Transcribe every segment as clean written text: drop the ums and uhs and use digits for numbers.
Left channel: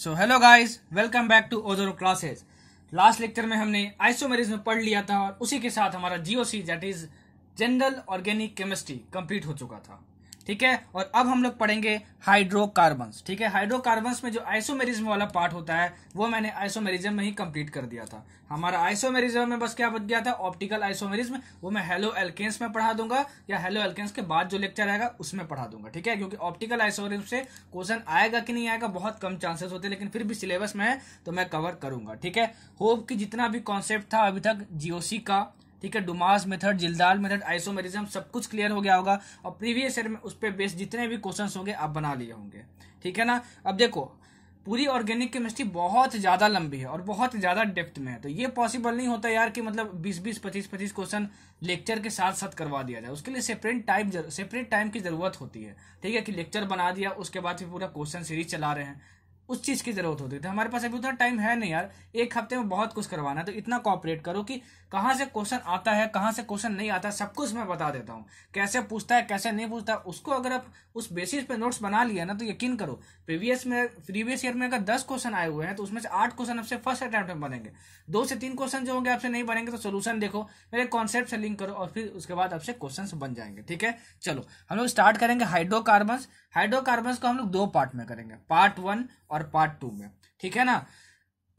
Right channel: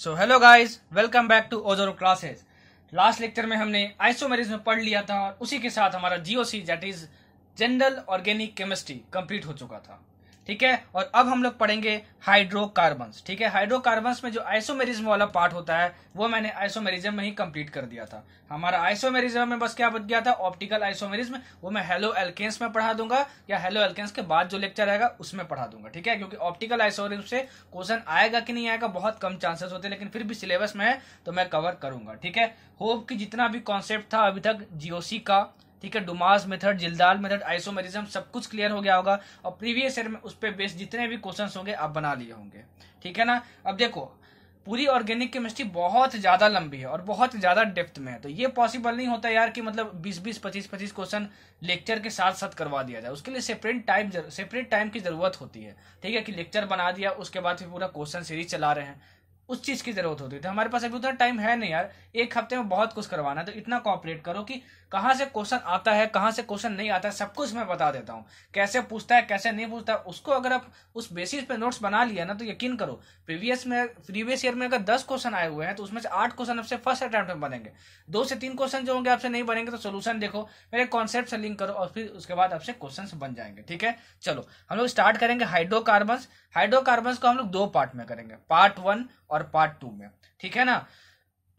So hello guys, welcome back to ओजोरो classes. Last lecture में हमने आइसोमेरिज्म पढ़ लिया था और उसी के साथ हमारा GOC that is general organic chemistry complete हो चुका था। ठीक है, और अब हम लोग पढ़ेंगे हाइड्रोकार्बन्स। ठीक है, हाइड्रोकार्बन्स में जो आइसोमेरिज्म वाला पार्ट होता है वो मैंने आइसोमेरिज्म में ही कंप्लीट कर दिया था। हमारा आइसोमेरिज्म में बस क्या बच गया था, ऑप्टिकल आइसोमेरिज्म। वो मैं हेलो एल्केन्स में पढ़ा दूंगा या हेलो एल्केन्स के बाद जो लेक्चर आएगा उसमें पढ़ा दूंगा। ठीक है, क्योंकि ऑप्टिकल आइसोमेरिज्म से क्वेश्चन आएगा कि नहीं आएगा बहुत कम चांसेस होते हैं, लेकिन फिर भी सिलेबस में है तो मैं कवर करूंगा। ठीक है, होप कि जितना भी कॉन्सेप्ट था अभी तक जीओसी का, ठीक है, डुमास मेथड, जिल्दाल मेथड, आइसोमेरिज्म सब कुछ क्लियर हो गया होगा और प्रीवियस ईयर में उस पर बेस्ड जितने भी क्वेश्चंस होंगे आप बना लिए होंगे। ठीक है ना। अब देखो, पूरी ऑर्गेनिक केमिस्ट्री बहुत ज्यादा लंबी है और बहुत ज्यादा डेप्थ में है, तो ये पॉसिबल नहीं होता यार कि मतलब 20-20, 25-25 क्वेश्चन लेक्चर के साथ साथ करवा दिया जाए। उसके लिए सेपरेट टाइम की जरूरत होती है। ठीक है, कि लेक्चर बना दिया उसके बाद फिर पूरा क्वेश्चन सीरीज चला रहे हैं, उस चीज की जरूरत होती है। तो हमारे पास अभी उतना टाइम है नहीं यार, एक हफ्ते में बहुत कुछ करवाना है। तो इतना कोऑपरेट करो कि कहां से क्वेश्चन आता है, कहां से क्वेश्चन नहीं आता, सब कुछ मैं बता देता हूं। कैसे पूछता है, कैसे नहीं पूछता, उसको अगर आप उस बेसिस पे नोट्स बना लिया ना तो यकीन करो प्रीवियस ईयर में अगर 10 क्वेश्चन आए हुए हैं तो उसमें से 8 क्वेश्चन आपसे फर्स्ट अटेम्प्ट में बनेंगे। 2 से 3 क्वेश्चन जो होंगे आपसे नहीं बनेंगे तो सोल्यूशन देखो, मेरे कॉन्सेप्ट से लिंक करो और फिर उसके बाद आपसे क्वेश्चन बन जाएंगे। ठीक है, चलो हम लोग स्टार्ट करेंगे हाइड्रोकार्बन्स। हाइड्रोकार्बन्स को हम लोग 2 पार्ट में करेंगे, पार्ट 1 और पार्ट 2 में। ठीक है ना।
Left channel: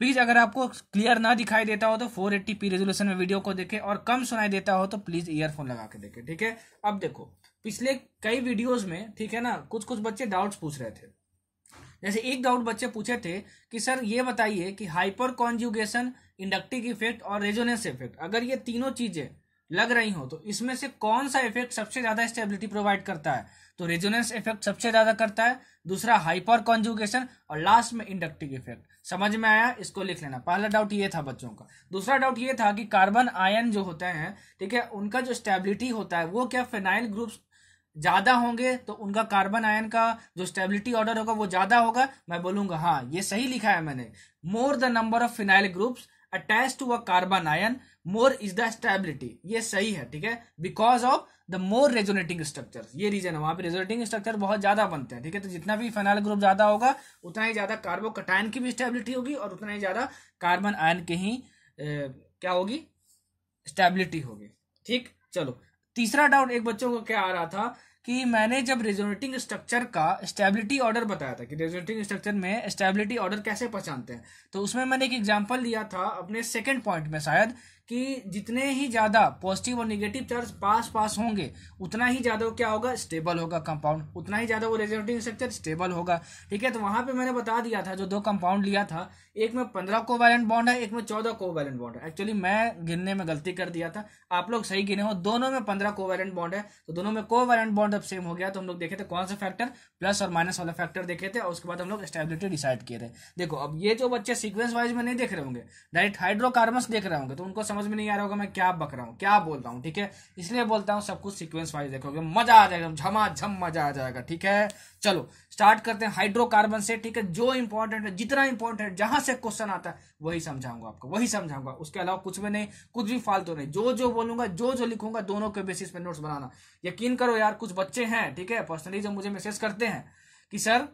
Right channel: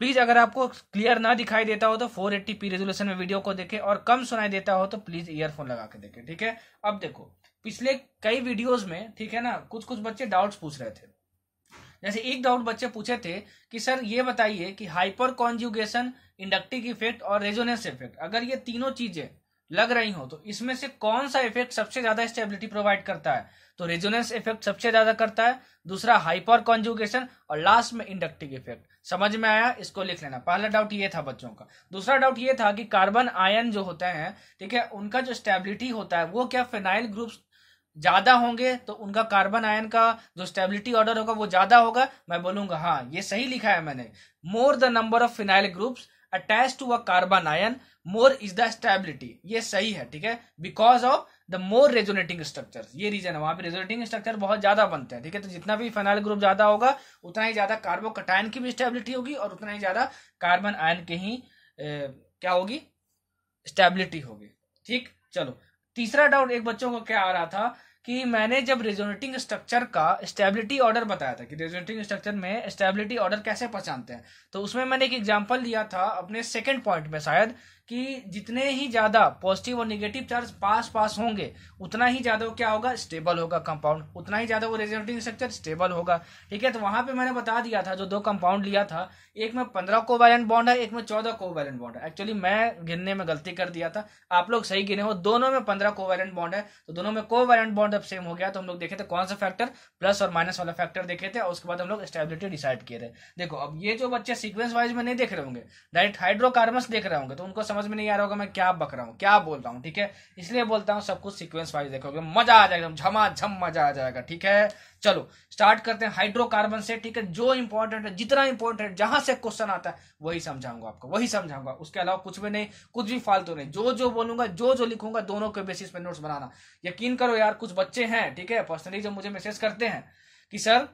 प्लीज अगर आपको क्लियर ना दिखाई देता हो तो 480p रेजोल्यूशन में वीडियो को देखें और कम सुनाई देता हो तो प्लीज ईयरफोन लगा के देखें। ठीक है, अब देखो पिछले कई वीडियोस में, ठीक है ना, कुछ कुछ बच्चे डाउट्स पूछ रहे थे। जैसे एक डाउट बच्चे पूछे थे कि सर ये बताइए कि हाइपर कॉन्जुगेशन, इंडक्टिव इफेक्ट और रेजोनेंस इफेक्ट, अगर ये तीनों चीजें लग रही हो तो इसमें से कौन सा इफेक्ट सबसे ज्यादा स्टेबिलिटी प्रोवाइड करता है। तो रेजोनेंस इफेक्ट सबसे ज्यादा करता है, दूसरा हाइपर कॉन्जुगेशन और लास्ट में इंडक्टिव इफेक्ट। समझ में आया, इसको लिख लेना। पहला डाउट ये था बच्चों का। दूसरा डाउट ये था कि कार्बन आयन जो होते हैं, ठीक है, उनका जो स्टेबिलिटी होता है वो क्या फिनाइल ग्रुप्स ज्यादा होंगे तो उनका कार्बन आयन का जो स्टेबिलिटी ऑर्डर होगा वो ज्यादा होगा। मैं बोलूंगा हाँ, ये सही लिखा है मैंने। More the number of phenyl groups attach to a carbon ion, more is the stability. ये सही है। ठीक है, because of the more resonating structure, ये रीजन है, वहां पे रेजोनेटिंग स्ट्रक्चर बहुत ज्यादा बनते हैं। ठीक है, तो जितना भी फिनाइल ग्रुप ज्यादा होगा उतना ही ज्यादा कार्बोकटायन की भी स्टेबिलिटी होगी और उतना ही ज्यादा कार्बन आयन की ही क्या होगी, स्टेबिलिटी होगी। ठीक, चलो तीसरा डाउट एक बच्चों को क्या आ रहा था कि मैंने जब रेजोनेटिंग स्ट्रक्चर का स्टेबिलिटी ऑर्डर बताया था कि रेजोनेटिंग स्ट्रक्चर में स्टेबिलिटी ऑर्डर कैसे पहचानते हैं, तो उसमें मैंने एक एग्जांपल लिया था अपने सेकंड पॉइंट में शायद, कि जितने ही ज्यादा पॉजिटिव और निगेटिव चार्ज पास पास होंगे उतना ही ज्यादा वो क्या होगा, स्टेबल होगा कंपाउंड, उतना ही ज्यादा वो रेजोनेटिंग स्ट्रक्चर स्टेबल होगा। ठीक है, तो वहां पे मैंने बता दिया था जो 2 कंपाउंड लिया था, एक में 15 कोवैलेंट बॉन्ड है, एक में 14 कोवैलेंट बॉन्ड है। एक्चुअली मैं गिनने में गलती कर दिया था, आप लोग सही गिने हो, दोनों में 15 कोवैलेंट बॉन्ड है। तो दोनों में कोवैलेंट बॉन्ड अब सेम हो गया, तो हम लोग देखे थे कौन सा फैक्टर, प्लस और माइनस वाला फैक्टर देखे थे और उसके बाद हम लोग स्टेबिलिटी डिसाइड किए थे। देखो अब ये जो बच्चे सीक्वेंस वाइज में नहीं देख रहे होंगे, डायरेक्ट हाइड्रोकार्बन्स देख रहे होंगे, तो उनको समझ में नहीं आ रहा होगा मैं क्या बक रहा हूँ, क्या बोल रहा हूँ। ठीक है, इसलिए बोलता हूँ सब कुछ सीक्वेंस वाइज देखोगे, मजा आ जाएगा, झमाझम मजा आ जाएगा। ठीक है, चलो स्टार्ट करते हैं हाइड्रोकार्बन से। ठीक है, जो इंपॉर्टेंट है, जितना इंपॉर्टेंट है, जहां से क्वेश्चन आता है वही समझाऊंगा आपको, वही समझाऊंगा, उसके अलावा कुछ भी नहीं, कुछ भी फालतू नहीं। जो जो बोलूंगा, जो जो लिखूंगा, दोनों के बेसिस पे नोट्स बनाना। यकीन करो यार, कुछ बच्चे हैं, ठीक है, पर्सनली जो मुझे मैसेज करते हैं कि सर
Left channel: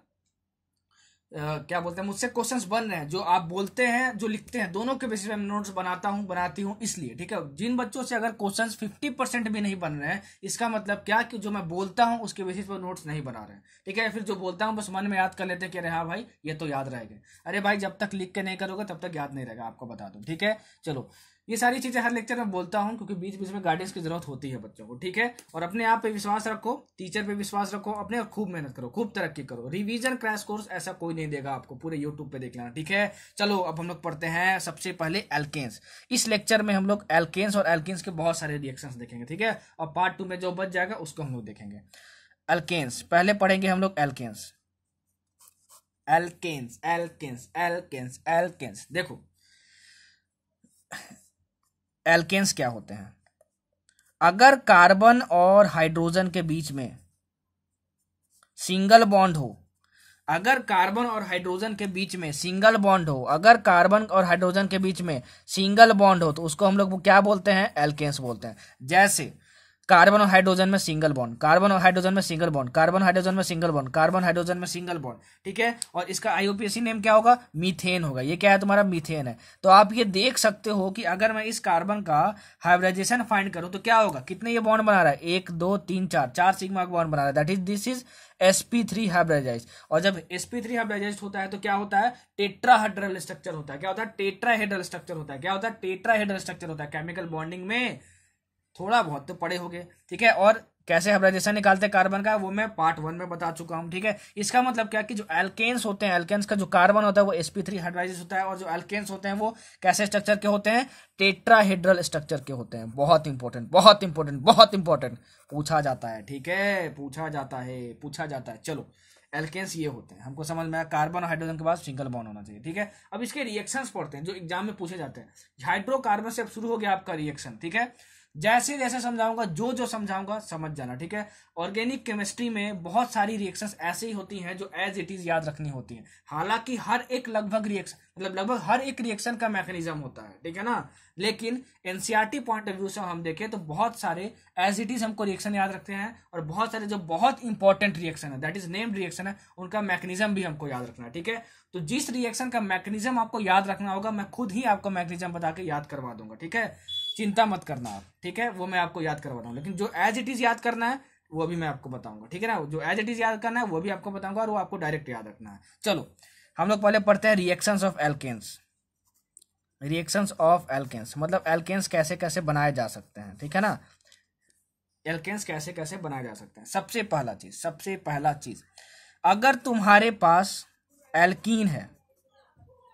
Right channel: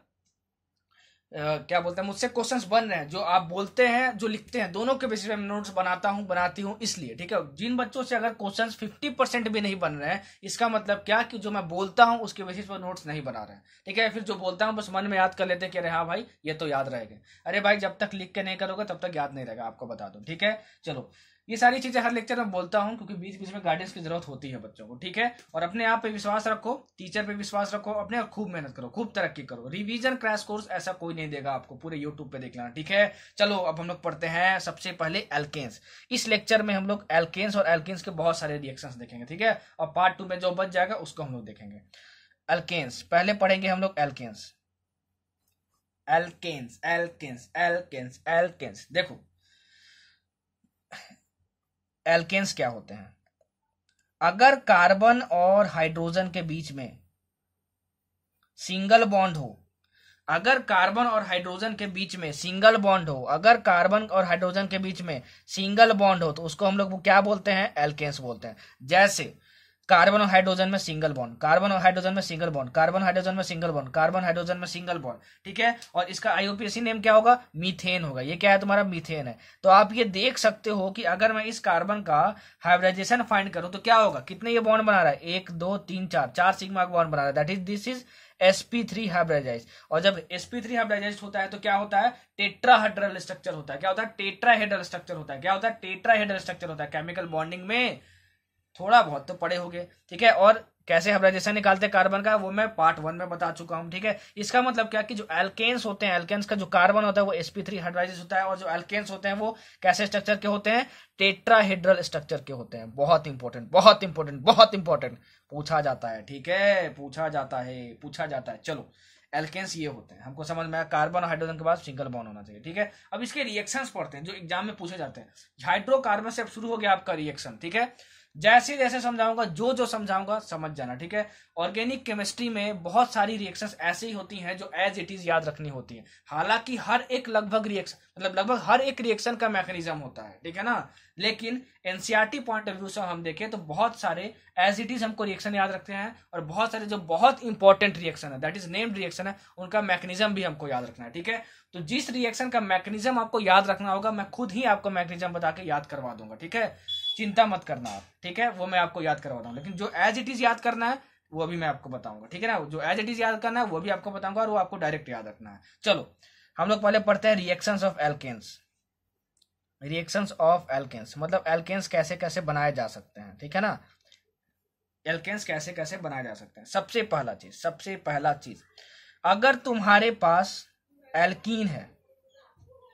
क्या बोलते हैं, मुझसे क्वेश्चंस बन रहे हैं, जो आप बोलते हैं जो लिखते हैं दोनों के बेसिस पे मैं नोट्स बनाती हूँ इसलिए। ठीक है, जिन बच्चों से अगर क्वेश्चंस 50% भी नहीं बन रहे हैं, इसका मतलब क्या कि जो मैं बोलता हूँ उसके बेसिस पर नोट्स नहीं बना रहे हैं। ठीक है, फिर जो बोलता हूँ बस मन में याद कर लेते हैं कि अरे हाँ भाई ये तो याद रहेगा। अरे भाई जब तक लिख के नहीं करोगे तब तक याद नहीं रहेगा, आपको बता दूं। ठीक है, चलो ये सारी चीजें हर लेक्चर में बोलता हूं क्योंकि बीच बीच में गाइडेंस की जरूरत होती है बच्चों को। ठीक है, और अपने आप पे विश्वास रखो, टीचर पे विश्वास रखो, अपने आप खूब मेहनत करो, खूब तरक्की करो। रिवीजन क्रैश कोर्स ऐसा कोई नहीं देगा आपको, पूरे यूट्यूब पे देख लेना। ठीक है, चलो अब हम लोग पढ़ते हैं सबसे पहले एल्केन्स। इस लेक्चर में हम लोग एल्केन्स और एल्केन्स के बहुत सारे रिएक्शंस देखेंगे। ठीक है, और पार्ट 2 में जो बच जाएगा उसको हम लोग देखेंगे। एल्केन्स पहले पढ़ेंगे हम लोग, alkanes alkanes alkanes alkanes alkanes. देखो एल्केन्स क्या होते हैं, अगर कार्बन और हाइड्रोजन के बीच में सिंगल बॉन्ड हो, अगर कार्बन और हाइड्रोजन के बीच में सिंगल बॉन्ड हो, अगर कार्बन और हाइड्रोजन के बीच में सिंगल बॉन्ड हो तो उसको हम लोग क्या बोलते हैं, एल्केन्स बोलते हैं। जैसे कार्बन और हाइड्रोजन में सिंगल बॉन्ड, कार्बन और हाइड्रोजन में सिंगल बॉन्ड, कार्बन हाइड्रोजन में सिंगल बॉन्ड, कार्बन हाइड्रोजन में सिंगल बॉन्ड, ठीक है। और इसका आईयूपीएसी नेम क्या होगा, मीथेन होगा। ये क्या है तुम्हारा, मीथेन है। तो आप ये देख सकते हो कि अगर मैं इस कार्बन का हाइब्रिडाइजेशन फाइंड करूं तो क्या होगा, कितने ये बॉन्ड बना रहा है, 1 2 3 4, 4 सिग्मा का बॉन्ड बना रहा है, that is this is sp3 hybridise. और जब sp3 हाइब्रिडाइज होता है तो क्या होता है, टेट्राहेड्रल स्ट्रक्चर होता है। क्या होता है, टेट्राहेड्रल स्ट्रक्चर होता है। क्या होता है, टेट्राहेड्रल स्ट्रक्चर होता है। केमिकल बॉन्डिंग में थोड़ा बहुत तो पढ़े होंगे, ठीक है। और कैसे हाइब्रिडाइजेशन निकालते हैं कार्बन का, वो मैं पार्ट 1 में बता चुका हूं, ठीक है। इसका मतलब क्या कि जो एल्केन्स होते हैं, एल्केन्स का जो कार्बन होता है वो sp3 हाइब्रिडाइज होता है, और जो एल्केन्स होते हैं वो कैसे स्ट्रक्चर के होते हैं, टेट्राहेड्रल स्ट्रक्चर के होते हैं। बहुत इंपॉर्टेंट, बहुत इंपॉर्टेंट, बहुत इंपॉर्टेंट, पूछा जाता है, ठीक है, पूछा जाता है। चलो, एल्केन्स ये होते हैं, हमको समझ में आया। कार्बन और हाइड्रोजन के बाद सिंगल बॉन्ड होना चाहिए, ठीक है। अब इसके रिएक्शंस पढ़ते हैं जो एग्जाम में पूछे जाते हैं। हाइड्रोकार्बन से शुरू हो गया आपका रिएक्शन, ठीक है। जैसे जैसे समझाऊंगा, जो समझाऊंगा समझ जाना, ठीक है। ऑर्गेनिक केमिस्ट्री में बहुत सारी रिएक्शंस ऐसी ही होती हैं जो एज इट इज याद रखनी होती हैं। हालांकि हर एक लगभग हर एक रिएक्शन का मैकेनिज्म होता है, ठीक है ना। लेकिन एनसीईआरटी पॉइंट ऑफ व्यू से हम देखें तो बहुत सारे एज इट इज हमको रिएक्शन याद रखते हैं, और बहुत सारे जो बहुत इंपॉर्टेंट रिएक्शन है, दैट इज नेम्ड रिएक्शन है, उनका मैकेनिज्म भी हमको याद रखना है, ठीक है। तो जिस रिएक्शन का मैकेनिज्म आपको याद रखना होगा, मैं खुद ही आपको मैकेनिज्म बता के याद करवा दूंगा, ठीक है। चिंता मत करना आप, ठीक है, वो मैं आपको याद करवाता हूँ। लेकिन जो एज इट इज याद करना है वो भी मैं आपको बताऊंगा, ठीक है ना। जो एज इट इज याद करना है वो भी आपको बताऊंगा, और वो आपको डायरेक्ट याद रखना है। चलो, हम लोग पहले पढ़ते हैं reactions of alkanes. Reactions of alkanes मतलब एल्केन्स कैसे कैसे बनाए जा सकते हैं, ठीक है ना। एल्केन्स कैसे कैसे बनाए जा सकते हैं। सबसे पहला चीज, अगर तुम्हारे पास एल्कीन है,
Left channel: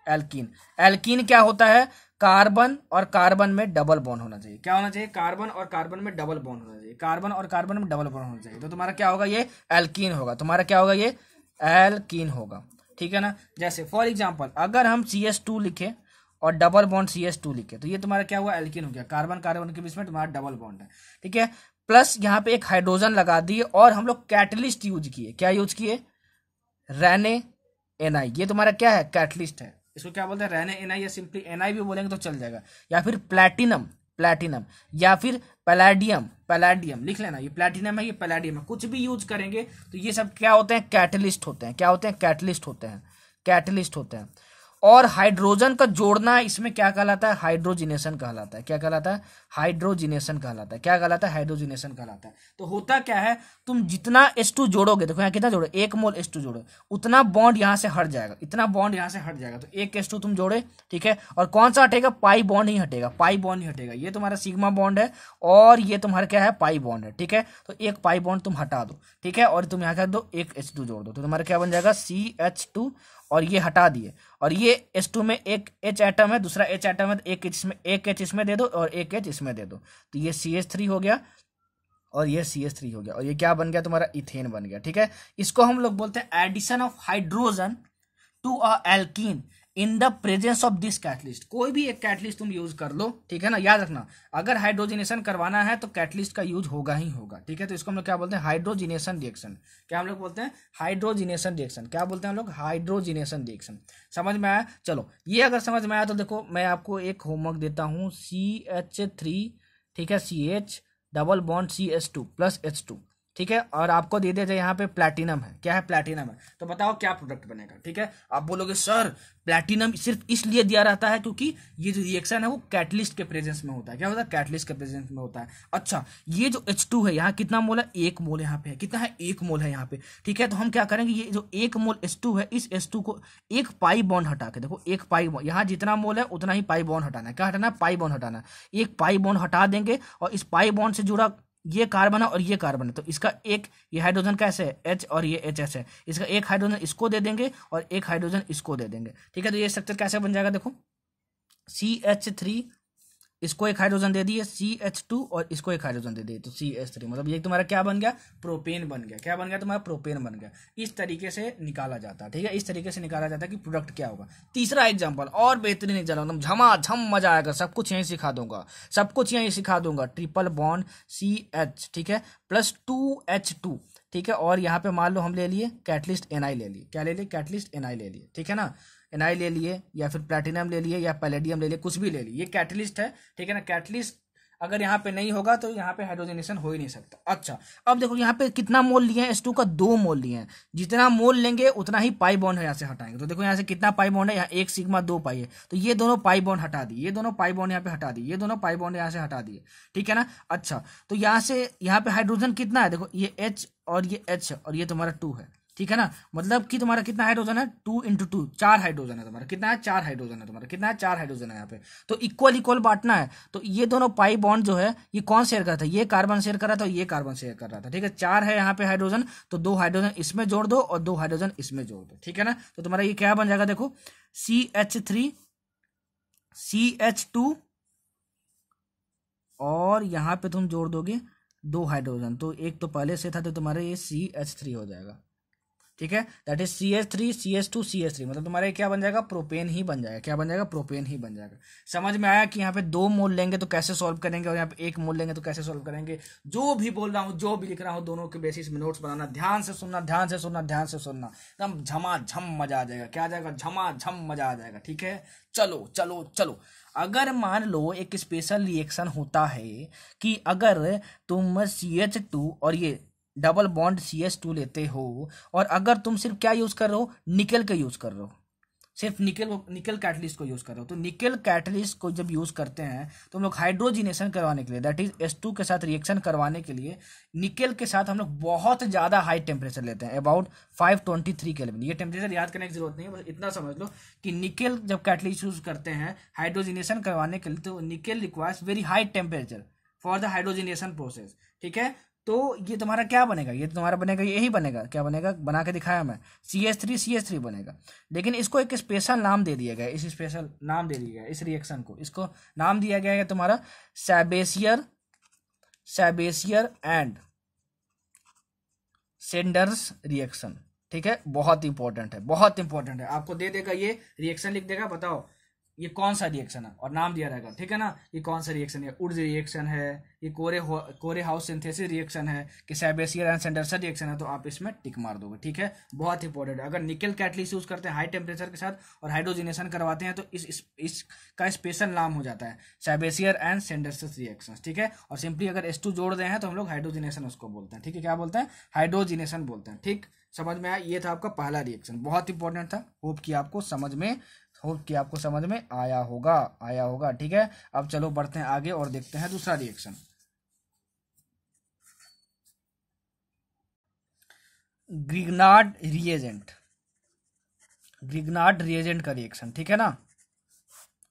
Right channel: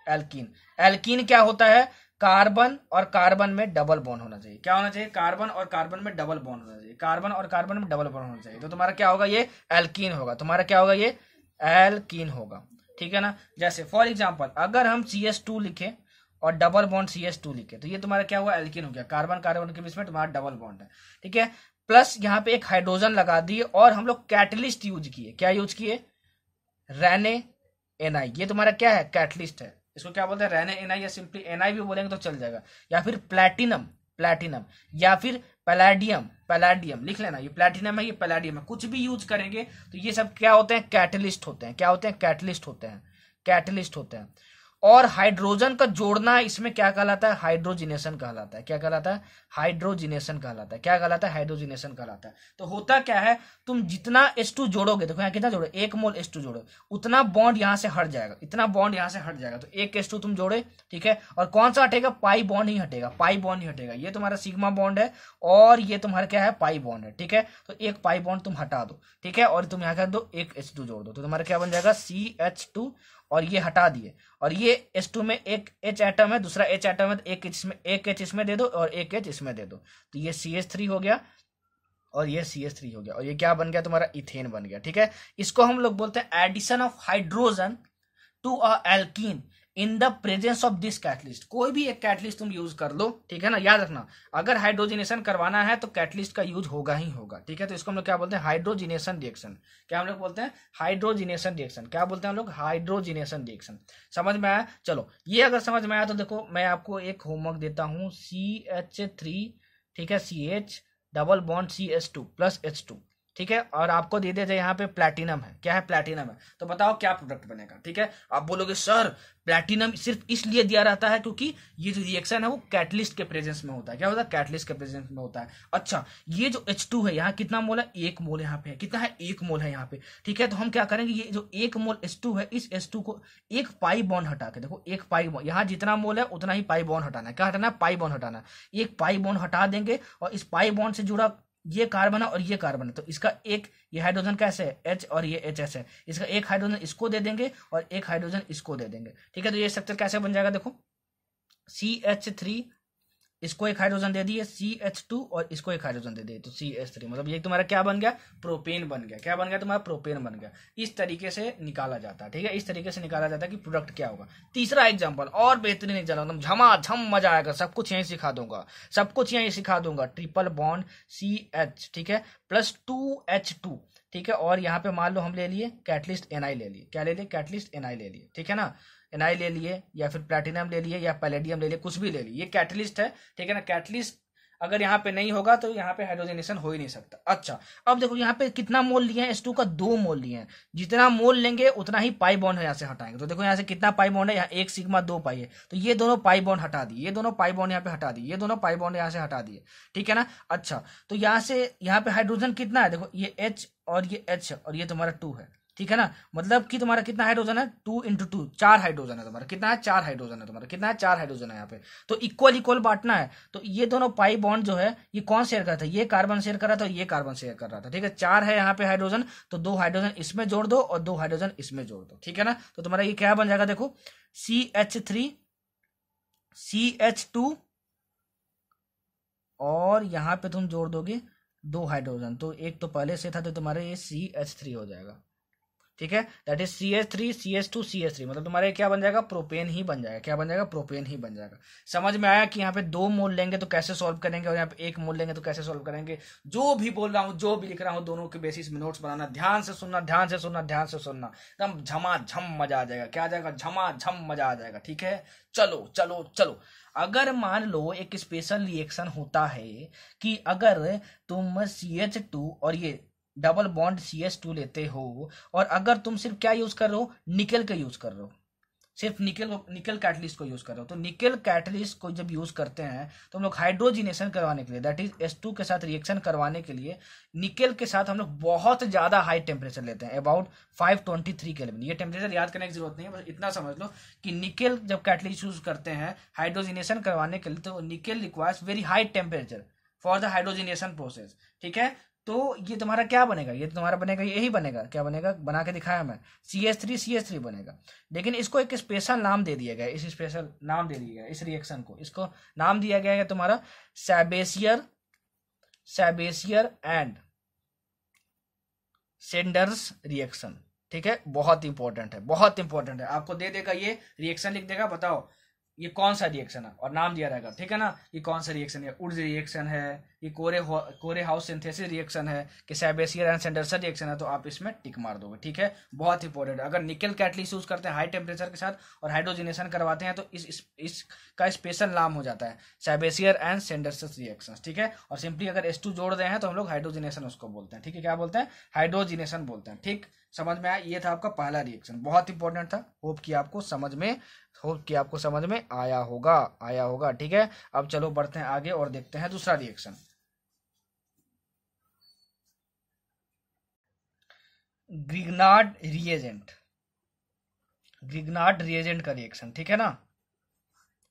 एल्कीन क्या होता है, कार्बन और कार्बन में डबल बॉन्ड होना चाहिए। क्या होना चाहिए, कार्बन और कार्बन में डबल बॉन्ड होना चाहिए, कार्बन और कार्बन में डबल बॉन्ड होना चाहिए। तो तुम्हारा क्या होगा, ये एल्कीन होगा। तुम्हारा क्या होगा, ये एल्कीन होगा, ठीक है ना। जैसे फॉर एग्जांपल, अगर हम CH2 लिखे और डबल बॉन्ड CH2 लिखे तो ये तुम्हारा क्या हुआ, एल्कीन हो गया। कार्बन कार्बन के बीच में तुम्हारा डबल बॉन्ड है, ठीक है। प्लस यहाँ पे एक हाइड्रोजन लगा दिए, और हम लोग कैटलिस्ट यूज किए। क्या यूज किए, रेने एनआई। ये तुम्हारा क्या है, कैटलिस्ट है। इसको क्या बोलते हैं, रेने एनआई, या सिंपली एनआई भी बोलेंगे तो चल जाएगा। या फिर प्लैटिनम, या फिर पैलाडियम लिख लेना। ये प्लैटिनम है, ये पैलाडियम है, कुछ भी यूज करेंगे तो ये सब क्या होते हैं, कैटलिस्ट होते हैं। क्या होते हैं, कैटलिस्ट होते हैं। और हाइड्रोजन का जोड़ना इसमें क्या कहलाता है, हाइड्रोजिनेशन कहलाता है। क्या कहलाता है, हाइड्रोजिनेशन कहलाता है। क्या कहलाता है, हाइड्रोजिनेशन कहलाता है। तो होता क्या है, तुम जितना H2 जोड़ोगे, देखो यहाँ कितना जोड़ो, 1 मोल H2 जोड़ो, उतना बॉन्ड यहाँ से हट जाएगा, इतना बॉन्ड यहाँ से हट जाएगा। तो 1 H2 तुम जोड़े, ठीक है। और कौन सा हटेगा, पाई बॉन्ड ही हटेगा, ये तुम्हारा सिग्मा बॉन्ड है, और ये तुम्हारा क्या है, पाई बॉन्ड है, ठीक है। तो एक पाई बॉन्ड तुम हटा दो, ठीक है, और तुम यहाँ कर दो 1 H2 जोड़ दो, तो तुम्हारा क्या बन जाएगा, CH2, और ये हटा दिए, और ये H2 में एक H एटम है, दूसरा H एटम है, तो एक H इसमें दे दो और एक H इसमें दे दो, तो ये CH3 हो गया और ये CH3 हो गया, और ये क्या बन गया, तुम्हारा इथेन बन गया, ठीक है। इसको हम लोग बोलते हैं addition of hydrogen to a alkene in the presence of this catalyst. कोई भी एक कैटलिस्ट तुम यूज कर लो, ठीक है ना। याद रखना, अगर हाइड्रोजिनेशन करवाना है तो कैटलिस्ट का यूज होगा ही होगा, ठीक है। तो इसको हम लोग क्या बोलते हैं, हाइड्रोजिनेशन रिएक्शन। क्या हम लोग बोलते हैं, हाइड्रोजिनेशन रिएक्शन। क्या बोलते हैं हम लोग, हाइड्रोजिनेशन रिएक्शन। समझ में आया। चलो, ये अगर समझ में आया तो देखो, मैं आपको एक होमवर्क देता हूँ, CH3, ठीक है, CH double bond CH2 plus H2, ठीक है। और आपको दे देते यहाँ पे प्लैटिनम है। क्या है, प्लैटिनम है। तो बताओ क्या प्रोडक्ट बनेगा, ठीक है। आप बोलोगे सर प्लैटिनम सिर्फ इसलिए दिया रहता है क्योंकि ये जो रिएक्शन है वो कैटलिस्ट के प्रेजेंस में होता है। क्या होता है, कैटलिस्ट के प्रेजेंस में होता है। अच्छा, ये जो H2 है यहाँ कितना मोल है, 1 मोल यहाँ पे है। कितना है, 1 मोल है यहाँ पे, ठीक है। तो हम क्या करेंगे, ये जो 1 मोल H2 है, इस H2 को एक पाई बॉन्ड हटा के, देखो एक पाई बॉन्ड, यहाँ जितना मोल है उतना ही पाई बॉन्ड हटाना है। क्या हटाना है, पाई बॉन्ड हटाना है। एक पाई बॉन्ड हटा देंगे, और इस पाई बॉन्ड से जुड़ा ये कार्बन है और ये कार्बन है, तो इसका एक, ये हाइड्रोजन कैसे है, H और ये HS है, इसका एक हाइड्रोजन इसको दे देंगे और एक हाइड्रोजन इसको दे देंगे, ठीक है। तो ये स्ट्रक्चर कैसे बन जाएगा, देखो CH3, इसको एक हाइड्रोजन दे दिए, CH2 और इसको एक हाइड्रोजन दे दिए, तो CH3, मतलब ये तुम्हारा क्या बन गया, प्रोपेन बन गया। क्या बन गया, तुम्हारा प्रोपेन बन गया। इस तरीके से निकाला जाता है, ठीक है। इस तरीके से निकाला जाता है कि प्रोडक्ट क्या होगा। तीसरा एग्जांपल और बेहतरीन एग्जांपल, एकदम झमाझम मजा आएगा, सब कुछ यहीं सिखा दूंगा, ट्रिपल बॉन्ड CH, ठीक है, प्लस 2H2, ठीक है। और यहाँ पे मान लो हम ले लिए कैटलिस्ट NI ले लिए, क्या ले लिए, कैटलिस्ट NI ले लिए, ठीक है ना। NI ले लिए, या फिर प्लैटिनम ले लिए, या पैलेडियम ले लिए, कुछ भी ले लिए, ये कैटलिस्ट है, ठीक है ना। कैटलिस्ट अगर यहाँ पे नहीं होगा तो यहाँ पे हाइड्रोजनेशन हो ही नहीं सकता। अच्छा, अब देखो यहाँ पे कितना मोल लिए हैं H2 का, 2 मोल लिए हैं। जितना मोल लेंगे उतना ही पाई बॉन्ड यहाँ से हटाएंगे। तो देखो यहाँ से कितना पाई बॉन्ड है, यहाँ 1 सिग्मा 2 पाई है, तो ये दोनों पाई बॉन्ड हटा दिए, ये दोनों पाई बॉन्ड यहाँ पे हटा दिए, ये दोनों पाई बॉन्ड यहाँ से हटा दिए, ठीक है ना। अच्छा, तो यहाँ से यहाँ पे हाइड्रोजन कितना है, देखो ये H और ये H और ये तुम्हारा 2 है, ठीक है ना। मतलब कि तुम्हारा कितना हाइड्रोजन है, 2 इंटू 2, 4 हाइड्रोजन है तुम्हारा। कितना है, 4 हाइड्रोजन है तुम्हारा। कितना है, 4 हाइड्रोजन है यहाँ पे। तो इक्वल इक्वल बांटना है। तो ये दोनों पाई बॉन्ड जो है ये कौन शेयर कर रहा था, ये कार्बन शेयर कर रहा था और ये कार्बन शेयर कर रहा था, ठीक है। 4 है यहाँ पे हाइड्रोजन, तो 2 हाइड्रोजन इसमें जोड़ दो और 2 हाइड्रोजन इसमें जोड़ दो, ठीक है ना। तो तुम्हारा ये क्या बन जाएगा, देखो CH3 CH2 और यहाँ पे तुम जोड़ दोगे 2 हाइड्रोजन, तो एक तो पहले से था, तो तुम्हारे ये CH3 हो जाएगा, ठीक है। That is CH3 CH2 CH3, मतलब तुम्हारे क्या बन जाएगा, प्रोपेन ही बन जाएगा। क्या बन जाएगा, प्रोपेन ही बन जाएगा। समझ में आया कि यहाँ पे 2 मोल लेंगे तो कैसे सॉल्व करेंगे और यहाँ पे 1 मोल लेंगे तो कैसे सॉल्व करेंगे। जो भी बोल रहा हूँ, जो भी लिख रहा हूँ, दोनों के बेसिस में नोट्स बनाना, ध्यान से सुनना, ध्यान से सुनना, ध्यान से सुनना, एकदम झमाझम मजा आ जाएगा। क्या आ जाएगा, झमाझम मजा आ जाएगा, ठीक है। चलो चलो चलो, अगर मान लो एक स्पेशल रिएक्शन होता है कि अगर तुम CH2 और ये डबल बॉन्ड CH2 लेते हो और अगर तुम सिर्फ क्या यूज कर रहे हो, निकल के यूज कर रहे हो, सिर्फ निकल कैटलिस्ट को यूज कर रहे हो, तो निकल कैटलिस्ट को जब यूज करते हैं तो हम लोग हाइड्रोजिनेशन करवाने के लिए, दैट इज H2 के साथ रिएक्शन करवाने के लिए निकल के साथ हम लोग बहुत ज्यादा हाई टेम्परेचर लेते हैं, अबाउट 523 केल्विन। ये टेम्परेचर याद करने की जरूरत नहीं है, बस इतना समझ लो कि निकल जब कैटलिस्ट यूज करते हैं हाइड्रोजिनेशन करवाने के लिए, तो निकल requires very high temperature for the hydrogenation process, ठीक है। तो ये तुम्हारा क्या बनेगा, ये तुम्हारा बनेगा, यही बनेगा। क्या बनेगा, बना के दिखाया मैं, CH3 बनेगा। लेकिन इसको एक स्पेशल नाम दे दिया गया, इस स्पेशल नाम दे दिया गया इस रिएक्शन को, इसको नाम दिया गया है तुम्हारा सैबेसियर एंड सेंडर्स रिएक्शन, ठीक है। बहुत इंपॉर्टेंट है, बहुत इंपॉर्टेंट है। आपको दे देगा ये रिएक्शन, लिख देगा, बताओ ये कौन सा रिएक्शन है और नाम दिया रहेगा, ठीक है ना। ये कौन सा रिएक्शन है, उड्स रिएक्शन है, ये कोरे हाउस सिंथेसिस रिएक्शन है, कि सैबेसियर एंड सेंडरसन रिएक्शन है, तो आप इसमें टिक मार दोगे, ठीक है। बहुत इंपॉर्टेंट है। अगर निकल कैटलिस्ट यूज करते हैं हाई टेम्परेचर के साथ और हाइड्रोजिनेशन करवाते हैं तो इसका स्पेशल नाम हो जाता है सैबेसियर एंड सेंडरसन रिएक्शन, ठीक है। और सिंपली अगर H2 जोड़ रहे हैं तो हम लोग हाइड्रोजिनेशन उसको बोलते हैं, ठीक है। क्या बोलते हैं, हाइड्रोजिनेशन बोलते हैं, ठीक। समझ में आया, ये था आपका पहला रिएक्शन, बहुत इंपॉर्टेंट था। होप कि आपको समझ में आया होगा, ठीक है। अब चलो बढ़ते हैं आगे और देखते हैं दूसरा रिएक्शन, ग्रिग्नार्ड रिएजेंट का रिएक्शन, ठीक है ना।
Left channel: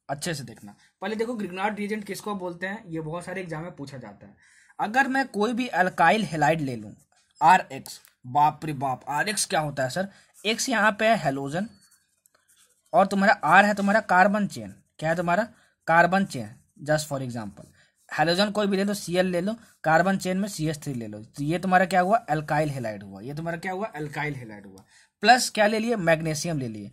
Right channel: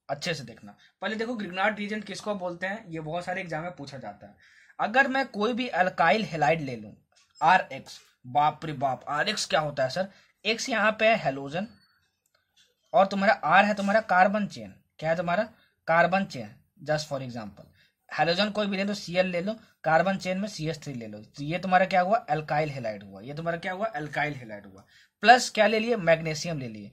अच्छे से देखना, पहले देखो ग्रिग्नार्ड रिएजेंट किसको बोलते हैं, ये बहुत सारे एग्जाम में पूछा जाता है। अगर मैं कोई भी अल्काइल हैलाइड ले लूं, RX, बाप रे बाप, RX क्या होता है सर, X यहाँ पे है हेलोजन और तुम्हारा R है तुम्हारा कार्बन चेन। क्या है तुम्हारा, carbon chain. Just for example halogen कोई भी ले लो, Cl ले लो, कार्बन चेन में CH3 ले लो, तो ये तुम्हारा क्या हुआ, अल्काइल हैलाइड हुआ। ये तुम्हारा क्या हुआ, अल्काइल हैलाइड हुआ। प्लस क्या ले लिए, मैग्नीशियम ले लिए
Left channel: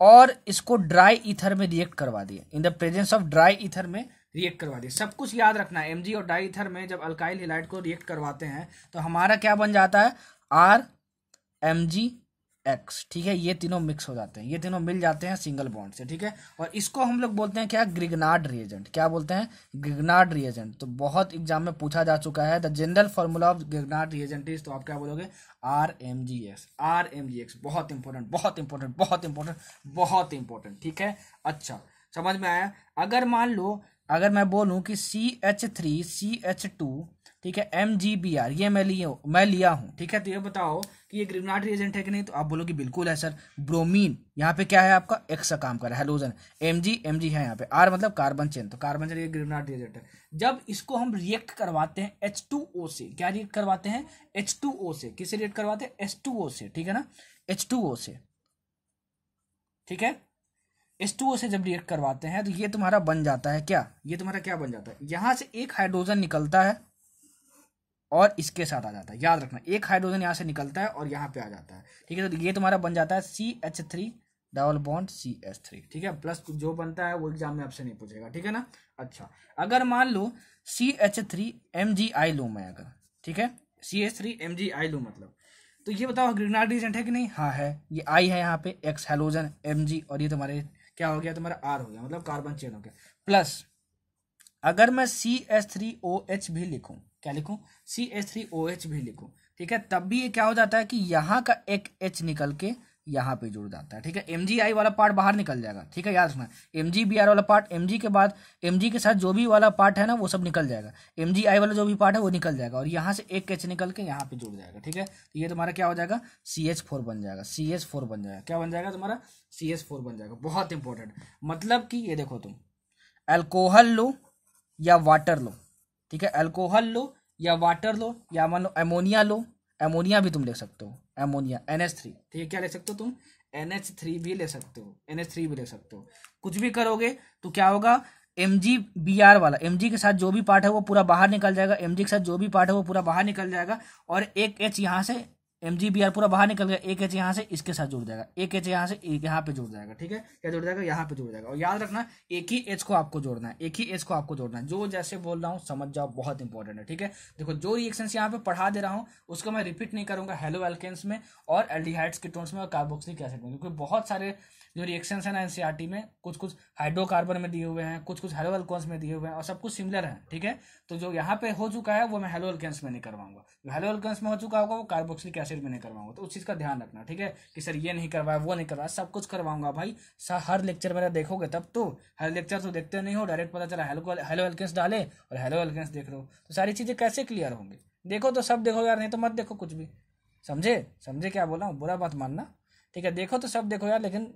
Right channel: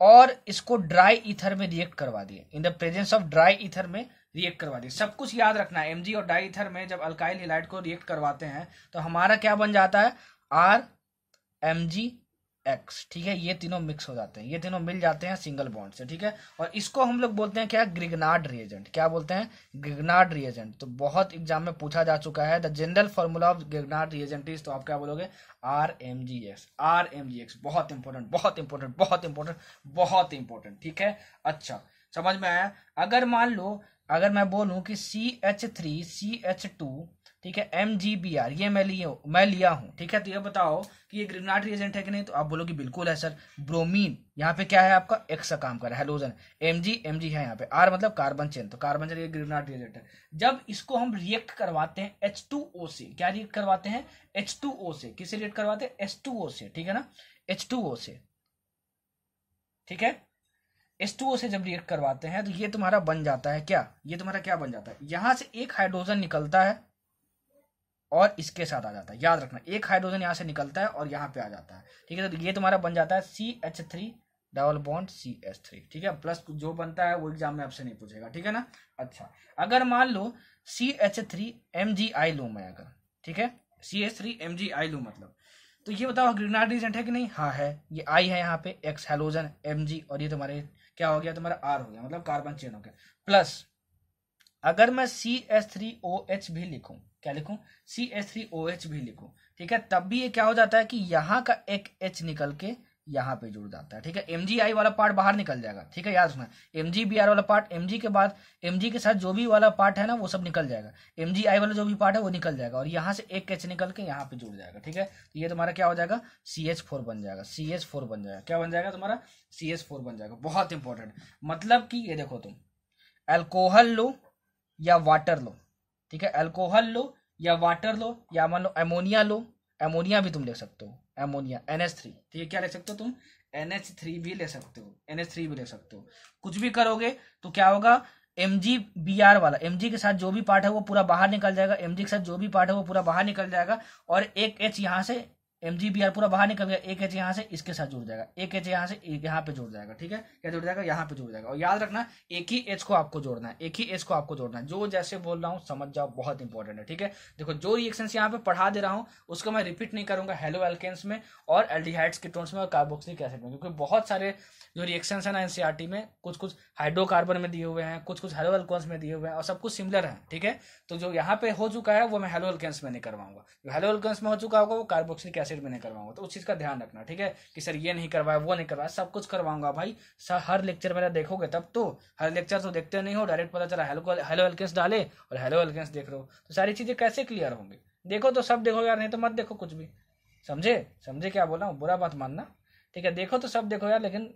और इसको ड्राई ईथर में रिएक्ट करवा दिए, इन the presence of dry ether में रिएक्ट करवा दिए। सब कुछ याद रखना है, Mg और डाई ईथर में जब अल्काइल हैलाइड को रिएक्ट करवाते हैं तो हमारा क्या बन जाता है, RMgX, ठीक है। ये तीनों मिक्स हो जाते हैं, ये तीनों मिल जाते हैं सिंगल बॉन्ड से, ठीक है। और इसको हम लोग बोलते हैं क्या, ग्रिग्नार्ड रिएजेंट। क्या बोलते हैं, ग्रिग्नार्ड रिएजेंट। तो बहुत एग्जाम में पूछा जा चुका है, the general formula of Grignard reagent is, तो आप क्या बोलोगे, RMgX। बहुत इंपॉर्टेंट, बहुत इंपॉर्टेंट, बहुत इंपॉर्टेंट, बहुत इंपॉर्टेंट, ठीक है। अच्छा, समझ में आया। अगर मान लो, अगर मैं बोलूं कि CH3 CH2, ठीक है, MgBr, ये मैं लिया हूं, ठीक है। तो ये बताओ कि ये ग्रिग्नार्ड रिएजेंट है कि नहीं, तो आप बोलोगे बिल्कुल है सर। ब्रोमीन यहाँ पे क्या है आपका, X का काम कर रहा है, हेलोजन, Mg है यहाँ पे, R मतलब कार्बन चेन, तो कार्बन चेन ये ग्रिग्नार्ड रिएजेंट है। जब इसको हम रिएक्ट करवाते हैं H2O से, क्या रिएक्ट करवाते हैं, H2O से, किससे रिएक्ट करवाते हैं, H2O से, ठीक है ना, H2O से, ठीक है। H2O से जब रिएक्ट करवाते हैं तो ये तुम्हारा बन जाता है क्या, ये तुम्हारा क्या बन जाता है, यहां से एक हाइड्रोजन निकलता है और इसके साथ आ जाता है। याद रखना, एक हाइड्रोजन यहाँ से निकलता है और यहाँ पे आ जाता है, ठीक है। तो ये तुम्हारा बन जाता है CH3 डबल बॉन्ड CH3, ठीक है। प्लस जो बनता है वो एग्जाम में आपसे नहीं पूछेगा, ठीक है ना। अच्छा, अगर मान लो CH3Mgi लूं मैं, अगर, ठीक है, CH3Mgi लूं, मतलब तो ये बताओ ग्रिग्नार्ड रिएजेंट है कि नहीं, हाँ है। ये I है यहाँ पे, X हेलोजन, Mg, और ये तुम्हारे क्या हो गया, तुम्हारा R हो गया, मतलब कार्बन चेन हो गया। प्लस अगर मैं CH3OH भी लिखूं, क्या लिखूं, CH3OH भी लिखूं, ठीक है, तब भी ये क्या हो जाता है कि यहाँ का एक H निकल के यहाँ पे जुड़ जाता है, ठीक है, MgI वाला पार्ट बाहर निकल जाएगा, ठीक है, याद रखना, MgBr वाला पार्ट, Mg के बाद Mg के साथ जो भी वाला पार्ट है ना वो सब निकल जाएगा, MgI वाला जो भी पार्ट है वो निकल जाएगा और यहाँ से एक H निकल के यहाँ पे जुड़ जाएगा, ठीक है, तो ये तुम्हारा क्या हो जाएगा, CH4 बन जाएगा, CH4 बन जाएगा, क्या बन जाएगा तुम्हारा, CH4 बन जाएगा। बहुत इंपॉर्टेंट, मतलब कि ये देखो तुम अल्कोहल लो या वाटर लो, ठीक है, अल्कोहल लो या वाटर लो या मान लो अमोनिया लो, अमोनिया भी तुम ले सकते हो, अमोनिया NH3, ठीक है, क्या ले सकते हो तुम, NH3 भी ले सकते हो, NH3 भी ले सकते हो, कुछ भी करोगे तो क्या होगा, MgBr वाला, Mg के साथ जो भी पार्ट है वो पूरा बाहर निकल जाएगा, Mg के साथ जो भी पार्ट है वो पूरा बाहर निकल जाएगा और एक H यहाँ से MgBr पूरा बाहर निकल गया, एक H यहाँ से इसके साथ जुड़ जाएगा, एक H यहाँ से यहाँ पे जुड़ जाएगा, ठीक है, क्या जुड़ जाएगा, यहाँ पे जुड़ जाएगा। और याद रखना एक ही H को आपको जोड़ना है, एक ही H को आपको जोड़ना है, जो जैसे बोल रहा हूँ समझ जाओ, बहुत इंपॉर्टेंट है, ठीक है। देखो जो रिएक्शंस यहाँ पे पढ़ा दे रहा हूँ उसको मैं रिपीट नहीं करूंगा हेलो एल्केन्स में और एल्डिहाइड्स कीटोन्स में और कार्बोक्सिलिक एसिड में, क्योंकि बहुत सारे जो रिएक्शंस है ना एनसीईआरटी में, कुछ कुछ हाइड्रोकार्बन में दिए हुए हैं, कुछ कुछ हेलो एल्केन्स में दिए हुए हैं और सब कुछ सिमिलर है, ठीक है। तो जो यहाँ पे हो चुका है वो मैं हेलो एल्केन्स में नहीं करवाऊंगा, जो हेलो एल्केन्स में हो चुका होगा वो कार्बोक्सिलिक एसिड में नहीं करवाऊंगा, तो उस चीज का ध्यान रखना, ठीक है, कि सर ये नहीं करवाया वो नहीं करवाया, सब कुछ करवाऊंगा भाई। हर लेक्चर मेरा देखोगे तब तो, हर लेक्चर तो देखते नहीं हो, डायरेक्ट पता चला हेलो एल्केन्स डाले और हेलो एल्केन्स देख रहे हो, तो सारी चीजें कैसे क्लियर होंगी। देखो तो सब देखो यार, नहीं तो मत देखो कुछ भी, समझे, समझे क्या बोला हूँ, बुरा मत मानना, ठीक है, देखो तो सब देखो यार, लेकिन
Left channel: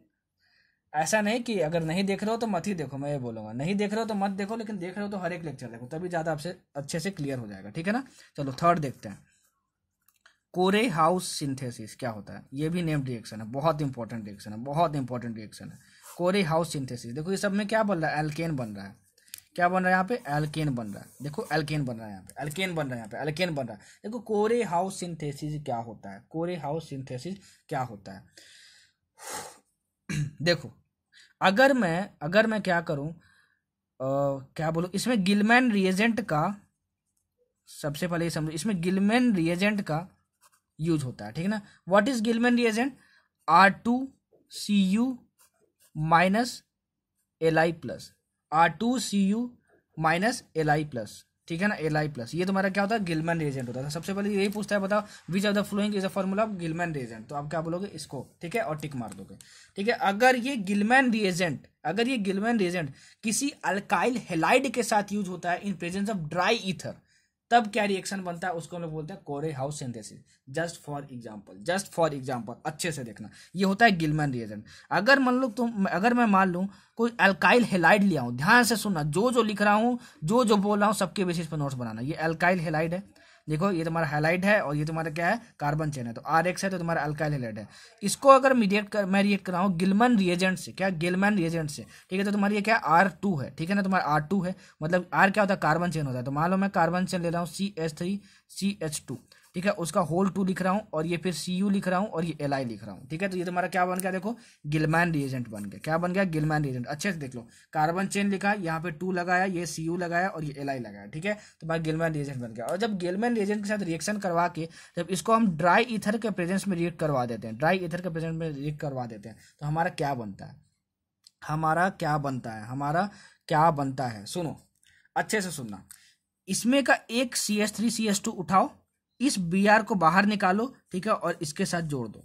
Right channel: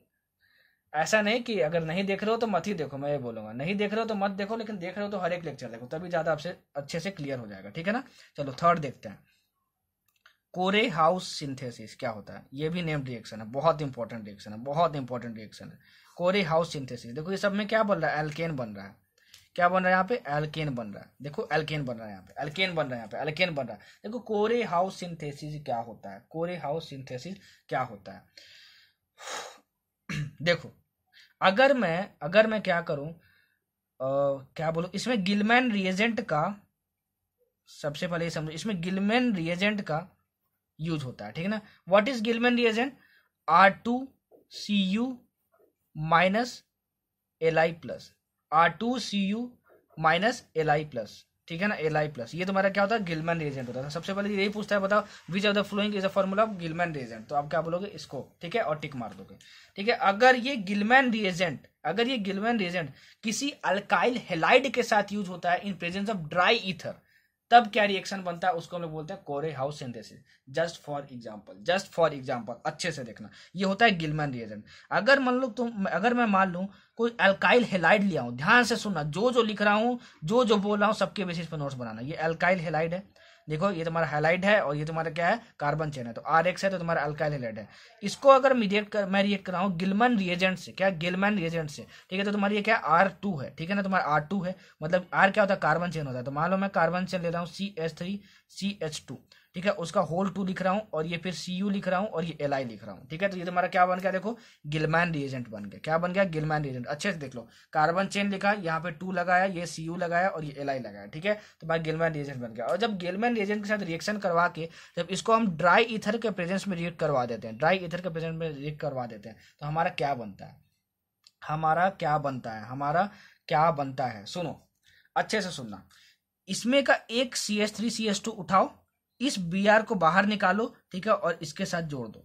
ऐसा नहीं कि अगर नहीं देख रहे हो तो मत ही देखो, मैं ये बोलूंगा, नहीं देख रहे हो तो मत देखो, लेकिन देख रहे हो तो हर एक लेक्चर देखो, तभी ज्यादा आपसे अच्छे से क्लियर हो जाएगा, ठीक है ना। चलो थर्ड देखते हैं, कोरे हाउस सिंथेसिस क्या होता है, ये भी नेम्ड रिएक्शन है, बहुत इंपॉर्टेंट रिएक्शन है, बहुत इंपॉर्टेंट रिएक्शन है, कोरे हाउस सिंथेसिस। देखो ये सब में क्या बन रहा है, एल्केन बन रहा है, क्या बन रहा है यहाँ पे, एल्केन बन रहा है, देखो एल्केन बन रहा है यहाँ पे, एल्केन बन रहा है यहाँ पे, एल्केन बन रहा है। देखो कोरे हाउस सिंथेसिस क्या होता है, कोरे हाउस सिंथेसिस क्या होता है, देखो अगर मैं क्या करूं, क्या बोलूं, इसमें गिलमैन रिएजेंट का, सबसे पहले ये समझो, इसमें गिलमैन रिएजेंट का यूज होता है, ठीक है ना। What is Gillman reagent, R2Cu minus Li plus, R2Cu minus Li plus, ठीक है ना, Li प्लस, ये तुम्हारा क्या होता है, गिलमैन रिएजेंट होता है। सबसे पहले यही पूछता है, बताओ which of the following is a formula of Gillman reagent, तो आप क्या बोलोगे इसको, ठीक है, और टिक मार दोगे, ठीक है। अगर ये गिलमैन रिएजेंट किसी अल्काइल हैलाइड के साथ यूज होता है in presence of dry ether, तब क्या रिएक्शन बनता है, उसको हम लोग बोलते हैं कोरे house synthesis. Just for example अच्छे से देखना, ये होता है गिलमैन रिएजेंट। अगर मैं मान लूं कोई अल्काइल हैलाइड लिया हूं, ध्यान से सुनना, जो लिख रहा हूं, जो बोल रहा हूं, सबके बेसिस पर नोट्स बनाना। ये अल्काइल हैलाइड है, देखो ये तुम्हारा हैलाइड है और ये तुम्हारा क्या है, कार्बन चेन है, तो RX है तो तुम्हारा अल्काइल हैलाइड है। इसको अगर मैं रिएक्ट कर रहा हूँ गिलमैन रिएजेंट से, क्या गिलमैन रिएजेंट से, ठीक है, तो तुम्हारी ये क्या R2 है, ठीक है ना, तुम्हारा R2 है, मतलब R क्या होता है, कार्बन चेन होता है। तो मान लो मैं कार्बन चेन ले रहा हूँ CH3CH2, ठीक है, उसका होल 2 लिख रहा हूँ और ये फिर Cu लिख रहा हूँ और ये Li लिख रहा हूँ, ठीक है, तो ये तुम्हारा क्या बन गया, देखो गिलमैन रिएजेंट बन गया, क्या बन गया, गिलमैन रिएजेंट। अच्छे से देख लो, कार्बन चेन लिखा, यहाँ पे 2 लगाया, ये Cu लगाया और ये Li लगाया, ठीक है, तो भाई गिलमैन रिएजेंट बन गया। और जब गिलमैन रिएजेंट के साथ रिएक्शन करवा के जब इसको हम ड्राई ईथर के प्रेजेंस में रिएक्ट करवा देते हैं, तो हमारा क्या बनता है, सुनो अच्छे से सुनना, इसमें का एक CH3CH2 उठाओ, इस Br को बाहर निकालो, ठीक है, और इसके साथ जोड़ दो।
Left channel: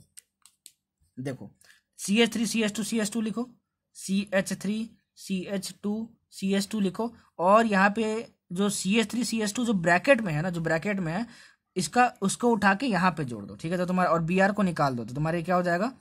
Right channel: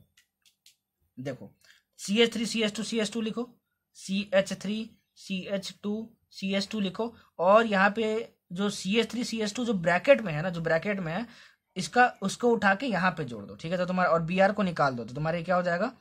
देखो CH3CH2 लिखो, CH3CH2 लिखो, और यहाँ पे जो CH3CH2 जो ब्रैकेट में है, उसको उठा के यहाँ पे जोड़ दो, ठीक है, तो तुम्हारा और Br को निकाल दो, तो तुम्हारे क्या हो जाएगा,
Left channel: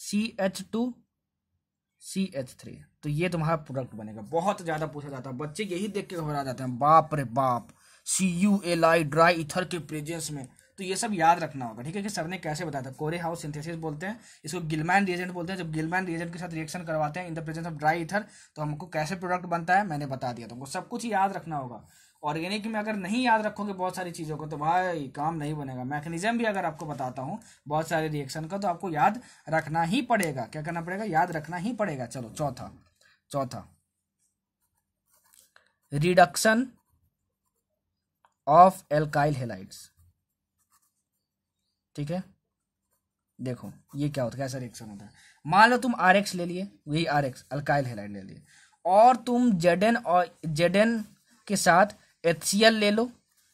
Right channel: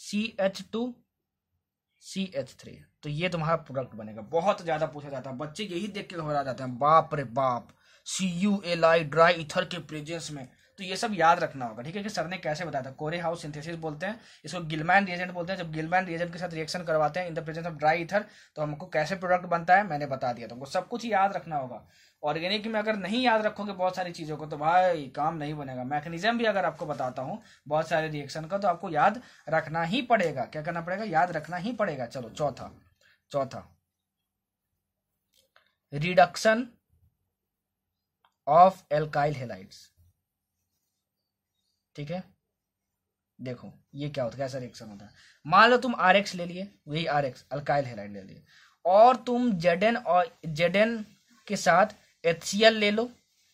CH2CH3, तो ये तुम्हारा प्रोडक्ट बनेगा। बहुत ज्यादा पूछा जाता है, बच्चे यही देख के घबरा जाते हैं, बाप रे बाप, CuLi ड्राई ईथर के प्रेजेंस में, तो ये सब याद रखना होगा, ठीक है, कि सर ने कैसे बताया था। कोरे हाउस सिंथेसिस बोलते हैं इसको, गिलमैन रिएजेंट बोलते हैं। जब गिलमैन रिएजेंट के साथ रिएक्शन करवाते हैं इन the presence of dry ether, तो हमको कैसे प्रोडक्ट बनता है मैंने बता दिया, तुमको सब कुछ याद रखना होगा। ऑर्गेनिक में अगर नहीं याद रखोगे बहुत सारी चीजों को तो भाई काम नहीं बनेगा। मैकेनिज्म भी अगर आपको बताता हूँ बहुत सारे रिएक्शन का, तो आपको याद रखना ही पड़ेगा। क्या करना पड़ेगा, याद रखना ही पड़ेगा। चलो चौथा रिडक्शन ऑफ एल्काइल हैलाइड्स, ठीक है। देखो ये क्या होता है, कैसा रिएक्शन होता है। मान लो तुम RX ले लिए, वही RX अल्काइल हैलाइड ले लिए, और तुम Zn और Zn के साथ HCl ले लो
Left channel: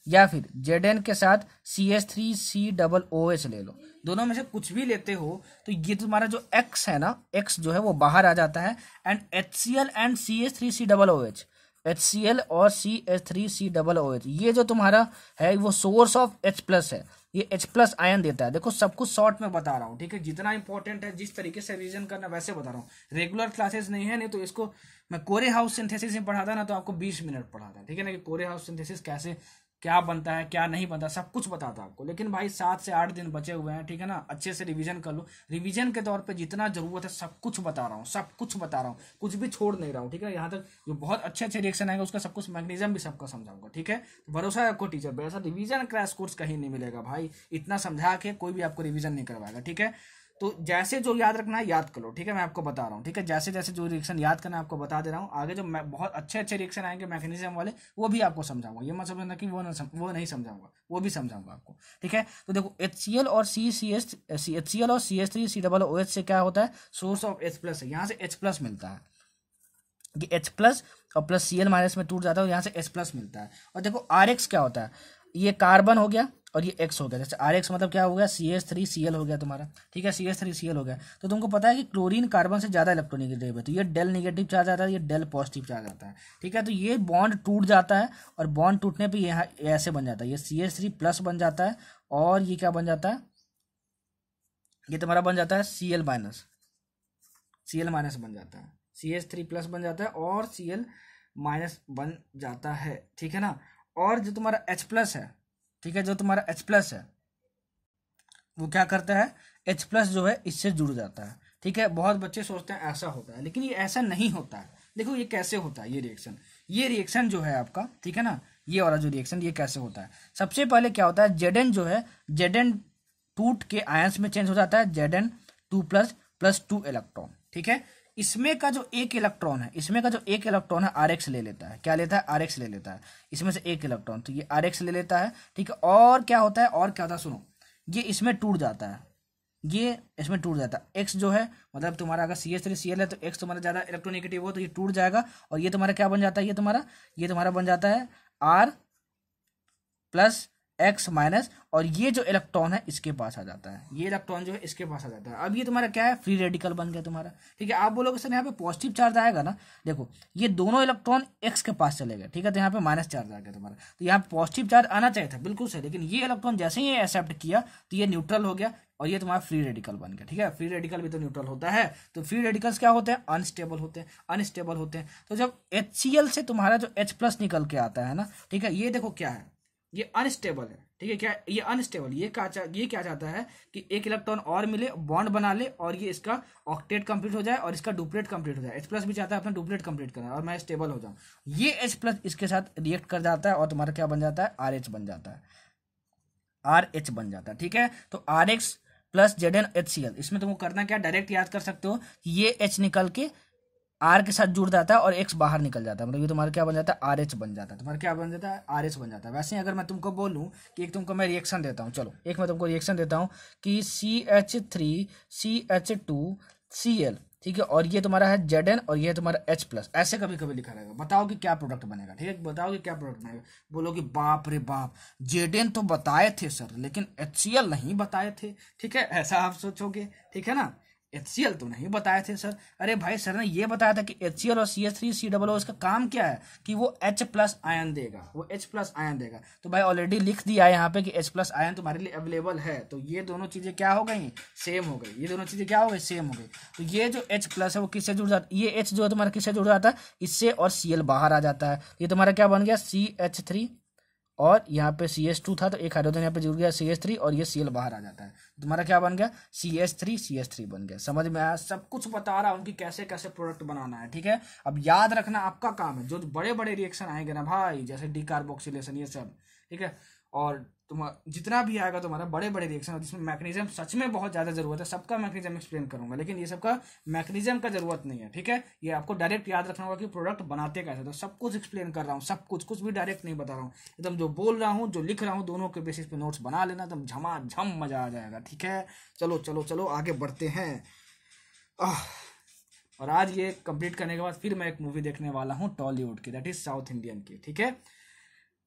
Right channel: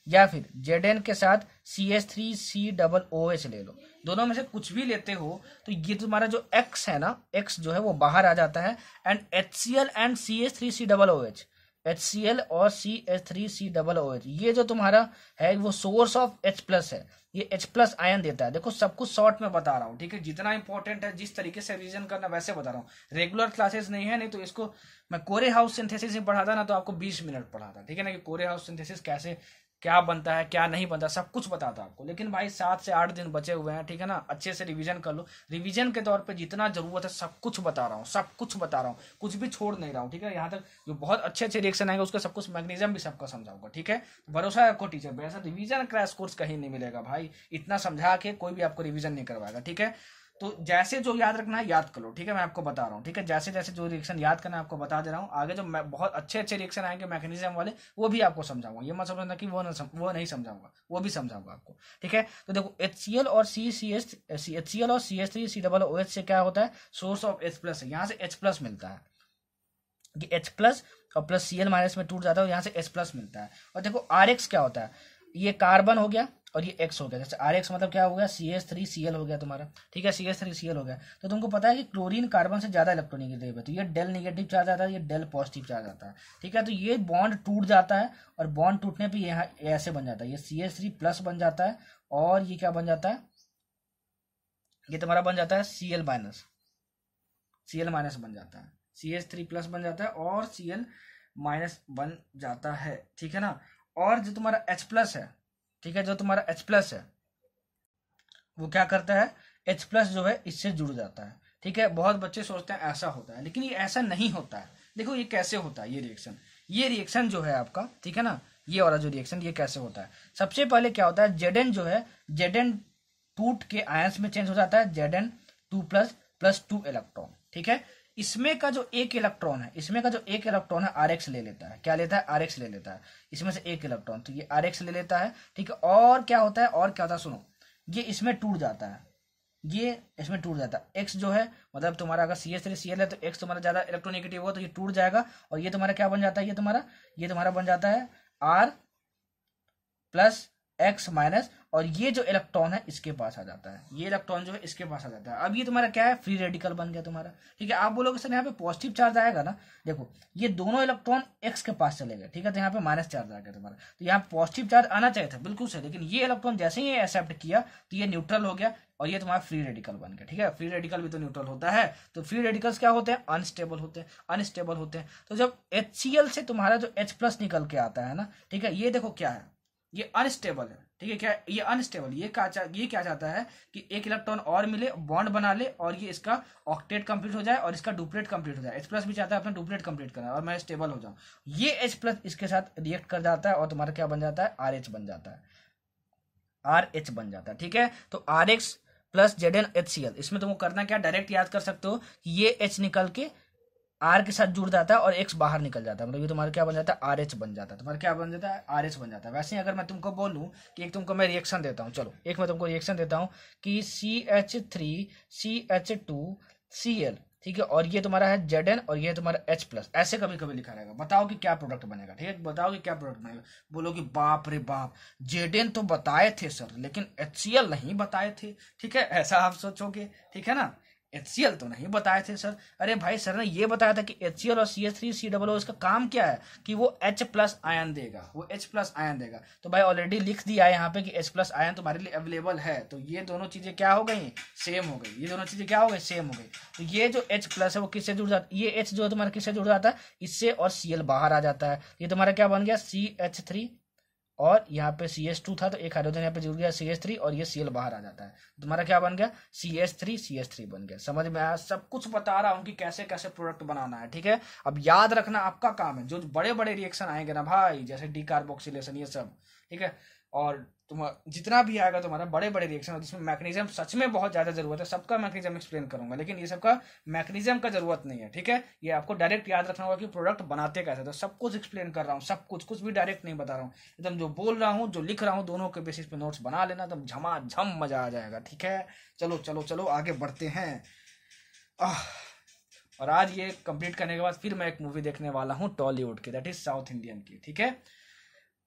या फिर Zn के साथ CH3COOH ले लो। दोनों में से कुछ भी लेते हो तो ये तुम्हारा जो X है ना, X जो है वो बाहर आ जाता है and HCl and CH3COOH, HCl और CH3COOH ये जो तुम्हारा है वो सोर्स ऑफ H+ है, ये H+ आयन देता है। देखो सब कुछ शॉर्ट में बता रहा हूँ, ठीक है, जितना इंपॉर्टेंट है जिस तरीके से रिवीजन करना वैसे बता रहा हूँ। रेगुलर क्लासेस नहीं है, नहीं तो इसको मैं कोरे हाउस सिंथेसिस में पढ़ाता ना तो आपको 20 मिनट पढ़ाता, ठीक है ना, कि कोरे हाउस सिंथेसिस कैसे क्या बनता है क्या नहीं बनता सब कुछ बताता आपको। लेकिन भाई 7 से 8 दिन बचे हुए हैं, ठीक है ना, अच्छे से रिवीजन कर लो। रिवीजन के तौर पे जितना जरूरत है सब कुछ बता रहा हूँ, सब कुछ बता रहा हूँ, कुछ भी छोड़ नहीं रहा हूँ, ठीक है। यहाँ तक जो बहुत अच्छे अच्छे रिएक्शन आएंगे उसका सब कुछ मैग्नीशियम भी सबका समझाऊंगा, ठीक है। भरोसा है आपको टीचर पे, ऐसा रिवीजन क्रैश कोर्स कहीं नहीं मिलेगा भाई, इतना समझा के कोई भी आपको रिवीजन नहीं करवाएगा, ठीक है। तो जैसे जो याद रखना है याद कर लो, ठीक है, मैं आपको बता रहा हूँ, ठीक है। जैसे जैसे जो रिएक्शन याद करना है आपको बता दे रहा हूँ। आगे जो बहुत अच्छे अच्छे रिएक्शन आएंगे मैकेनिज्म वाले वो भी आपको समझाऊंगा, ये मत समझना कि वो नहीं समझाऊंगा, वो भी समझाऊंगा आपको, ठीक है। तो देखो HCl और CH3COOH से क्या होता है, सोर्स ऑफ H+ है, यहाँ से H+ मिलता है, ये H+ और प्लस Cl- में टूट जाता है और यहाँ से H+ मिलता है। और देखो RX क्या होता है, ये कार्बन हो गया और ये X हो गया। जैसे RX मतलब क्या हो गया, CH3Cl हो गया तुम्हारा, ठीक है, CH3Cl हो गया। तो तुमको पता है कि क्लोरीन कार्बन से ज्यादा इलेक्ट्रोनेगेटिव है, तो ये डेल नेगेटिव चार्ज आता है, ये डेल पॉजिटिव चार्ज आता है, ठीक है। तो ये बॉन्ड टूट जाता है और बॉन्ड टूटने पे यहाँ ऐसे बन जाता है, ये CH3+ बन जाता है और ये क्या बन जाता है, ये तुम्हारा बन जाता है Cl- बन जाता है, CH3+ बन जाता है और Cl- बन जाता है, ठीक है ना। और जो तुम्हारा H+ है, ठीक है, जो तुम्हारा H+ है वो क्या करता है, H+ जो है इससे जुड़ जाता है, ठीक है। बहुत बच्चे सोचते हैं ऐसा होता है, लेकिन ये ऐसा नहीं होता है। देखो ये कैसे होता है, ये रिएक्शन जो है आपका, ठीक है ना, ये वाला जो रिएक्शन ये कैसे होता है। सबसे पहले क्या होता है, Zn जो है, Zn टूट के आयंस में चेंज हो जाता है, Zn2+ प्लस 2 इलेक्ट्रॉन, ठीक है। इसमें का जो एक इलेक्ट्रॉन है RX ले लेता है, क्या लेता है, RX ले लेता है, इसमें से एक इलेक्ट्रॉन, तो ये RX ले लेता है, ठीक है। और क्या होता है, सुनो, ये इसमें टूट जाता है, X जो है, मतलब तुम्हारा अगर CH3Cl है तो X तुम्हारा ज्यादा इलेक्ट्रोनेगेटिव हो तो ये टूट जाएगा और ये तुम्हारा क्या बन जाता है, ये तुम्हारा बन जाता है R+X-, और ये जो इलेक्ट्रॉन है इसके पास आ जाता है, ये इलेक्ट्रॉन जो है इसके पास आ जाता है। अब ये तुम्हारा क्या है, फ्री रेडिकल बन गया तुम्हारा, ठीक है। आप बोलोगे सर यहाँ पे पॉजिटिव चार्ज आएगा ना, देखो ये दोनों इलेक्ट्रॉन X के पास चले गए, ठीक है, तो यहाँ पे माइनस चार्ज आ गया तुम्हारा, तो यहाँ पॉजिटिव चार्ज आना चाहिए था, बिल्कुल सर, लेकिन ये इलेक्ट्रॉन जैसे ही एक्सेप्ट किया तो ये न्यूट्रल हो गया और ये तुम्हारा फ्री रेडिकल बन गया, ठीक है। फ्री रेडिकल भी तो न्यूट्रल होता है, तो फ्री रेडिकल्स क्या होते हैं, अनस्टेबल होते हैं। तो जब HCl से तुम्हारा जो H+ निकल के आता है ना, ठीक है, ये देखो क्या है, ये अनस्टेबल है, ठीक है, क्या ये अनस्टेबल, ये क्या चाहता है कि एक इलेक्ट्रॉन और मिले, बॉन्ड बना ले और ये इसका ऑक्टेट कंप्लीट हो जाए और इसका डुप्लेट कंप्लीट हो जाए। H+ भी चाहता है अपना डुप्लेट कंप्लीट करना और मैं स्टेबल हो जाऊं, ये H+ इसके साथ रिएक्ट कर जाता है और तुम्हारा क्या बन जाता है, RH बन जाता है, ठीक है। तो RX प्लस ZnHCl, इसमें तुमको करना क्या, डायरेक्ट याद कर सकते हो, ये H निकल के R के साथ जुड़ जाता है और X बाहर निकल जाता है, मतलब ये तुम्हारा क्या बन जाता है, RH बन जाता है, तुम्हारा क्या बन जाता है, RH बन जाता है। वैसे ही अगर मैं तुमको बोलूं कि एक तुमको मैं रिएक्शन देता हूं, चलो एक मैं तुमको रिएक्शन देता हूं कि CH3CH2Cl, ठीक है, और ये तुम्हारा है Zn और ये तुम्हारा H+, ऐसे कभी कभी लिखा रहेगा, बताओ कि क्या प्रोडक्ट बनेगा, ठीक है, बताओ कि क्या प्रोडक्ट बनेगा। बोलोगे बाप रे बाप, Zn तो बताए थे सर लेकिन HCl नहीं बताए थे, ठीक है, ऐसा आप सोचोगे, ठीक है ना, HCl तो नहीं बताए थे सर। अरे भाई सर ने ये बताया था कि HCl और CH3COO इसका काम क्या है कि वो H+ आयन देगा, तो भाई ऑलरेडी लिख दिया है यहाँ पे कि H+ आयन तुम्हारे लिए अवेलेबल है, तो ये दोनों चीजें क्या हो गई, सेम हो गई, तो ये जो H+ है वो किससे जुड़ जाता है, ये H जो है तुम्हारा किससे जुड़ जाता है, इससे, और Cl बाहर आ जाता है, ये तुम्हारा क्या बन गया, CH3 और यहाँ पे CH2 था तो एक हाइड्रोजन यहाँ पे जुड़ गया CH3 और ये Cl बाहर आ जाता है, तुम्हारा क्या बन गया, CH3 बन गया। समझ में आया, सब कुछ बता रहा हूँ कि कैसे कैसे प्रोडक्ट बनाना है, ठीक है। अब याद रखना आपका काम है, जो बड़े बड़े रिएक्शन आएंगे ना भाई, जैसे डिकार्बोक्सिलेशन ये सब, ठीक है, और तुम्हारा जितना भी आएगा तुम्हारा बड़े बड़े रिएक्शन जिसमें मैकेनिज्म सच में बहुत ज्यादा जरूरत है, सबका मैकेनिज्म एक्सप्लेन करूंगा, लेकिन ये सबका मैकेनिज्म का जरूरत नहीं है, ठीक है। ये आपको डायरेक्ट याद रखना होगा कि प्रोडक्ट बनाते कैसे, तो सब कुछ एक्सप्लेन कर रहा हूँ, सब कुछ भी डायरेक्ट नहीं बता रहा हूँ, एकदम जो बोल रहा हूँ जो लिख रहा हूँ दोनों के बेसिस पे नोट्स बना लेना, एकदम झमाझम मजा आ जाएगा, ठीक है। चलो चलो चलो आगे बढ़ते हैं। और आज ये कंप्लीट करने के बाद फिर मैं एक मूवी देखने वाला हूँ टॉलीवुड की, दैट इज साउथ इंडियन की। ठीक है,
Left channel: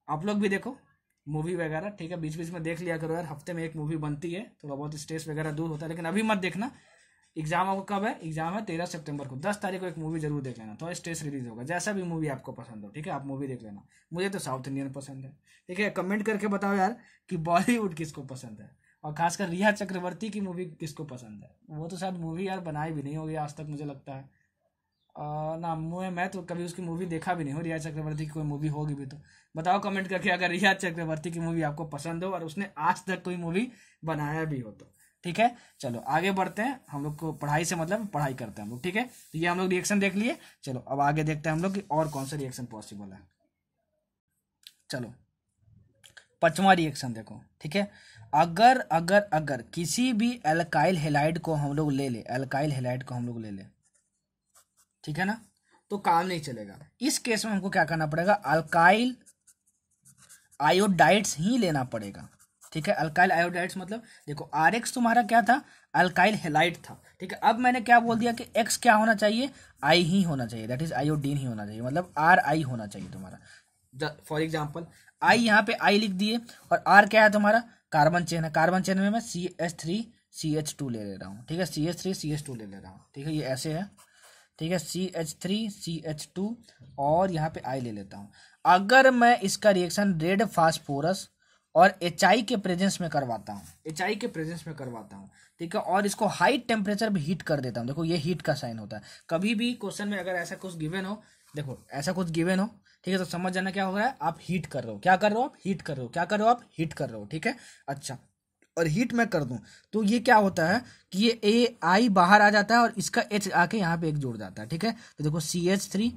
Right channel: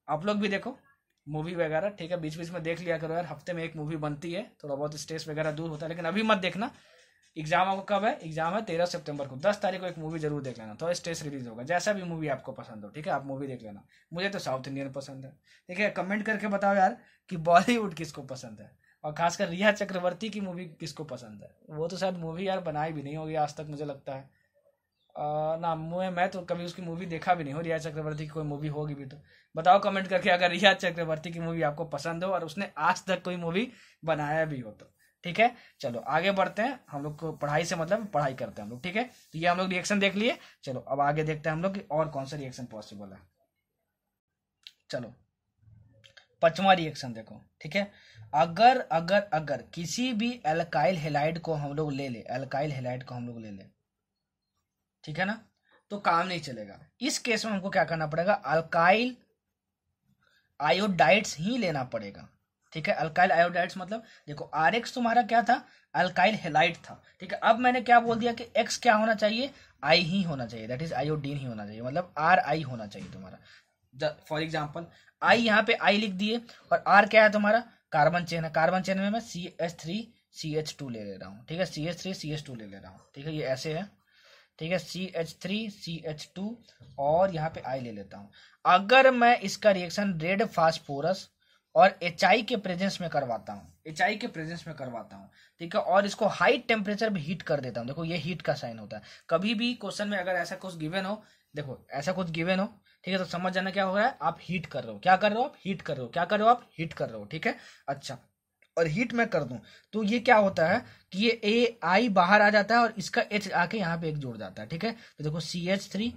आप लोग भी देखो मूवी वगैरह, ठीक है, बीच बीच में देख लिया करो यार, हफ्ते में एक मूवी बनती है, थोड़ा बहुत स्ट्रेस वगैरह दूर होता है। लेकिन अभी मत देखना, एग्जाम आपको कब है, एग्जाम है 13 सितंबर को, 10 तारीख को एक मूवी जरूर देख लेना, थोड़ा स्ट्रेस रिलीज होगा। जैसा भी मूवी आपको पसंद हो, ठीक है, आप मूवी देख लेना। मुझे तो साउथ इंडियन पसंद है। ठीक है, कमेंट करके बताओ यार कि बॉलीवुड किसको पसंद है, और खासकर रिया चक्रवर्ती की मूवी किसको पसंद है। वो तो शायद मूवी यार बनाई भी नहीं होगी आज तक, मुझे लगता है। ना मैं तो कभी उसकी मूवी देखा भी नहीं हो, रिया चक्रवर्ती की कोई मूवी होगी भी तो बताओ कमेंट करके, अगर रिया चक्रवर्ती की मूवी आपको पसंद हो और उसने आज तक कोई मूवी बनाया भी हो तो। ठीक है, चलो आगे बढ़ते हैं। हम लोग को पढ़ाई से मतलब पढ़ाई करते हैं हम लोग। ठीक है, तो ये हम लोग रिएक्शन देख लिए। चलो अब आगे देखते हैं हम लोग कि और कौन सा रिएक्शन पॉसिबल है। चलो 5वां रिएक्शन देखो। ठीक है, अगर अगर अगर किसी भी अल्काइल हैलाइड को हम लोग ले ले, अल्काइल हैलाइड को हम लोग ले ले, ठीक है ना, तो काम नहीं चलेगा। इस केस में हमको क्या करना पड़ेगा, अल्काइल आयोडाइड्स ही लेना पड़ेगा। ठीक है, अल्काइल आयोडाइड्स मतलब देखो RX तुम्हारा क्या था, अल्काइल हैलाइड था। ठीक है, अब मैंने क्या बोल दिया कि X क्या होना चाहिए, I ही होना चाहिए, दैट इज आयोडीन ही होना चाहिए, मतलब RI होना चाहिए तुम्हारा। फॉर एग्जाम्पल I यहाँ पे I लिख दिए, और R क्या है तुम्हारा, कार्बन चेन है। कार्बन चेन में मैं CH3CH2 ले रहा हूँ। ठीक है, CH3CH2 ले रहा हूँ। ठीक है, ये ऐसे है। ठीक है, CH3CH2 और यहाँ पे I ले लेता हूँ। अगर मैं इसका रिएक्शन रेड फास्फोरस और HI के प्रेजेंस में करवाता हूँ, HI के प्रेजेंस में करवाता हूँ, ठीक है, और इसको हाई टेम्परेचर पे हीट कर देता हूँ। देखो ये हीट का साइन होता है। कभी भी क्वेश्चन में अगर ऐसा कुछ गिवन हो, देखो ऐसा कुछ गिवन हो, ठीक है, तो समझ जाना क्या हो रहा है, आप हीट कर रहे हो। क्या कर रहे हो आप, हीट कर रहे हो। क्या कर रहे हो आप, हीट कर रहे हो। ठीक है, अच्छा, और हीट मैं कर दूं तो ये क्या होता है कि ये AI बाहर आ जाता है और इसका H आके यहाँ पे एक जुड़ जाता है। ठीक है, तो देखो CH3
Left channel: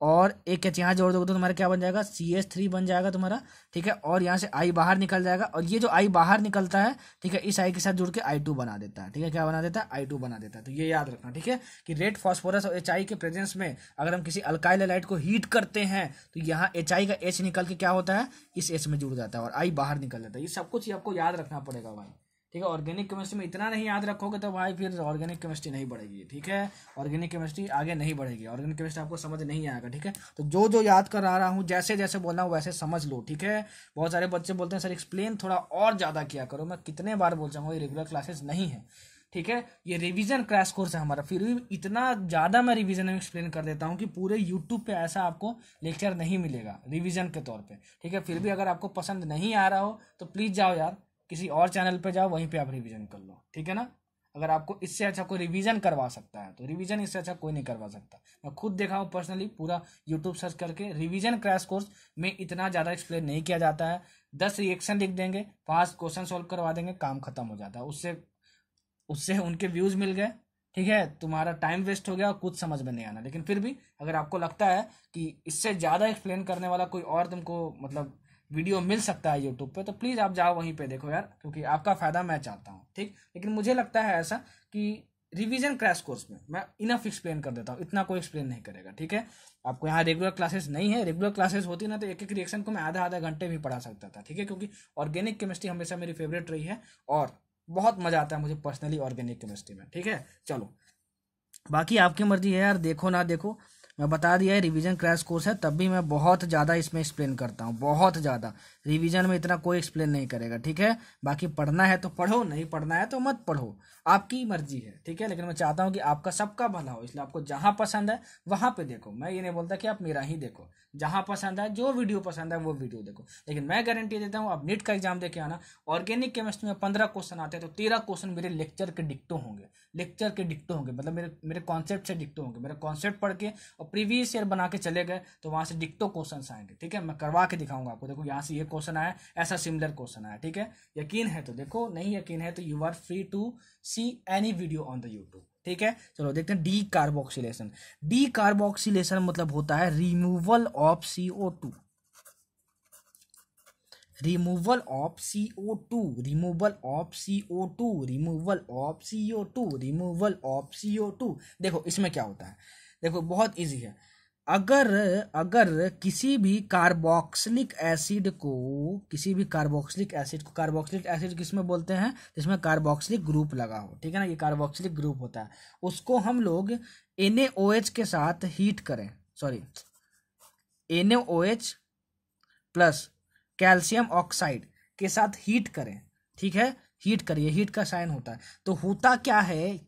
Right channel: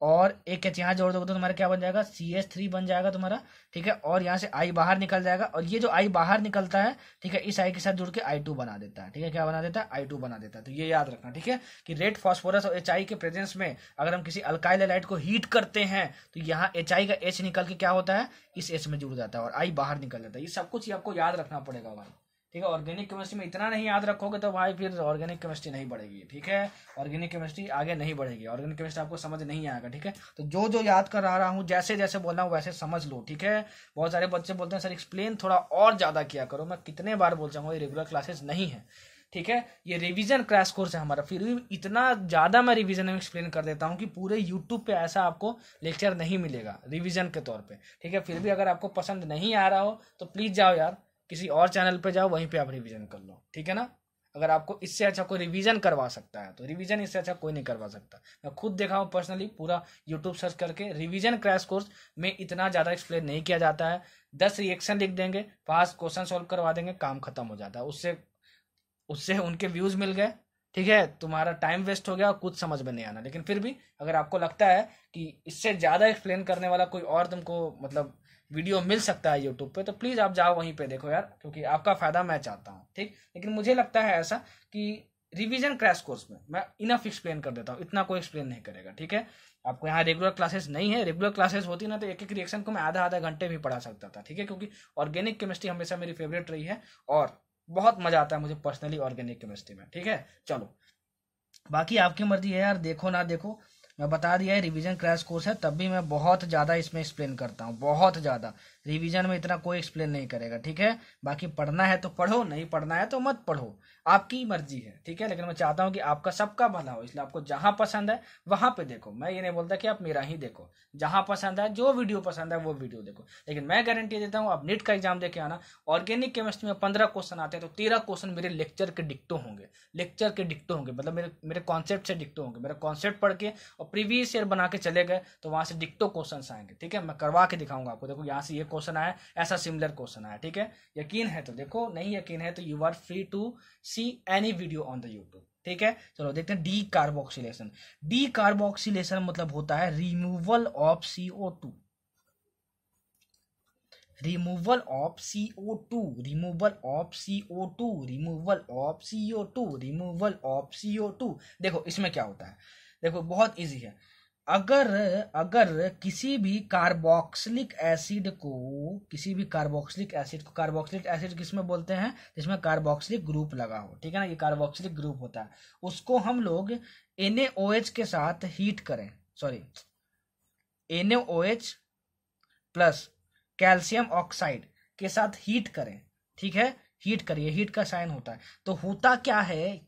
और एक H यहाँ जोड़ दोगे तो तुम्हारा क्या बन जाएगा, CH3 बन जाएगा तुम्हारा। ठीक है, और यहाँ से I बाहर निकल जाएगा, और ये जो I बाहर निकलता है, ठीक है, इस I के साथ जुड़ के I2 बना देता है। ठीक है, क्या बना देता है, I2 बना देता है। तो ये याद रखना। ठीक है, कि रेड फास्फोरस और HI के प्रेजेंस में अगर हम किसी अल्काइल हैलाइड को हीट करते हैं तो यहाँ HI का H निकल के क्या होता है, इस H में जुड़ जाता है, और I बाहर निकल जाता है। ये सब कुछ आपको याद रखना पड़ेगा भाई। ठीक है, ऑर्गेनिक केमिस्ट्री में इतना नहीं याद रखोगे तो भाई फिर ऑर्गेनिक केमिस्ट्री नहीं बढ़ेगी। ठीक है, ऑर्गेनिक केमिस्ट्री आगे नहीं बढ़ेगी, ऑर्गेनिक केमिस्ट्री आपको समझ नहीं आएगा। ठीक है, तो जो जो याद कर रहा हूँ, जैसे जैसे बोल रहा हूँ वैसे समझ लो। ठीक है, बहुत सारे बच्चे बोलते हैं सर एक्सप्लेन थोड़ा और ज्यादा किया करो। मैं कितने बार बोल जाऊंगा, ये रेगुलर क्लासेस नहीं है। ठीक है, ये रिवीजन क्रैश कोर्स है हमारा, फिर भी इतना ज्यादा मैं रिवीजन में एक्सप्लेन कर देता हूँ कि पूरे यूट्यूब पे ऐसा आपको लेक्चर नहीं मिलेगा रिवीजन के तौर पे। ठीक है, फिर भी अगर आपको पसंद नहीं आ रहा हो तो प्लीज जाओ यार किसी और चैनल पे जाओ, वहीं पे आप रिवीजन कर लो। ठीक है ना, अगर आपको इससे अच्छा कोई रिवीजन करवा सकता है तो रिवीजन इससे अच्छा कोई नहीं करवा सकता। मैं खुद देखा हूँ पर्सनली, पूरा यूट्यूब सर्च करके रिवीजन क्रैश कोर्स में इतना ज़्यादा एक्सप्लेन नहीं किया जाता है। 10 रिएक्शन लिख देंगे, 5 क्वेश्चन सॉल्व करवा देंगे, काम खत्म हो जाता है। उससे उससे उनके व्यूज मिल गए, ठीक है, तुम्हारा टाइम वेस्ट हो गया और कुछ समझ में नहीं आना। लेकिन फिर भी अगर आपको लगता है कि इससे ज़्यादा एक्सप्लेन करने वाला कोई और तुमको मतलब वीडियो मिल सकता है यूट्यूब पे, तो प्लीज आप जाओ वहीं पे देखो यार, क्योंकि आपका फायदा मैं चाहता हूँ। ठीक, लेकिन मुझे लगता है ऐसा कि रिवीजन क्रैश कोर्स में मैं इनफ एक्सप्लेन कर देता हूँ, इतना कोई एक्सप्लेन नहीं करेगा। ठीक है, आपको यहाँ रेगुलर क्लासेस नहीं है, रेगुलर क्लासेस होती ना तो एक एक रिएक्शन को मैं आधा आधा घंटे भी पढ़ा सकता था। ठीक है, क्योंकि ऑर्गेनिक केमिस्ट्री हमेशा मेरी फेवरेट रही है और बहुत मजा आता है मुझे पर्सनली ऑर्गेनिक केमिस्ट्री में। ठीक है, चलो बाकी आपकी मर्जी है यार, देखो ना देखो, मैं बता दिया है रिवीजन क्रैश कोर्स है, तब भी मैं बहुत ज़्यादा इसमें एक्सप्लेन करता हूँ, बहुत ज़्यादा। रिवीजन में इतना कोई एक्सप्लेन नहीं करेगा। ठीक है, बाकी पढ़ना है तो पढ़ो, नहीं पढ़ना है तो मत पढ़ो, आपकी मर्जी है। ठीक है, लेकिन मैं चाहता हूँ कि आपका सबका भला हो, इसलिए आपको जहाँ पसंद है वहाँ पे देखो। मैं ये नहीं बोलता कि आप मेरा ही देखो, जहाँ पसंद है, जो वीडियो पसंद है वो वीडियो देखो। लेकिन मैं गारंटी देता हूँ, आप नीट का एग्जाम देके आना, ऑर्गेनिक केमिस्ट्री में 15 क्वेश्चन आते हैं तो 13 क्वेश्चन मेरे लेक्चर के डिक्टो होंगे, लेक्चर के डिक्टो होंगे, मतलब मेरे कॉन्सेप्ट से डिक्टो होंगे। मेरा कॉन्सेप्ट पढ़ के और प्रीवियस ईयर बना के चले गए तो वहां से डिक्टो क्वेश्चन आएंगे। ठीक है, मैं करवा के दिखाऊंगा आपको, देखो यहाँ से ये क्वेश्चन आया, ऐसा सिमिलर क्वेश्चन आया। ठीक है, यकीन है तो देखो, नहीं यकीन है तो you are free to see any video on the YouTube. ठीक है, चलो देखते हैं डी कार्बोक्सिलेशन। डी कार्बोक्सिलेशन मतलब होता है removal of CO2, removal of CO2, removal of CO2, removal of CO2, removal of CO2। देखो इसमें क्या होता है, देखो बहुत इजी है। अगर अगर किसी भी कार्बोक्सिलिक एसिड को, किसी भी कार्बोक्सिलिक एसिड को, कार्बोक्सिलिक एसिड किसमें बोलते हैं, जिसमें कार्बोक्सिलिक ग्रुप लगा हो, ठीक है ना, ये कार्बोक्सिलिक ग्रुप होता है, उसको हम लोग NaOH के साथ हीट करें, sorry NaOH plus calcium oxide के साथ हीट करें, ठीक है, हीट करिए, हीट का साइन होता है। तो होता क्या है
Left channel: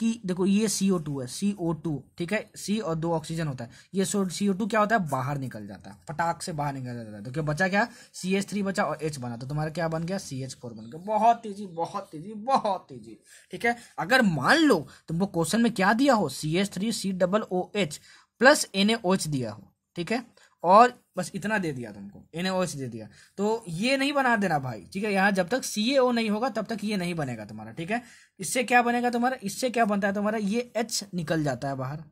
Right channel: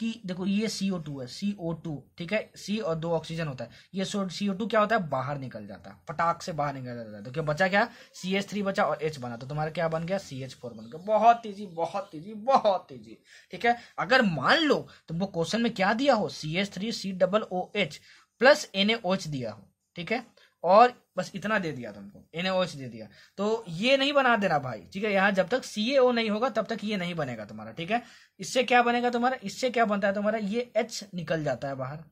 कि देखो ये CO2 है, CO2, ठीक है, C और 2 ऑक्सीजन होता है, ये CO2 क्या होता है, बाहर निकल जाता है, फटाक से बाहर निकल जाता है। तो क्या बचा, क्या CH3 बचा और H बना, तो तुम्हारा क्या बन गया, CH4 बन गया। बहुत तेजी, बहुत तेजी, बहुत तेजी, ठीक है। अगर मान लो तुमको क्वेश्चन में क्या दिया हो, CH3 COOH प्लस NaOH दिया हो, ठीक है, और बस इतना दे दिया तुमको, NaOH दे दिया, तो ये नहीं बना देना भाई, ठीक है। यहाँ जब तक CaO नहीं होगा तब तक ये नहीं बनेगा तुम्हारा, ठीक है। इससे क्या बनेगा तुम्हारा, इससे क्या बनता है तुम्हारा, ये H निकल जाता है बाहर,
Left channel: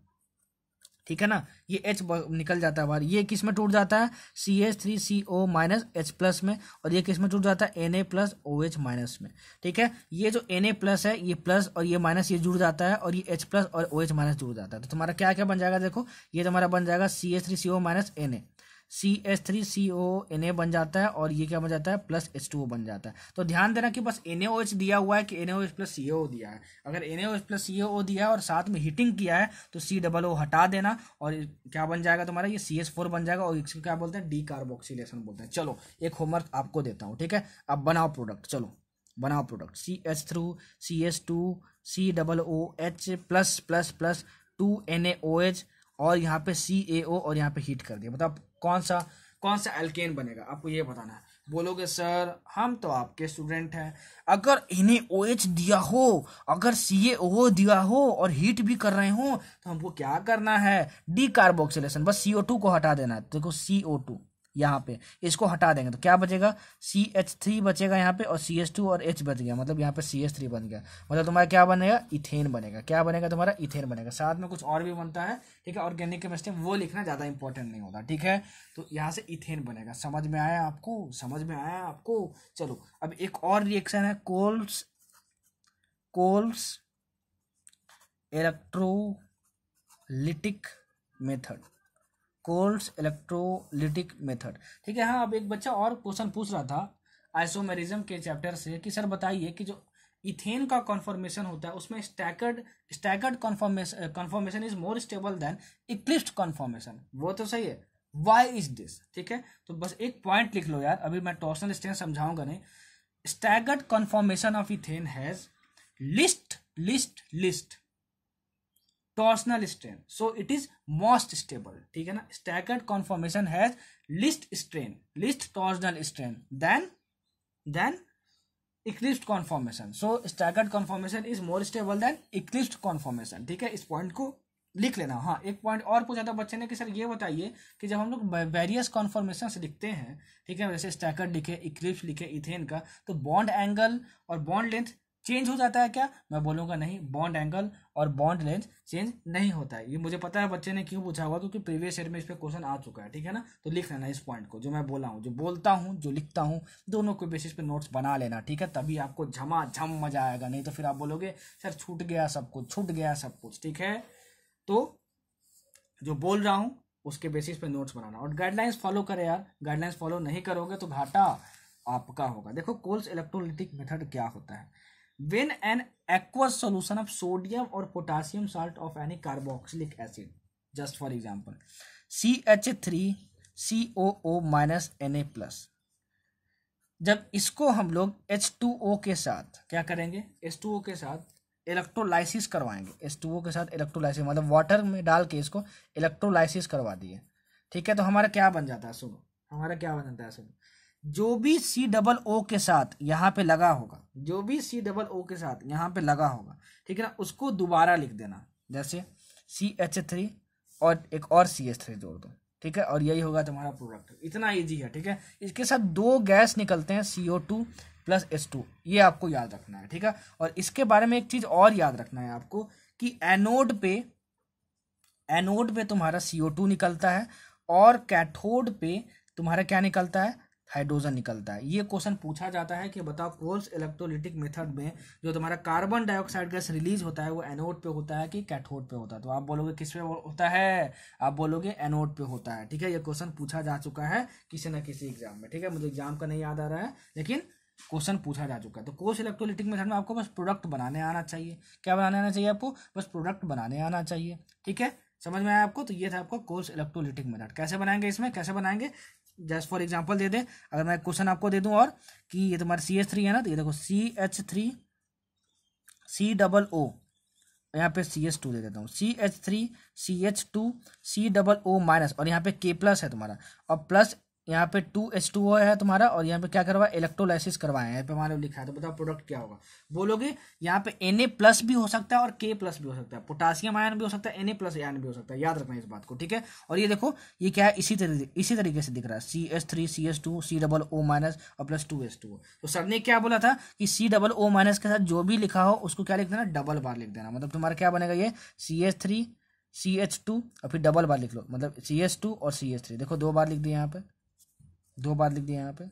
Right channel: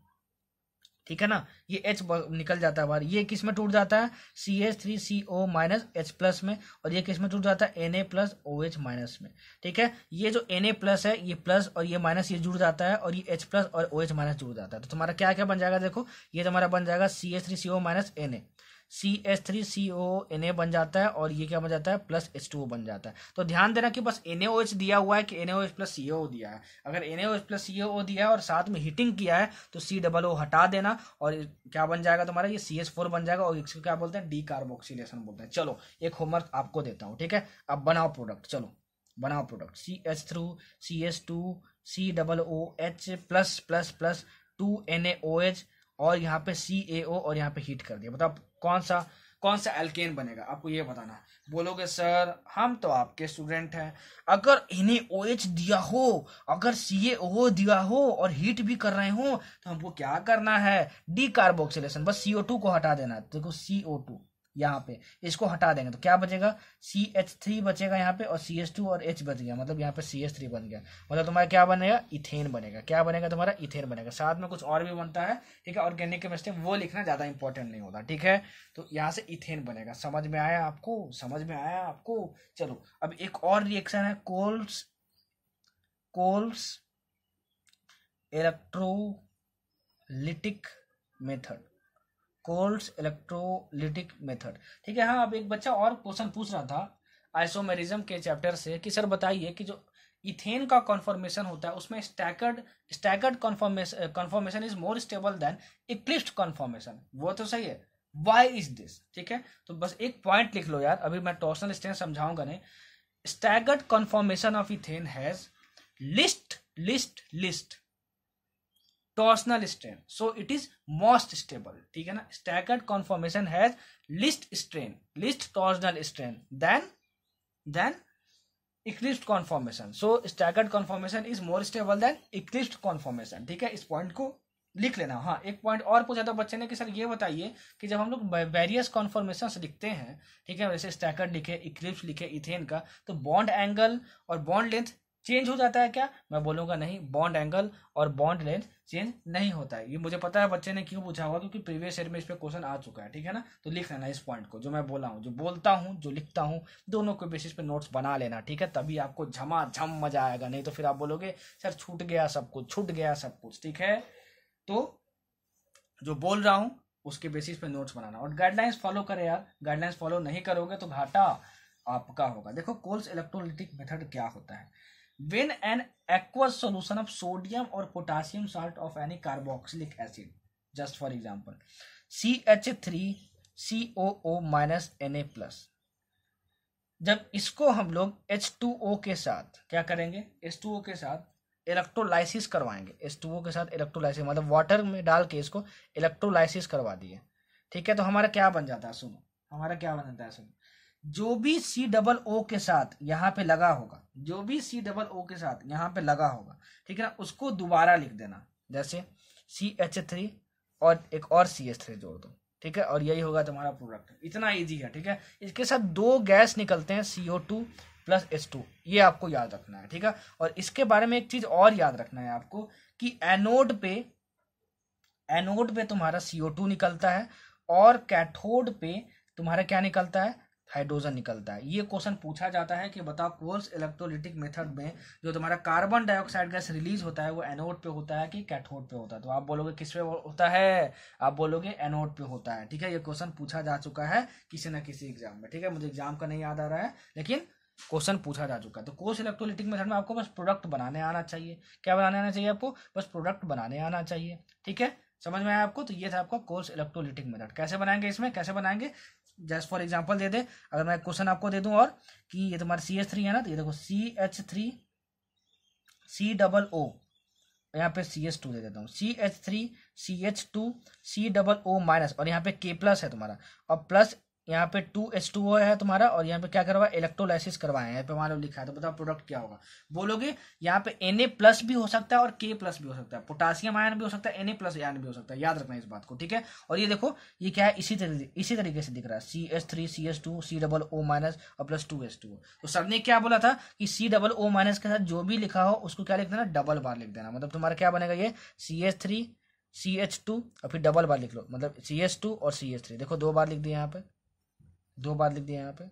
ठीक है ना, ये H निकल जाता है बाहर, ये किस में टूट जाता है, CH3CO माइनस H प्लस में, और ये किस में टूट जाता है, Na प्लस OH माइनस में, ठीक है। ये जो Na प्लस है, ये प्लस और ये माइनस, ये जुड़ जाता है, और ये H प्लस और OH माइनस जुड़ जाता है। तो तुम्हारा क्या क्या बन जाएगा, देखो ये तुम्हारा बन जाएगा CH3CO minus Na, CH3CO Na बन जाता है, और ये क्या बन जाता है, प्लस H2O बन जाता है। तो ध्यान देना कि बस NaOH दिया हुआ है कि NaOH प्लस CaO दिया है। अगर NaOH प्लस CaO दिया है और साथ में हीटिंग किया है तो COO हटा देना, और क्या बन जाएगा तुम्हारा, ये CH4 बन जाएगा, और इसको क्या बोलते हैं, डीकार्बोक्सिलेशन बोलते हैं। चलो एक होमवर्क आपको देता हूँ, ठीक है, अब बनाओ प्रोडक्ट, चलो बनाओ product, CH3 CH2 COOH plus plus plus 2 NaOH और यहाँ पे CaO, और यहाँ पे हीट कर दिया। बताओ कौन सा एल्केन बनेगा, आपको ये बताना है। बोलोगे सर हम तो आपके स्टूडेंट हैं, अगर इन्हें OH दिया हो, अगर CaO दिया हो और हीट भी कर रहे हो, तो हमको क्या करना है, डीकार्बोक्सिलेशन, बस CO2 को हटा देना है। देखो CO2 यहाँ पे, इसको हटा देंगे तो क्या बचेगा, CH3 बचेगा यहाँ पे, और CH2 और H बच गया, मतलब यहाँ पे CH3 बन गया, मतलब तुम्हारा क्या बनेगा, इथेन बनेगा। क्या बनेगा तुम्हारा, इथेन बनेगा। साथ में कुछ और भी बनता है, ठीक है, ऑर्गेनिक केमिस्ट्री, वो लिखना ज्यादा इंपॉर्टेंट नहीं होता, ठीक है। तो यहाँ से इथेन बनेगा। समझ में आया आपको, समझ में आया आपको। चलो अब एक और रिएक्शन है, Kolbe's electrolytic method, Kolbe's electrolytic method, ठीक है। हाँ, अब एक बच्चा और क्वेश्चन पूछ रहा था आइसोमेरिज्म के चैप्टर से कि सर बताइए कि जो इथेन का कॉन्फॉर्मेशन होता है उसमें staggered conformation is more stable then eclipsed conformation. वो तो सही है, व्हाई इज दिस, ठीक है। तो बस एक पॉइंट लिख लो यार, अभी मैं टॉर्सनल स्ट्रेन समझाऊंगा नहीं। Staggered conformation of ethane has list torsional strain, so it is most stable, ठीक है ना। staggered conformation has least torsional strain than eclipsed conformation, so staggered conformation is more stable than eclipsed conformation, ठीक है। इस point को लिख लेना। हाँ, एक पॉइंट और पूछा था बच्चे ने कि सर ये बताइए कि जब हम लोग वेरियस कॉन्फॉर्मेशन लिखते हैं, ठीक है, जैसे स्टैगर्ड लिखे, इक्लिप्स लिखे इथेन का, तो बॉन्ड एंगल और बॉन्ड लेंथ चेंज हो जाता है क्या, मैं बोलूंगा नहीं, बॉन्ड एंगल और बॉन्ड लेंथ चेंज नहीं होता है। ये मुझे पता है बच्चे ने क्यों पूछा होगा, क्योंकि प्रीवियस ईयर में इस पे क्वेश्चन आ चुका है, ठीक है ना। तो लिख लेना इस पॉइंट को, जो मैं बोला हूँ, जो बोलता हूँ, जो लिखता हूँ, दोनों के बेसिस पे नोट्स बना लेना, ठीक है। तभी आपको झमाझम मजा आएगा, नहीं तो फिर आप बोलोगे सर छूट गया सब कुछ, ठीक है। तो जो बोल रहा हूँ उसके बेसिस पे नोट्स बनाना, और गाइडलाइंस फॉलो करें यार, गाइडलाइंस फॉलो नहीं करोगे तो घाटा आपका होगा। देखो कोल्स इलेक्ट्रोलिटिक मेथड क्या होता है, when an aqueous solution of sodium or potassium salt of any carboxylic acid, just for example CH3COO minus Na plus, जब इसको हम लोग H2O के साथ क्या करेंगे, H2O के साथ इलेक्ट्रोलाइसिस करवाएंगे, H2O के साथ इलेक्ट्रोलाइसिस मतलब वाटर में डाल के इसको इलेक्ट्रोलाइसिस करवा दिए, ठीक है। तो हमारा क्या बन जाता है, सुनो हमारा क्या बन जाता है, सुनो, जो भी COO के साथ यहाँ पे लगा होगा, जो भी COO के साथ यहाँ पे लगा होगा, ठीक है ना, उसको दोबारा लिख देना, जैसे CH3 और एक और CH3 जोड़ दो, ठीक है, और यही होगा तुम्हारा प्रोडक्ट। इतना इजी है, ठीक है। इसके साथ 2 गैस निकलते हैं, CO2 प्लस H2, ये आपको याद रखना है, ठीक है। और इसके बारे में एक चीज और याद रखना है आपको कि एनोड पे तुम्हारा CO2 निकलता है, और कैथोड पे तुम्हारा क्या निकलता है, हाइड्रोजन निकलता है। ये क्वेश्चन पूछा जाता है कि बताओ कोल्स इलेक्ट्रोलिटिक मेथड में जो तुम्हारा कार्बन डाइऑक्साइड गैस रिलीज होता है वो एनोड पे होता है कि कैथोड पे होता है। तो आप बोलोगे किस पे होता है, आप बोलोगे एनोड पे होता है, ठीक है। ये क्वेश्चन पूछा जा चुका है किसी न किसी एग्जाम में, ठीक है। मुझे एग्जाम का नहीं याद आ रहा है, लेकिन क्वेश्चन पूछा जा चुका है। तो कोर्स इलेक्ट्रोलिटिक मेथड में आपको बस प्रोडक्ट बनाने आना चाहिए। क्या बनाने आना चाहिए आपको? बस प्रोडक्ट बनाने आना चाहिए। ठीक है, समझ में आया आपको? तो ये था आपका कोर्स इलेक्ट्रोलिटिक मेथड। कैसे बनाएंगे, इसमें कैसे बनाएंगे, जस्ट फॉर एग्जांपल दे दे, अगर मैं क्वेश्चन आपको दे दूं और कि ये तुम्हारा CH3 है ना, तो ये देखो CH3 COO, यहाँ पे CH2 दे देता हूँ, CH3 CH2 COO माइनस, और यहाँ पे K+ है तुम्हारा, और प्लस यहाँ पे 2H2O है तुम्हारा, और यहाँ पे क्या करवा इलेक्ट्रोलाइसिस करवाए हैं, यहाँ पे मान लो लिखा है। तो बताओ प्रोडक्ट क्या होगा? बोलोगे यहाँ पे Na+ भी हो सकता है और K+ भी हो सकता है, पोटासियम आयन भी हो सकता है, Na+ आयन भी हो सकता है, याद रखना इस बात को। ठीक है, और ये देखो ये क्या है, इसी तरीके से दिख रहा है, CH3 CH2 COO माइनस और प्लस 2H2O। तो सर ने क्या बोला था कि COO माइनस के साथ जो भी लिखा हो उसको क्या लिख देना, डबल बार लिख देना। मतलब तुम्हारा क्या बनेगा, ये CH3 CH2 और फिर डबल बार लिख लो, मतलब CH2 और CH3। देखो 2 बार लिख दिया यहाँ पे, 2 बार लिख दिया यहाँ पे,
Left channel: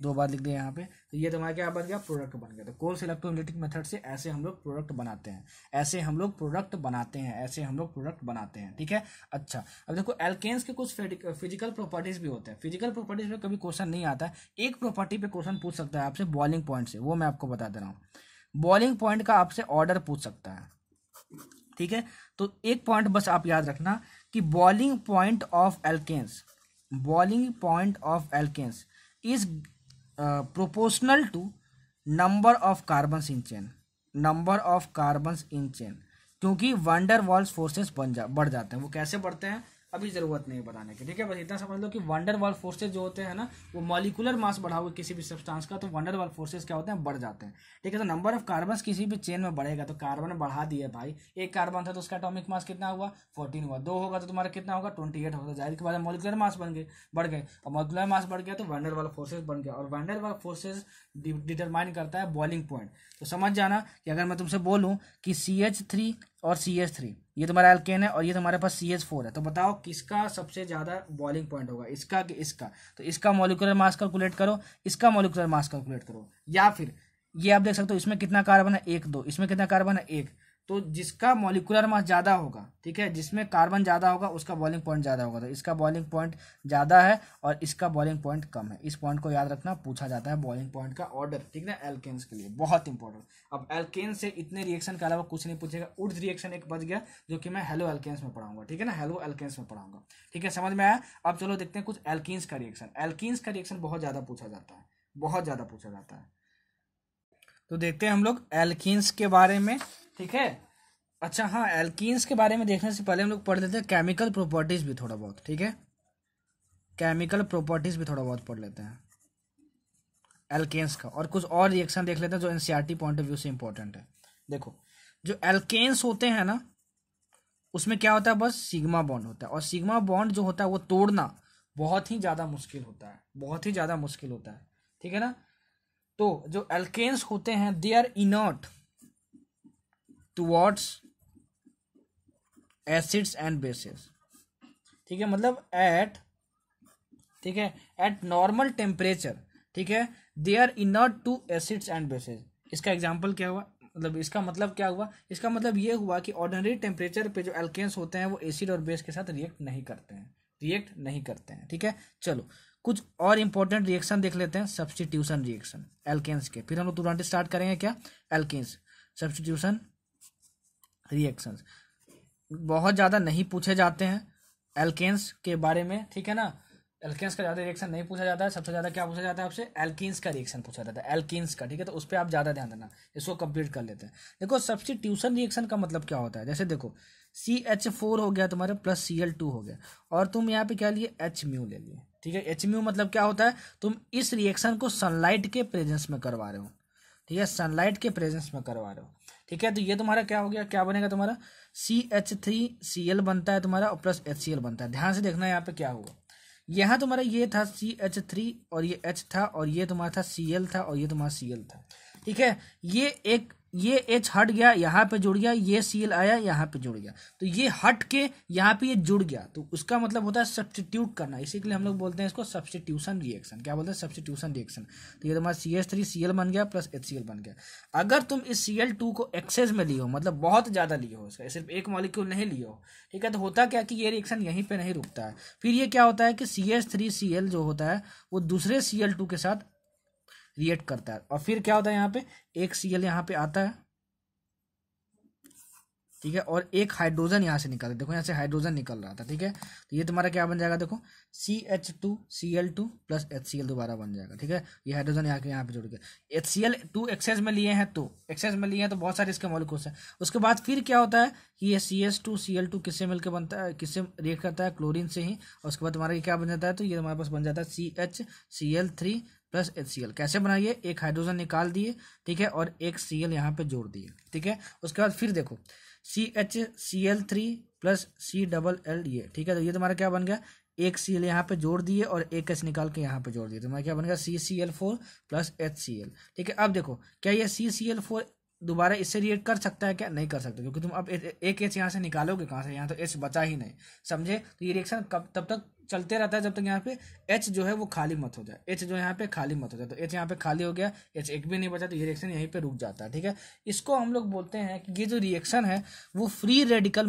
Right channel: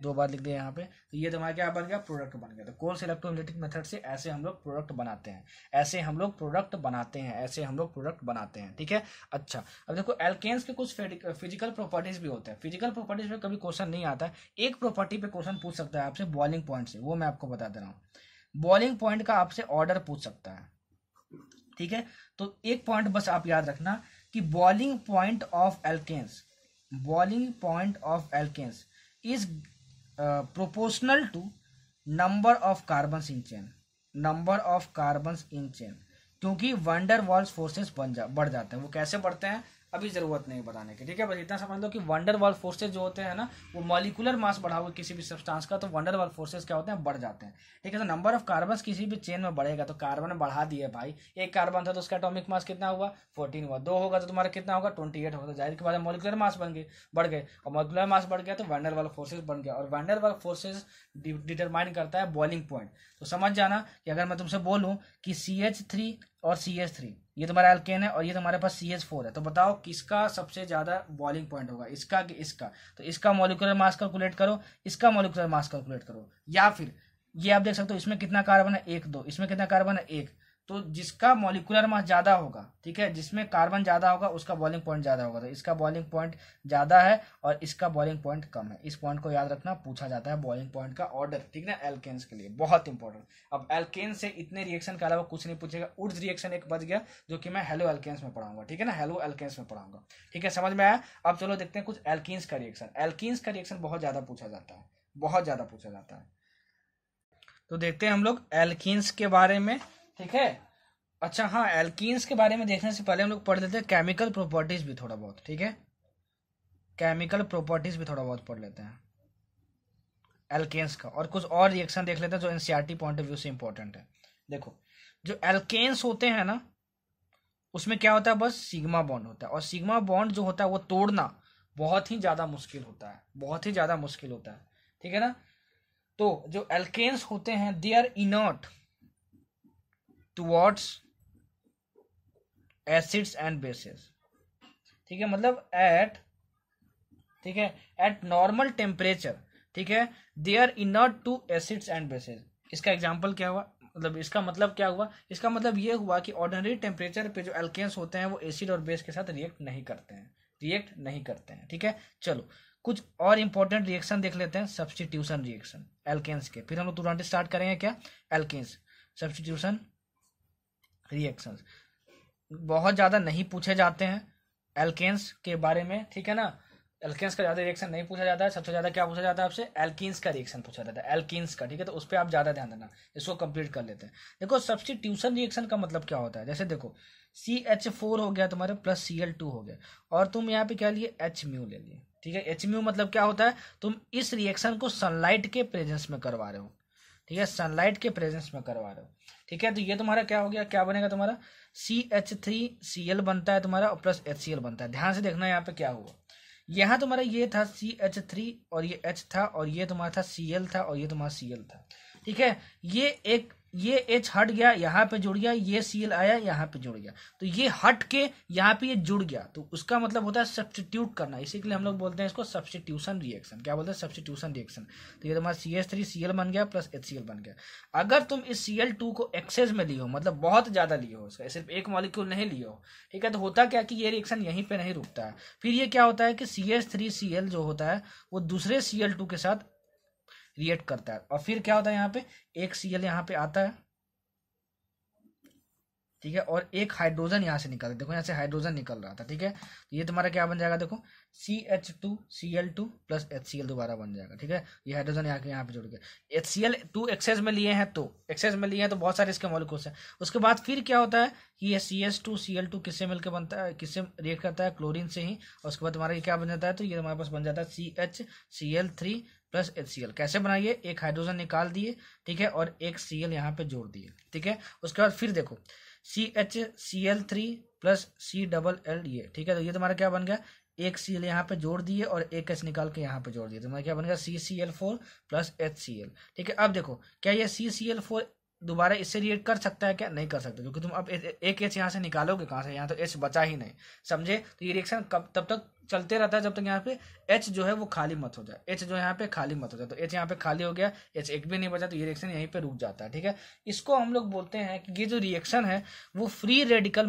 2 बार लिख दिया यहाँ पे। तो ये तुम्हारा क्या बन गया, प्रोडक्ट बन गया। तो कोर्स इलेक्ट्रोलिटिक मेथड से ऐसे हम लोग प्रोडक्ट बनाते हैं, ऐसे हम लोग प्रोडक्ट बनाते हैं, ऐसे हम लोग प्रोडक्ट बनाते हैं। ठीक है, अच्छा अब देखो एल्केन्स के कुछ फिजिकल प्रॉपर्टीज भी होते हैं। फिजिकल प्रॉपर्टीज में कभी क्वेश्चन नहीं आता है, एक प्रॉपर्टी पे क्वेश्चन पूछ सकता है आपसे बॉइलिंग पॉइंट से, वो मैं आपको बता दे रहा हूँ। बॉइलिंग पॉइंट का आपसे ऑर्डर पूछ सकता है। ठीक है, तो एक पॉइंट बस आप याद रखना कि boiling point of alkanes, boiling point of alkanes is proportional to number of carbons in chain, number of carbons in chain, क्योंकि वंडर वाल्स फोर्सेस बढ़ जाते हैं। वो कैसे बढ़ते हैं अभी जरूरत नहीं बताने की। ठीक है, बस इतना समझ लो कि वंडर वाल फोर्सेस जो होते हैं ना, वो मॉलिक्यूलर मास बढ़ाओगे किसी भी सब्सटेंस का, तो वंडर वाल फोर्सेस क्या होते हैं, बढ़ जाते हैं। ठीक है, तो नंबर ऑफ कार्बन किसी भी चेन में बढ़ेगा, तो कार्बन बढ़ा दिए भाई, एक कार्बन था तो उसका एटॉमिक मास कितना हुआ, 14 हुआ, 2 होगा तो तुम्हारा कितना होगा, 28 होगा। तो जाहिर की बात है मॉलिक्यूलर मास बढ़ गए, और मॉलिक्यूलर मास बढ़ गया तो वंडर वाल फोर्सेस बढ़ गया, और वंडर वाल फोर्सेस डिटरमाइन करता है बॉइलिंग पॉइंट। तो समझ जाना कि अगर मैं तुमसे बोलूं कि CH3 और CH3 ये तुम्हारा एल्केन है और ये तुम्हारे पास CH4 है, तो बताओ किसका सबसे ज्यादा बॉइलिंग पॉइंट होगा, इसका कि इसका? तो इसका मॉलिक्यूलर मास कैलकुलेट करो, इसका मॉलिक्यूलर मास कैलकुलेट करो, या फिर ये आप देख सकते हो इसमें कितना कार्बन है, 1 2, इसमें कितना कार्बन है, 1। तो जिसका मॉलिक्यूलर मास ज्यादा होगा, ठीक है, जिसमें कार्बन ज्यादा होगा उसका बॉइलिंग पॉइंट ज्यादा होगा। तो इसका बॉइलिंग पॉइंट ज्यादा है और इसका बॉइलिंग पॉइंट कम है। इस पॉइंट को याद रखना, पूछा जाता है बॉइलिंग पॉइंट का ऑर्डर। ठीक है ना, एल्केन्स के लिए बहुत इंपॉर्टेंट। अब एल्केन से इतने रिएक्शन के अलावा कुछ नहीं पूछेगा। उर्ज रिएक्शन एक बच गया जो कि मैं हेलो एल्केन्स में पढ़ाऊंगा। ठीक है ना, हेलो एल्केन्स में पढ़ाऊंगा। ठीक है, समझ में आया? अब चलो देखते हैं कुछ एल्कीन्स का रिएक्शन। एल्कीन्स का रिएक्शन बहुत ज्यादा पूछा जाता है, बहुत ज्यादा पूछा जाता है। तो देखते हैं हम लोग एल्कीन्स के बारे में। ठीक है, अच्छा हाँ, एल्कीन्स के बारे में देखने से पहले हम लोग पढ़ लेते हैं केमिकल प्रॉपर्टीज भी थोड़ा बहुत। ठीक है, केमिकल प्रॉपर्टीज भी थोड़ा बहुत पढ़ लेते हैं एल्केन्स का, और कुछ और रिएक्शन देख लेते हैं जो एनसीईआरटी पॉइंट ऑफ व्यू से इंपॉर्टेंट है। देखो जो एल्केन्स होते हैं ना, उसमें क्या होता है, बस सिग्मा बॉन्ड होता है, और सिग्मा बॉन्ड जो होता है वो तोड़ना बहुत ही ज्यादा मुश्किल होता है, बहुत ही ज्यादा मुश्किल होता है। ठीक है ना, तो जो एल्केन्स होते हैं they are inert towards acids and bases. ठीक है, मतलब एट नॉर्मल टेम्परेचर, ठीक है, they are inert to acids and bases. इसका एग्जांपल क्या हुआ, मतलब इसका मतलब क्या हुआ, इसका मतलब ये हुआ कि ऑर्डिनरी टेम्परेचर पे जो एल्केन्स होते हैं वो एसिड और बेस के साथ रिएक्ट नहीं करते हैं, ठीक है। चलो कुछ और इंपॉर्टेंट रिएक्शन देख लेते हैं, सब्स्टिट्यूशन रिएक्शन एल्केन्स के, फिर हम लोग तुरंत स्टार्ट करेंगे क्या, एल्केन्स सब्स्टिट्यूशन रिएक्शंस। बहुत ज्यादा नहीं पूछे जाते हैं एल्केन्स के बारे में, ठीक है ना, एल्केन्स का ज्यादा रिएक्शन नहीं पूछा जाता है। सबसे ज्यादा क्या पूछा जाता है आपसे, एल्कीन्स का रिएक्शन पूछा जाता है, एल्कीन्स का। ठीक है, तो उस पर आप ज्यादा ध्यान देना, इसको कंप्लीट कर लेते हैं। देखो सब्स्टिट्यूशन रिएक्शन का मतलब क्या होता है, जैसे देखो CH4 हो गया तुम्हारे प्लस Cl2 हो गया, और तुम यहाँ पे क्या लिए, H म्यू ले लिए। ठीक है, H म्यू मतलब क्या होता है, तुम इस रिएक्शन को सनलाइट के प्रेजेंस में करवा रहे हो। ठीक है, सनलाइट के प्रेजेंस में करवा रहे हो। ठीक है, तो ये तुम्हारा क्या हो गया, क्या बनेगा तुम्हारा, CH3Cl बनता है तुम्हारा और प्लस HCl बनता है। ध्यान से देखना यहाँ पे क्या हुआ, यहाँ तुम्हारा ये था CH3 और ये H था, और ये तुम्हारा था Cl था, और ये तुम्हारा Cl था। ठीक है, ये H हट गया, यहाँ पे जुड़ गया, ये Cl आया यहाँ पे जुड़ गया, तो ये हट के यहाँ पे ये जुड़ गया, तो उसका मतलब होता है सब्स्टिट्यूट करना। इसी के लिए हम लोग बोलते हैं इसको सब्स्टिट्यूशन रिएक्शन। क्या बोलते हैं, सब्स्टिट्यूशन रिएक्शन। तो ये तुम्हारा CH3Cl बन गया प्लस HCl बन गया। अगर तुम इस Cl2 को एक्सेस में लियो, मतलब बहुत ज्यादा लियो, इसका सिर्फ एक मॉलिक्यूल नहीं लियो, ठीक है, तो होता क्या कि ये रिएक्शन यहीं पे नहीं रुकता है। फिर ये क्या होता है कि CH3Cl जो होता है वो दूसरे Cl2 के साथ रिएक्ट करता है और फिर क्या होता है यहाँ पे एक Cl यहाँ पे आता है, ठीक है, और एक हाइड्रोजन यहाँ से निकल, देखो यहाँ से हाइड्रोजन निकल रहा था, ठीक है। तो ये तुम्हारा क्या बन जाएगा, देखो CH2Cl2 प्लस HCl दोबारा बन जाएगा, ठीक है। ये हाइड्रोजन यहाँ पे जुड़ गया, HCl2 एक्सेस में लिए हैं तो बहुत सारे इसके मॉलिक्यूल्स हैं। उसके बाद फिर क्या होता है कि ये CH2Cl2 किससे मिलकर बनता है, किससे रिएक्ट करता है, क्लोरीन से ही। और उसके बाद तुम्हारा ये क्या बन जाता है, तो ये हमारे पास बन जाता है CHCl3 प्लस HCl। कैसे बनाइए, एक हाइड्रोजन निकाल दिए, ठीक है, और एक Cl यहाँ पे जोड़ दिए, ठीक है। उसके बाद फिर देखो CHCl3 प्लस C ये, ठीक है। तो ये तुम्हारा क्या बन गया, एक Cl यहाँ पे जोड़ दिए और एक H निकाल के यहाँ पे जोड़ दिए, तुम्हारा क्या बन गया CCl4 प्लस HCl, ठीक है। अब देखो क्या ये CCl4 दोबारा इससे रिएक्ट कर सकता है क्या, नहीं कर सकता, क्योंकि तुम अब एक H यहाँ से निकालोगे कहाँ से, यहाँ तो H बचा ही नहीं, समझे। तो ये रिएक्शन कब तब तक चलते रहता है जब तक यहाँ पे H जो है वो खाली मत हो जाए, H जो यहाँ पे खाली मत हो जाए। तो H यहाँ पे खाली हो गया, H एक भी नहीं बचा, तो ये रिएक्शन यहीं पे रुक जाता है, ठीक है। इसको हम लोग बोलते हैं कि ये जो रिएक्शन है वो फ्री रेडिकल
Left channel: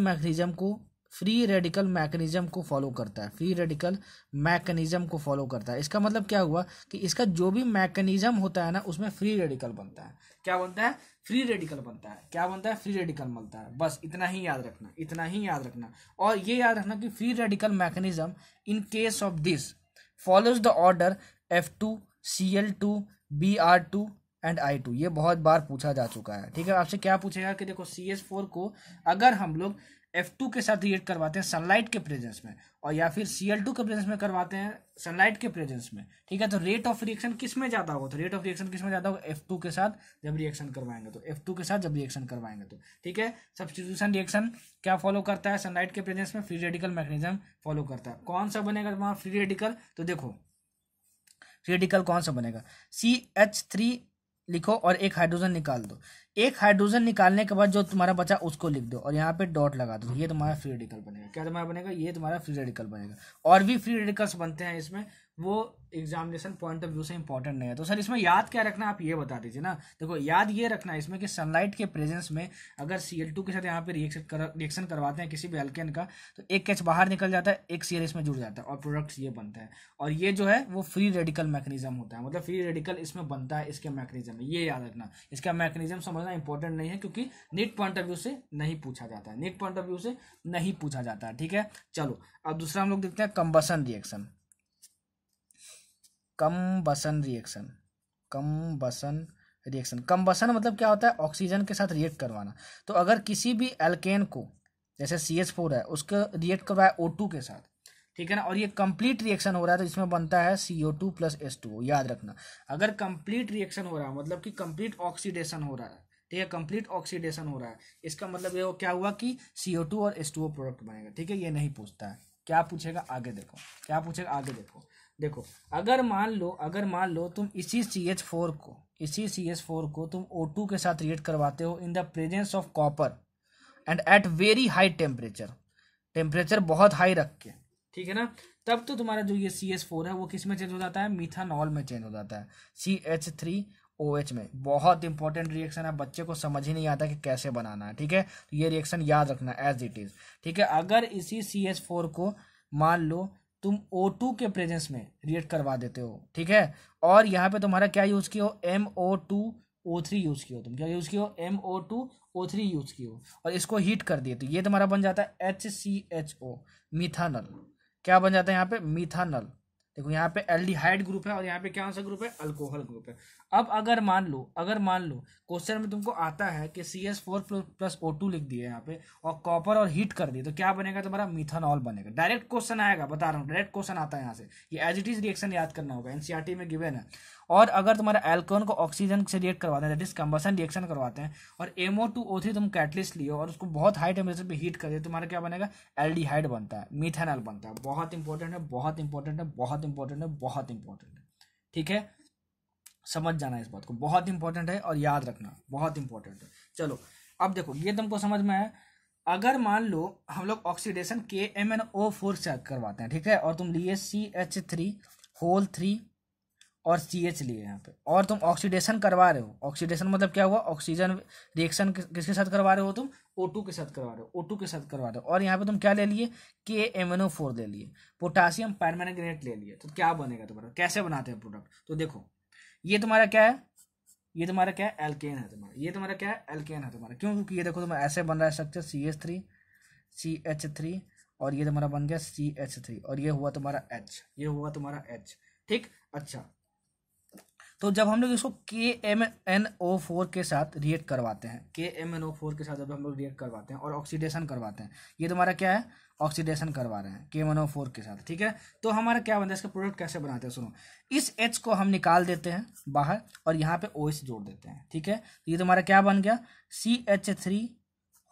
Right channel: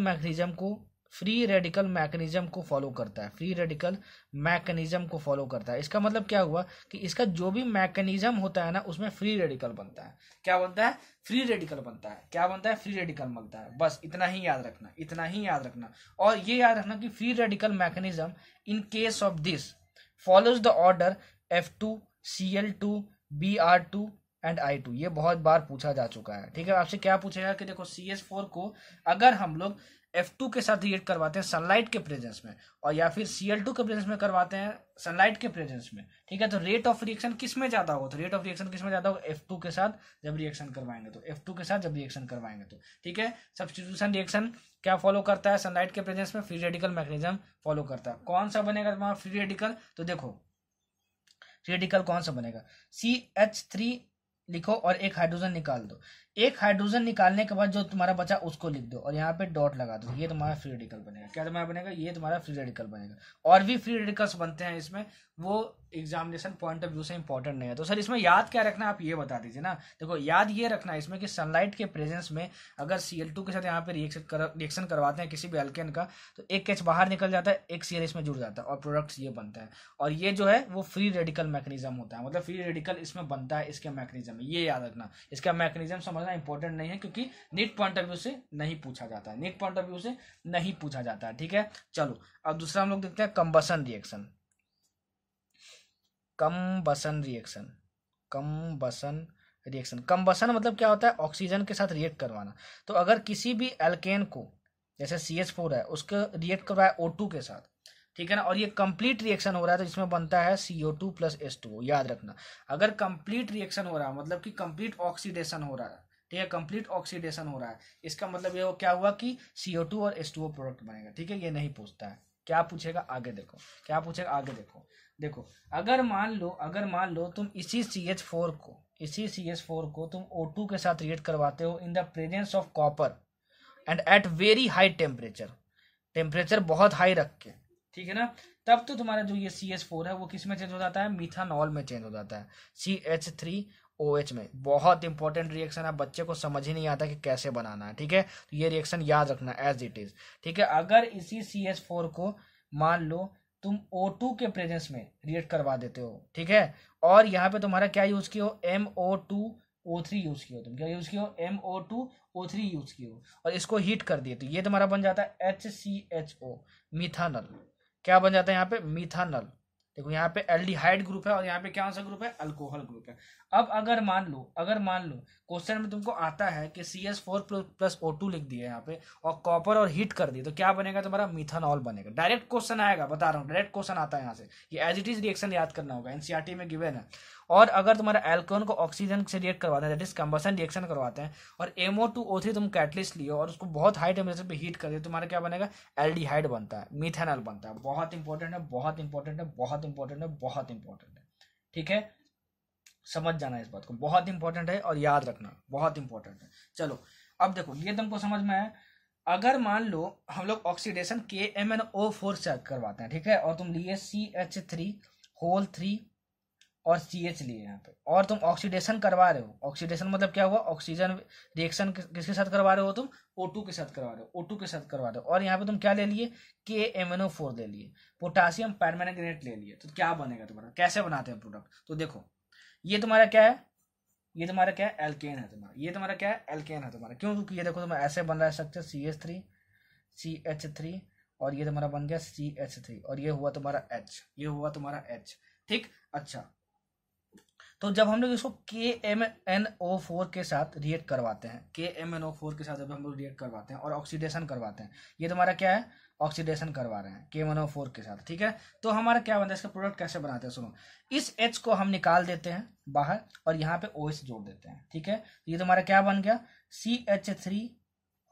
मैकेनिज्म को फॉलो करता है, फ्री रेडिकल मैकेनिज्म को फॉलो करता है। इसका मतलब क्या हुआ कि इसका जो भी मैकेनिज्म होता है ना उसमें फ्री रेडिकल बनता है। क्या बनता है, फ्री रेडिकल बनता है। क्या बनता है, फ्री रेडिकल बनता है। बस इतना ही याद रखना, इतना ही याद रखना। और ये याद रखना कि free radical mechanism in case of this follows the order F2Cl2 Br2 and I2। ये बहुत बार पूछा जा चुका है, ठीक है। आपसे क्या पूछेगा कि देखो CH4 को अगर हम लोग F2 के साथ रिएक्ट करवाते हैं सनलाइट के प्रेजेंस में, और या फिर Cl2 के प्रेजेंस में करवाते हैं सनलाइट के प्रेजेंस में, ठीक है, तो रेट ऑफ रिएक्शन किस में ज्यादा होगा, तो रेट ऑफ रिएक्शन किस में ज्यादा होगा, F2 के साथ जब रिएक्शन करवाएंगे तो, F2 के साथ जब रिएक्शन करवाएंगे तो, ठीक है। सब्स्टिट्यूशन रिएक्शन क्या फॉलो करता है, सनलाइट के प्रेजेंस में फ्री रेडिकल मैकेनिज्म फॉलो करता है। कौन सा बनेगा तुम्हारा फ्री रेडिकल, तो देखो फ्री रेडिकल कौन सा बनेगा, CH3 लिखो और एक हाइड्रोजन निकाल दो। एक हाइड्रोजन निकालने के बाद जो तुम्हारा बचा उसको लिख दो और यहाँ पे डॉट लगा दो, ये तुम्हारा फ्री रेडिकल बनेगा। क्या तुम्हारा बनेगा, ये तुम्हारा फ्री रेडिकल बनेगा। और भी फ्री रेडिकल्स बनते हैं इसमें, वो एग्जामिनेशन पॉइंट ऑफ व्यू से इंपॉर्टेंट नहीं है। तो सर इसमें याद क्या रखना, आप ये बता दीजिए ना। देखो याद ये रखना इसमें कि सनलाइट के प्रेजेंस में अगर Cl2 के साथ यहाँ पे रिएक्शन करवाते हैं किसी भी एल्केन का, तो एक H बाहर निकल जाता है, एक Cl इसमें जुड़ जाता है और प्रोडक्ट ये बनता है। और ये जो है वो फ्री रेडिकल मैकेनिज्म होता है, मतलब फ्री रेडिकल इसमें बनता है इसके मैकेनिज्म में। ये याद रखना, इसका मैकेनिज्म समझना इंपॉर्टेंट नहीं है, क्योंकि नीट पॉइंट ऑफ व्यू से नहीं पूछा जाता है, नीट पॉइंट ऑफ व्यू से नहीं पूछा जाता है, ठीक है। चलो अब दूसरा हम लोग देखते हैं कंबसन रिएक्शन। कंबसन कंबसन मतलब क्या होता है, ऑक्सीजन के साथ रिएक्ट करवाना। तो अगर किसी भी एल्केन को जैसे CH4 है उसको रिएक्ट करवाया O2 के साथ, ठीक है ना, और ये कंप्लीट रिएक्शन हो रहा है तो इसमें बनता है CO2 प्लस H2O। याद रखना, अगर कंप्लीट रिएक्शन हो रहा है मतलब कि कंप्लीट ऑक्सीडेशन हो रहा है, ठीक है, कंप्लीट ऑक्सीडेशन हो रहा है, इसका मतलब ये क्या हुआ कि CO2 और H2O प्रोडक्ट बनेगा, ठीक है। ये नहीं पूछता है, क्या पूछेगा आगे देखो, क्या पूछेगा आगे देखो। देखो अगर मान लो तुम इसी CH4 को तुम O2 के साथ रिएक्ट करवाते हो in the presence of copper and at very high temperature बहुत हाई रख के, ठीक है ना, तब तो तुम्हारा जो ये CH4 है वो किस में चेंज हो जाता है, मिथानॉल में चेंज हो जाता है, CH3OH में। बहुत इंपॉर्टेंट रिएक्शन है, बच्चे को समझ ही नहीं आता कि कैसे बनाना है, ठीक है। तो ये रिएक्शन याद रखना एज इट इज, ठीक है। अगर इसी CH4 को मान लो तुम O2 के प्रेजेंस में रिएक्ट करवा देते हो, ठीक है, और यहाँ पे तुम्हारा क्या यूज किया हो, MO2O3 यूज किया हो, तुम क्या यूज किया हो, MO2O3 यूज किया हो, और इसको हीट कर दिए तो ये तुम्हारा बन जाता है HCHO, मिथानल। क्या बन जाता है यहाँ पे, मिथानल। देखो यहाँ पे एल्डिहाइड ग्रुप है और यहाँ पे क्या सा ग्रुप है, अल्कोहल ग्रुप है। अब अगर मान लो क्वेश्चन में तुमको आता है कि CH4 प्लस O2 लिख दिए यहाँ पे और कॉपर और हीट कर दिए, तो क्या बनेगा तुम्हारा, मिथानॉल बनेगा। डायरेक्ट क्वेश्चन आएगा, बता रहा हूँ, डायरेक्ट क्वेश्चन आता है यहाँ से। ये एज इट इज रिएक्शन याद करना होगा, NCERT में गिवन है। और अगर तुम्हारा एल्कोहल को ऑक्सीजन से रिएक्ट करवाते हैं, दैट इज कंबसन रिएक्शन करवाते हैं, और MO2O3 तुम कैटलिस्ट लियो और उसको बहुत हाई टेम्परेचर पे हीट कर दिए, तुम्हारा क्या बनेगा, एल्डिहाइड बनता है, मिथानॉल बनता है। बहुत इंपॉर्टेंट है, बहुत इंपॉर्टेंट है, बहुत इंपॉर्टेंट है, बहुत इंपॉर्टेंट है, ठीक है। समझ जाना इस बात को, बहुत इंपॉर्टेंट है और याद रखना, बहुत इंपॉर्टेंट है। चलो अब देखो ये तुमको समझ में आया। अगर मान लो हम लोग ऑक्सीडेशन KMnO4 चेक करवाते हैं, ठीक है, और तुम लिए CH3 और CH लिए यहाँ पे, और तुम ऑक्सीडेशन करवा रहे हो। ऑक्सीडेशन मतलब क्या हुआ, ऑक्सीजन रिएक्शन किसके साथ करवा रहे हो तुम, O2 के साथ करवा रहे हो, O2 के साथ करवा रहे हो, और यहाँ पे तुम क्या ले लिए, KMnO4 ले लिए, पोटासियम परमैंगनेट ले लिए। तो क्या बनेगा तुम्हारा, कैसे बनाते हैं प्रोडक्ट, तो देखो ये तुम्हारा क्या है, ये तुम्हारा क्या है, एल्केन है तुम्हारा, ये तुम्हारा क्या है, एल्केन है तुम्हारा। क्यों? क्योंकि ये देखो तुम्हारा ऐसे बन रहा है स्ट्रक्चर CH3 CH3 और ये तुम्हारा बन गया CH3 और ये हुआ तुम्हारा H, ये हुआ तुम्हारा H। ठीक, अच्छा तो जब हम लोग इसको KMnO4 के साथ रिएक्ट करवाते हैं, KMnO4 के साथ जब हम लोग रिएक्ट करवाते हैं और ऑक्सीडेशन करवाते हैं, ये तुम्हारा क्या है, ऑक्सीडेशन करवा रहे हैं KMnO4 के साथ। ठीक है, तो हमारा क्या बनता है, इसका प्रोडक्ट कैसे बनाते हैं सुनो। इस H को हम निकाल देते हैं बाहर और यहाँ पे OH जोड़ देते हैं। ठीक है, ये तुम्हारा क्या बन गया, CH3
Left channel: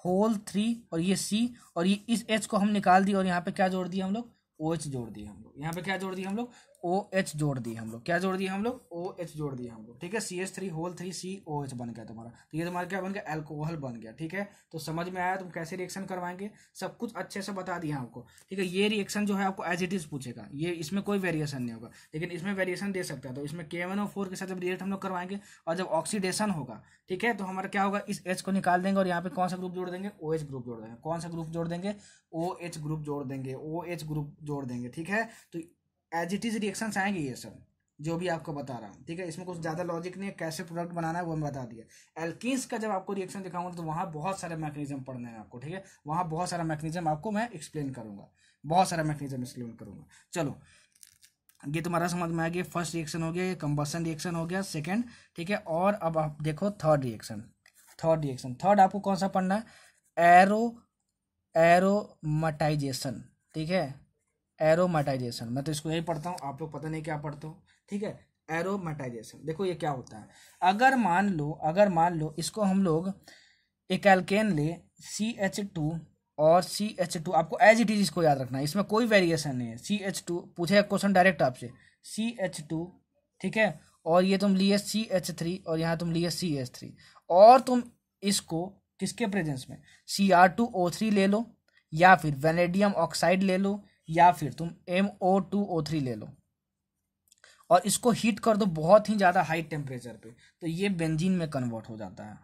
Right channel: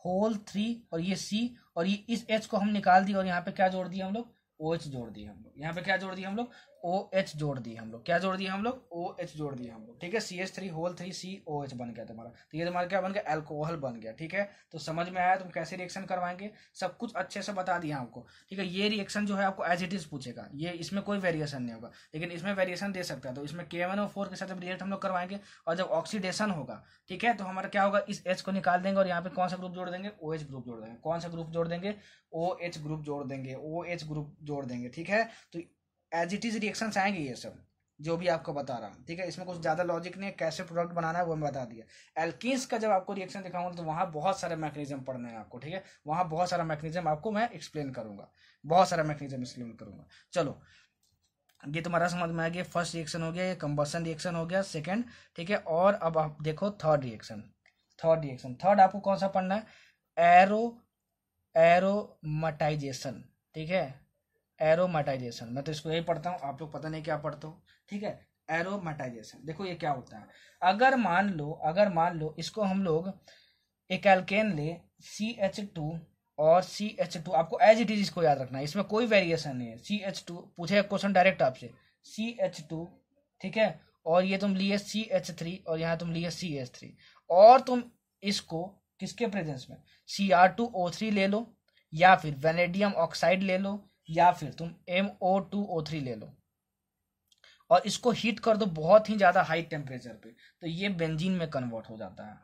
होल 3 और ये C और ये इस H को हम निकाल दिए और यहाँ पे क्या जोड़ दिए हम लोग, OH जोड़ दिए हम लोग। यहाँ पे क्या जोड़ दिए हम लोग, OH जोड़ दिए हम लोग। क्या जोड़ दिए हम लोग, OH जोड़ दिए हम लोग। ठीक है, CH3 होल 3 COH बन गया तुम्हारा। तो ये तुम्हारा क्या बन गया, अल्कोहल बन गया। ठीक है, तो समझ में आया तुम कैसे रिएक्शन करवाएंगे, सब कुछ अच्छे से बता दिया आपको। ठीक है, ये रिएक्शन जो है आपको एज इट इज पूछेगा, ये इसमें कोई वेरिएशन नहीं होगा, लेकिन इसमें वेरिएशन दे सकता है। तो इसमें KMnO4 के साथ जब रिएक्ट हम लोग करवाएंगे और जब ऑक्सीडेशन होगा, ठीक है, तो हमारा क्या होगा, इस H को निकाल देंगे और यहाँ पे कौन सा ग्रुप जोड़ देंगे, OH ग्रुप जोड़ देंगे। कौन सा ग्रुप जोड़ देंगे, OH ग्रुप जोड़ देंगे, OH ग्रुप जोड़ देंगे। ठीक है, तो एज इट इज रिएक्शंस आएंगे ये सब जो भी आपको बता रहा हूँ। ठीक है, इसमें कुछ ज्यादा लॉजिक नहीं है, कैसे प्रोडक्ट बनाना है वो मैं बता दिया। एल्कीन्स का जब आपको रिएक्शन दिखाऊंगा तो वहां बहुत सारे मैकेनिज्म पढ़ने हैं आपको। ठीक है, वहां बहुत सारा मैकेनिज्म आपको मैं एक्सप्लेन करूंगा, बहुत सारा मैकेनिज्म एक्सप्लेन करूंगा। चलो, ये तुम्हारा समझ में आ गया, फर्स्ट रिएक्शन हो गया, ये कंबशन रिएक्शन हो गया, सेकेंड। ठीक है, और अब आप देखो थर्ड रिएक्शन। थर्ड आपको कौन सा पढ़ना है, एरोमेटाइजेशन। ठीक है, एरोमेटाइजेशन, मैं तो इसको यही पढ़ता हूँ, आप लोग पता नहीं क्या पढ़ते हो। ठीक है, एरोमेटाइजेशन देखो ये क्या होता है। अगर मान लो इसको हम लोग एक एल्केन ले CH2 और CH2, आपको एज इट इज इसको याद रखना है, इसमें कोई वेरिएशन नहीं है। CH2 पूछेगा क्वेश्चन डायरेक्ट आपसे, CH2, ठीक है, और ये तुम लिए CH3 और यहाँ तुम लिए CH3 और तुम इसको किसके प्रेजेंस में, Cr2O3 ले लो या फिर वेनेडियम ऑक्साइड ले लो या फिर तुम MO2O3 ले लो और इसको हीट कर दो बहुत ही ज्यादा हाई टेम्परेचर पे, तो ये बेंजीन में कन्वर्ट हो जाता है।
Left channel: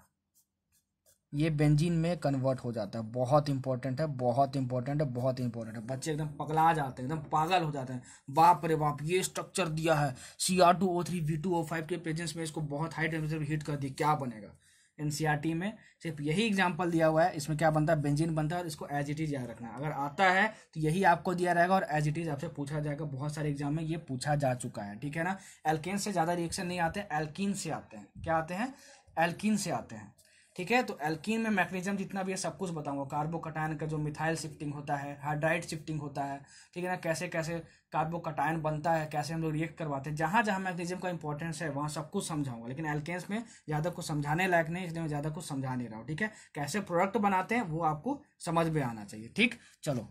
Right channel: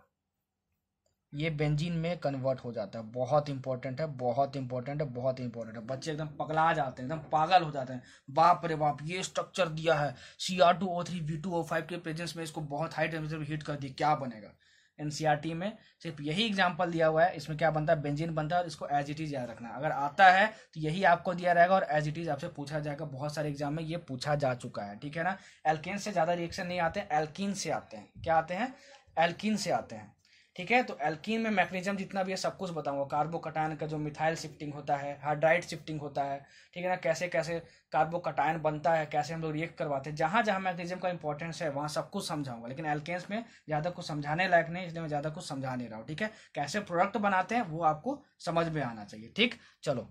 ये बेंजीन में कन्वर्ट हो जाता है। बहुत इंपॉर्टेंट है, बहुत इंपॉर्टेंट है, बहुत इंपॉर्टेंट है। बच्चे एकदम पगला जाते हैं, एकदम पागल हो जाते हैं, बाप रे बाप ये स्ट्रक्चर दिया है, Cr2O3 V2O5 के प्रेजेंस में इसको बहुत हाई टेम्परेचर पे हीट कर दी, क्या बनेगा। एनसीईआरटी में सिर्फ यही एग्जांपल दिया हुआ है, इसमें क्या बनता है, बेंजीन बनता है और इसको एज इट इज याद रखना है। अगर आता है तो यही आपको दिया रहेगा और एज इट इज आपसे पूछा जाएगा, बहुत सारे एग्जाम में ये पूछा जा चुका है। ठीक है ना, एल्केन से ज्यादा रिएक्शन नहीं आते, एल्कीन से आते हैं। क्या आते हैं, एल्कीन से आते हैं। ठीक है, तो एल्कीन में मैग्नीशियम जितना भी है सब कुछ बताऊंगा, कार्बोकटायन का जो मिथाइल शिफ्टिंग होता है, हाइड्राइड शिफ्टिंग होता है, ठीक है ना, कैसे कैसे कार्बोकटायन बनता है, कैसे हम लोग रिएक्ट करवाते हैं, जहां जहां मैग्नीशियम का इंपॉर्टेंस है वहां सब कुछ समझाऊंगा। लेकिन एल्केन्स में ज्यादा कुछ समझाने लायक नहीं, इसलिए मैं ज्यादा कुछ समझा नहीं रहा हूँ। ठीक है, कैसे प्रोडक्ट बनाते हैं वो आपको समझ में आना चाहिए। ठीक, चलो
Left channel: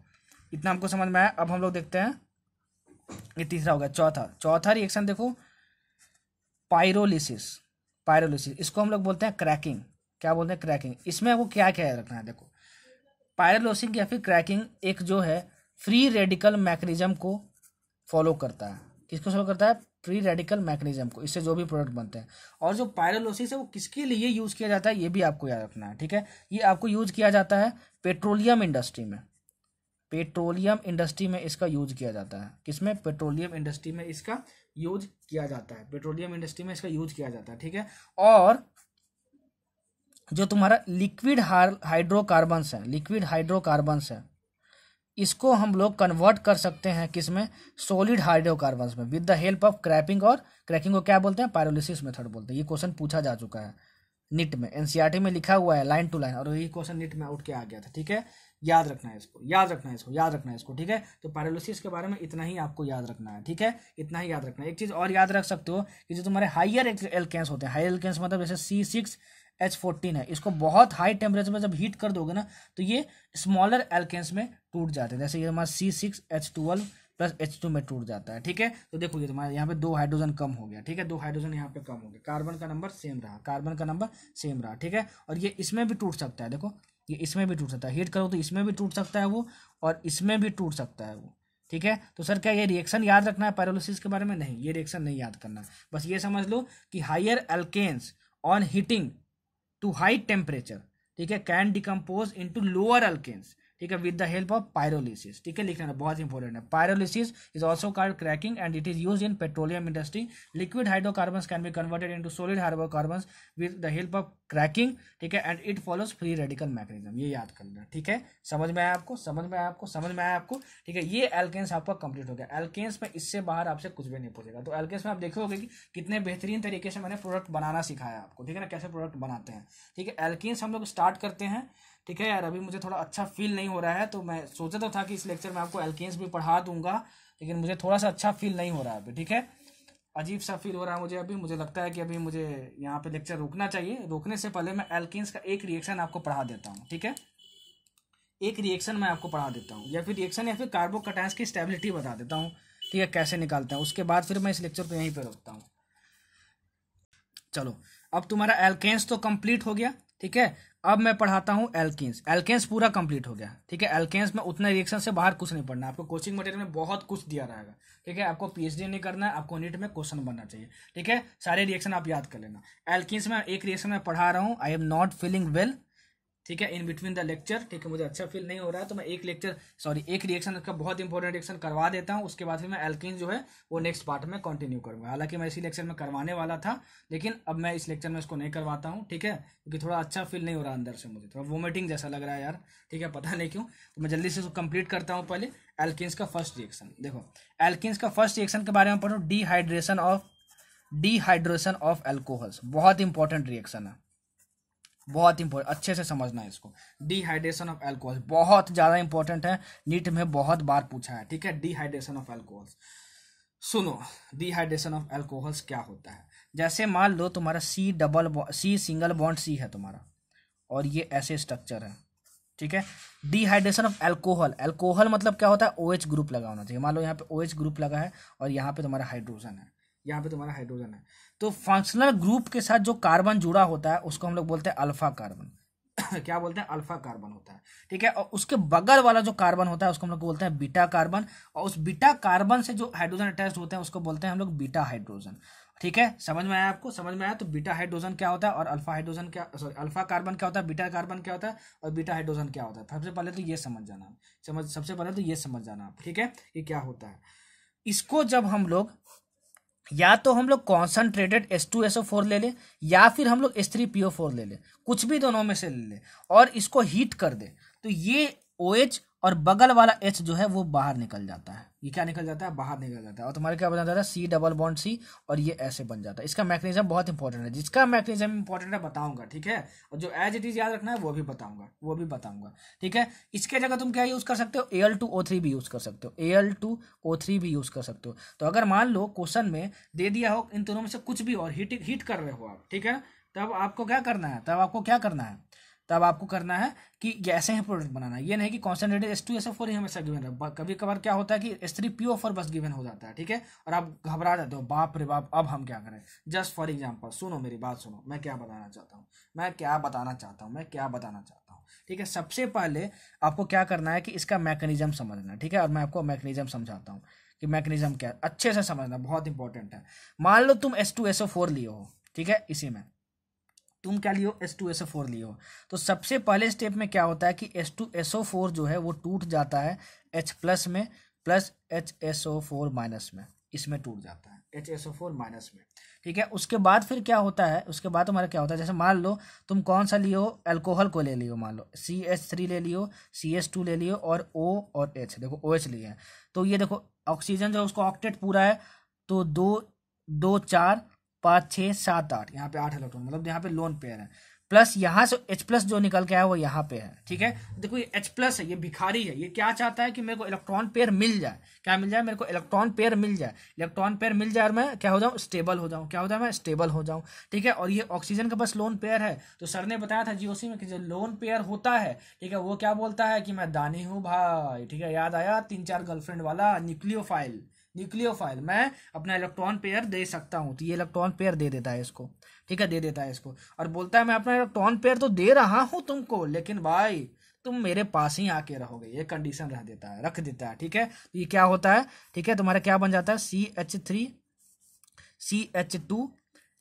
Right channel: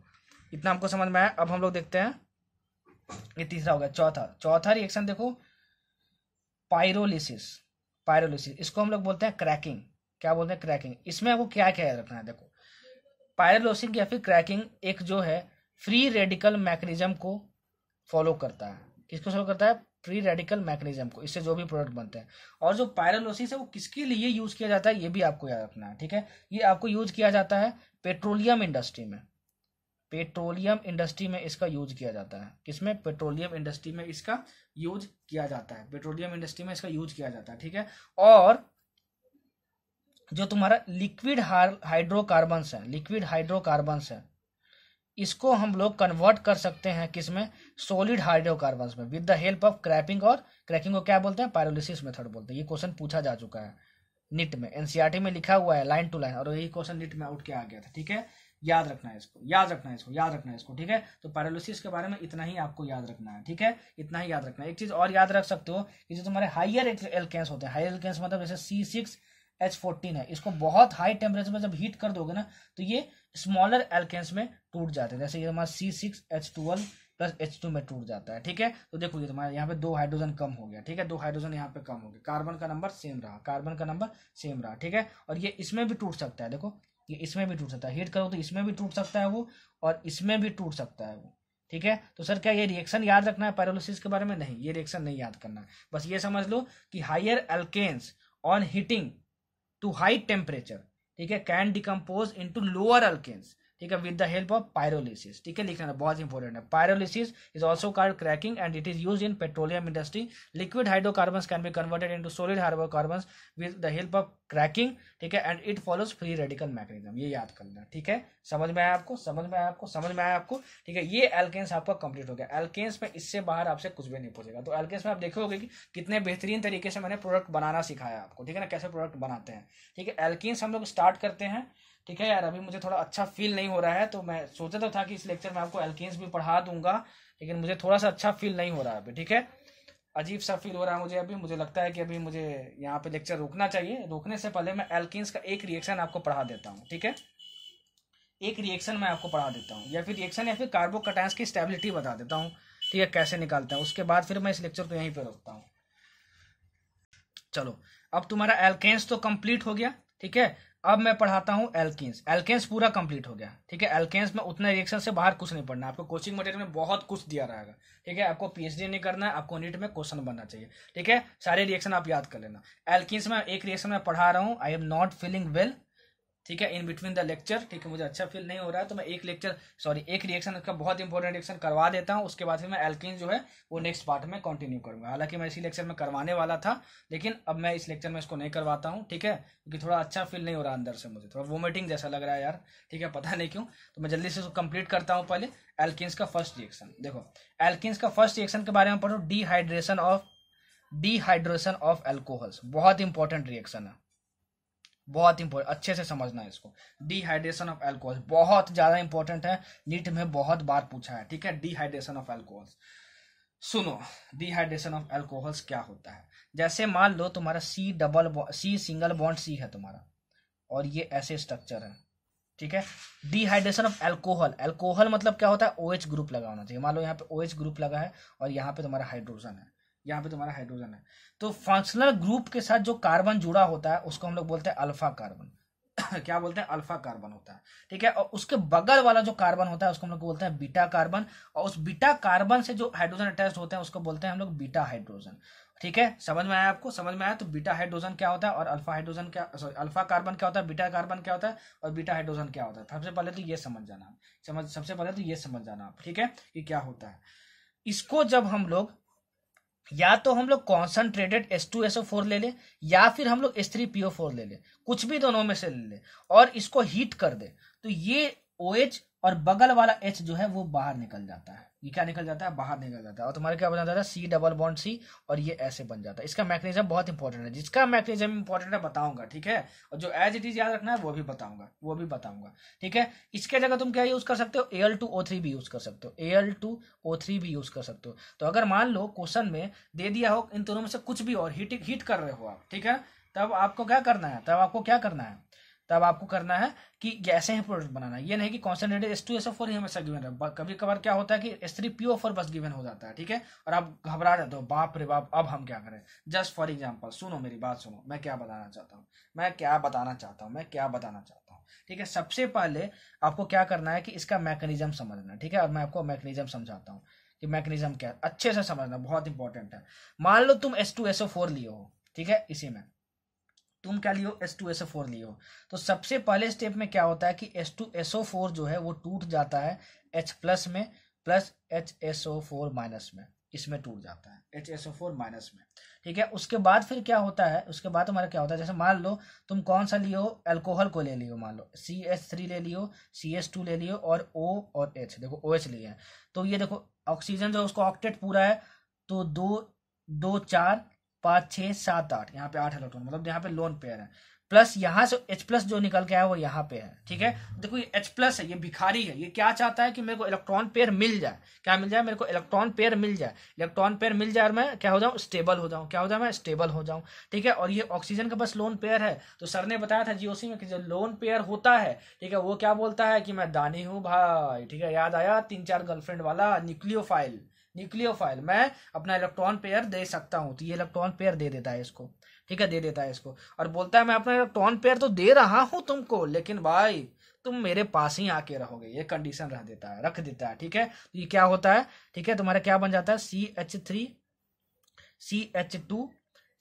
इतना हमको समझ में आया। अब हम लोग देखते हैं, ये तीसरा हो गया। चौथा रिएक्शन देखो, पायरोलिसिस। इसको हम लोग बोलते हैं क्रैकिंग। क्या बोलते हैं, क्रैकिंग। इसमें आपको क्या क्या याद रखना है, देखो पायरोलिसिस या फिर क्रैकिंग एक जो है फ्री रेडिकल मैकेनिज्म को फॉलो करता है। किसको फॉलो करता है, फ्री रेडिकल मैकेनिज्म को, इससे जो भी प्रोडक्ट बनते हैं। और जो पायरोलिसिस है वो किसके लिए यूज किया जाता है ये भी आपको याद रखना है। ठीक है, ये आपको यूज किया जाता है पेट्रोलियम इंडस्ट्री में। पेट्रोलियम इंडस्ट्री में इसका यूज किया जाता है। किसमें, पेट्रोलियम इंडस्ट्री में इसका यूज किया जाता है। पेट्रोलियम इंडस्ट्री में इसका यूज किया जाता है। ठीक है, और जो तुम्हारा लिक्विड हाइड्रोकार्बन्स है, लिक्विड हाइड्रोकार्बन्स है, इसको हम लोग कन्वर्ट कर सकते हैं किसमें, सॉलिड हाइड्रोकार्बन्स में, विद द हेल्प ऑफ क्रैपिंग। और क्रैकिंग को क्या बोलते हैं, पायरोलिसिस मेथड बोलते हैं। ये क्वेश्चन पूछा जा चुका है निट में, एनसीईआरटी में लिखा हुआ है लाइन टू लाइन, और यही क्वेश्चन निट में उठ के आ गया था। ठीक है, याद रखना है इसको, याद रखना है इसको, याद रखना है इसको। ठीक है, तो पायरोलिसिस के बारे में इतना ही आपको याद रखना है। ठीक है, इतना ही याद रखना है। एक चीज और याद रख सकते हो कि जो तुम्हारे हायर एल्केन्स होते हैं, हायर एल्केन्स मतलब जैसे C6H14 है, इसको बहुत हाई टेम्परेचर में जब हीट कर दोगे ना तो ये स्मॉलर एल्केन्स में टूट जाते हैं। जैसे ये हमारा C6H12 प्लस H2 में टूट जाता है। ठीक है, तो देखो ये तुम्हारे यहाँ पे 2 हाइड्रोजन कम हो गया। ठीक है, 2 हाइड्रोजन यहाँ पे कम हो गया, कार्बन का नंबर सेम रहा, कार्बन का नंबर सेम रहा। ठीक है, और ये इसमें भी टूट सकता है, देखो ये इसमें भी टूट सकता है, हीट करो तो इसमें भी टूट सकता है वो, और इसमें भी टूट सकता है वो। ठीक है, तो सर क्या ये रिएक्शन याद रखना है पायरोलिसिस के बारे में, नहीं ये रिएक्शन नहीं याद करना। बस ये समझ लो कि higher alkanes on heating to high temperature, ठीक है, can decompose into lower alkanes. ठीक है, with the help of pyrolysis, ठीक है, लिखना है, बहुत इंपॉर्टेंट है। Pyrolysis is also called cracking and it is use in petroleum industry. Liquid hydrocarbons can be converted into solid hydrocarbons with the help of cracking, ठीक है, and it follows free radical mechanism. ये याद कर लेना, ठीक है, समझ में आया आपको, समझ में आया आपको, समझ में आया आपको, ठीक है। ये एल्केन्स आपका कंप्लीट हो गया। एल्केन्स में इससे बाहर आपसे कुछ भी नहीं पूछेगा। तो एल्केन्स में आप देखोगे कि कितने बेहतरीन तरीके से मैंने प्रोडक्ट बनाना सिखाया आपको, ठीक है ना, कैसे प्रोडक्ट बनाते हैं, ठीक है। एल्केन्स हम लोग स्टार्ट करते हैं, ठीक है यार। अभी मुझे थोड़ा अच्छा फील नहीं हो रहा है, तो मैं सोचा तो था कि इस लेक्चर में आपको एल्केन्स भी पढ़ा दूंगा, लेकिन मुझे थोड़ा सा अच्छा फील नहीं हो रहा है अभी, ठीक है। अजीब सा फील हो रहा है मुझे अभी। मुझे लगता है कि अभी मुझे यहाँ पे लेक्चर रोकना चाहिए। रोकने से पहले मैं एल्केन्स का एक रिएक्शन आपको पढ़ा देता हूँ, ठीक है। एक रिएक्शन मैं आपको पढ़ा देता हूँ, या फिर रिएक्शन या फिर कार्बोकैटायंस की स्टेबिलिटी बता देता हूँ, ठीक है, कैसे निकालते हैं। उसके बाद फिर मैं इस लेक्चर को यहीं पे रोकता हूँ। चलो, अब तुम्हारा एल्केन्स तो कंप्लीट हो गया, ठीक है। अब मैं पढ़ाता हूँ एल्केन्स। एल्केन्स पूरा कंप्लीट हो गया, ठीक है। एल्केन्स में उतने रिएक्शन से बाहर कुछ नहीं पढ़ना। आपको कोचिंग मटेरियल में बहुत कुछ दिया रहेगा, ठीक है। आपको पीएचडी नहीं करना है, आपको नीट में क्वेश्चन बनना चाहिए, ठीक है। सारे रिएक्शन आप याद कर लेना। एल्केन्स में एक रिएक्शन में पढ़ा रहा हूँ, I am not feeling well, ठीक है, इन बिटवीन द लेक्चर, ठीक है। मुझे अच्छा फील नहीं हो रहा है, तो मैं एक रिएक्शन का बहुत इंपॉर्टेंट रिएक्शन करवा देता हूँ। उसके बाद फिर मैं एल्कीन जो है वो नेक्स्ट पार्ट में कंटिन्यू करूंगा। हालांकि मैं इसी लेक्चर में करवाने वाला था, लेकिन अब मैं इस लेक्चर में इसको नहीं करवाता हूँ, ठीक है, क्योंकि थोड़ा अच्छा फील नहीं हो रहा अंदर से, मुझे थोड़ा वोमिटिंग जैसा लग रहा है यार, ठीक है, पता नहीं क्यों। तो मैं जल्दी से इसको कंप्लीट करता हूँ। पहले एल्कीन्स का फर्स्ट रिएक्शन देखो। एल्कीन्स का फर्स्ट रिएक्शन के बारे में पढ़ो, डिहाइड्रेशन ऑफ एल्कोहल्स। बहुत इंपॉर्टेंट रिएक्शन है, बहुत इंपॉर्टेंट, अच्छे से समझना है इसको। डिहाइड्रेशन ऑफ एल्कोहल बहुत ज्यादा इंपॉर्टेंट है, नीट में बहुत बार पूछा है, ठीक है। डिहाइड्रेशन ऑफ एल्कोहल्स, सुनो, डिहाइड्रेशन ऑफ एल्कोहल्स क्या होता है। जैसे मान लो तुम्हारा सी सिंगल बॉन्ड सी है तुम्हारा, और ये ऐसे स्ट्रक्चर है, ठीक है। डिहाइड्रेशन ऑफ एल्कोहल, एल्कोहल मतलब क्या होता है, OH ग्रुप लगा होना चाहिए। मान लो यहाँ पे OH ग्रुप लगा है और यहाँ पे तुम्हारा हाइड्रोजन है, यहाँ पे तुम्हारा हाइड्रोजन है। तो फंक्शनल ग्रुप के साथ जो कार्बन जुड़ा होता है उसको हम लोग बोलते हैं अल्फा कार्बन। क्या बोलते हैं, अल्फा कार्बन होता है, ठीक है। और उसके बगल वाला जो कार्बन होता है उसको हम लोग बोलते हैं बीटा कार्बन, और उस बीटा कार्बन से जो हाइड्रोजन अटैच होते हैं उसको बोलते हैं हम लोग बीटा हाइड्रोजन, ठीक है। समझ में आया आपको, समझ में आया। तो बीटा हाइड्रोजन क्या होता है और अल्फा हाइड्रोजन क्या, सॉरी, अल्फा कार्बन क्या होता है, बीटा कार्बन क्या होता है और बीटा हाइड्रोजन क्या होता है। सबसे पहले तो ये समझ जाना, सबसे पहले तो ये समझ जाना आप, ठीक है, ये क्या होता है। इसको जब हम लोग, या तो हम लोग कॉन्सनट्रेटेड H2SO4 ले ले, या फिर हम लोग H3PO4 ले ले, कुछ भी दोनों में से ले ले, और इसको हीट कर दे, तो ये OH और बगल वाला H जो है वो बाहर निकल जाता है। ये क्या निकल जाता है, बाहर निकल जाता है, और तुम्हारे क्या बन जाता है, C डबल बॉन्ड C, और ये ऐसे बन जाता है। इसका मैकेनिज्म बहुत इंपॉर्टेंट है, जिसका मैकेनिज्म इंपॉर्टेंट है बताऊंगा, ठीक है। और जो एज इट इज याद रखना है वो भी बताऊंगा, ठीक है। इसके जगह तुम क्या यूज कर सकते हो, Al2O3 भी यूज कर सकते हो, Al2O3 भी यूज कर सकते हो। तो अगर मान लो क्वेश्चन में दे दिया हो इन दोनों में से कुछ भी और हीट कर रहे हो आप, ठीक है, तब आपको क्या करना है, तब आपको करना है कि ऐसे ही प्रोडक्ट बनाना है। ये नहीं कि कॉन्सेंट्रेटेड H2SO4 ही हमेशा गिवन है। कभी कभार क्या होता है कि H3PO4 बस गिवन हो जाता है, ठीक है, और आप घबरा जाते हो, बाप रे बाप अब हम क्या करें। जस्ट फॉर एग्जांपल, सुनो मेरी बात सुनो, मैं क्या बताना चाहता हूँ, ठीक है। सबसे पहले आपको क्या करना है कि इसका मैकेनिज्म समझना, ठीक है, और मैं आपको मैकेनिज्म समझाता हूँ कि मैकेनिज्म क्या है, अच्छे से समझना, बहुत इंपॉर्टेंट है। मान लो तुम H2SO4 लिए हो, ठीक है, इसी में तुम क्या लियो, H2SO4 लियो। तो सबसे पहले स्टेप में क्या होता है कि H2SO4 जो है वो टूट जाता है H प्लस में प्लस HSO4 माइनस में, इसमें टूट जाता है HSO4 माइनस में, ठीक है। उसके बाद फिर क्या होता है, उसके बाद तुम्हारा क्या होता है, जैसे मान लो तुम कौन सा लियो, अल्कोहल को ले लियो, मान लो CH3 ले लियो, CH2 ले लियो, और O और H, देखो OH लिए हैं। तो ये देखो ऑक्सीजन जो उसका ऑक्टेट पूरा है, तो 2 4 5 6 7 8, यहाँ पे 8 इलेक्ट्रॉन, मतलब यहाँ पे लोन पेयर है। प्लस यहाँ से H प्लस जो निकल के आया वो यहाँ पे है, ठीक है। देखो ये H प्लस है, ये भिखारी है, ये क्या चाहता है कि मेरे को इलेक्ट्रॉन पेयर मिल जाए, क्या मिल जाए, मेरे को इलेक्ट्रॉन पेयर मिल जाए, और मैं क्या हो जाऊँ, स्टेबल हो जाऊँ, क्या हो जाए, मैं स्टेबल हो जाऊँ, ठीक है। और ये ऑक्सीजन के पास लोन पेयर है, तो सर ने बताया था जीओसी में कि जो लोन पेयर होता है, ठीक है, वो क्या बोलता है कि मैं दानी हूँ भाई, ठीक है। याद आया 3-4 गर्लफ्रेंड वाला न्यूक्लियोफाइल, मैं अपना इलेक्ट्रॉन पेयर दे सकता हूं। तो ये इलेक्ट्रॉन पेयर दे देता है इसको, ठीक है, दे देता है इसको, और बोलता है मैं अपना इलेक्ट्रॉन पेयर तो दे रहा हूं तुमको, लेकिन भाई तुम मेरे पास ही आके रहोगे, ये कंडीशन रख देता है, ठीक है। तो ये क्या होता है, ठीक है, तुम्हारा क्या बन जाता है, CH3 CH2,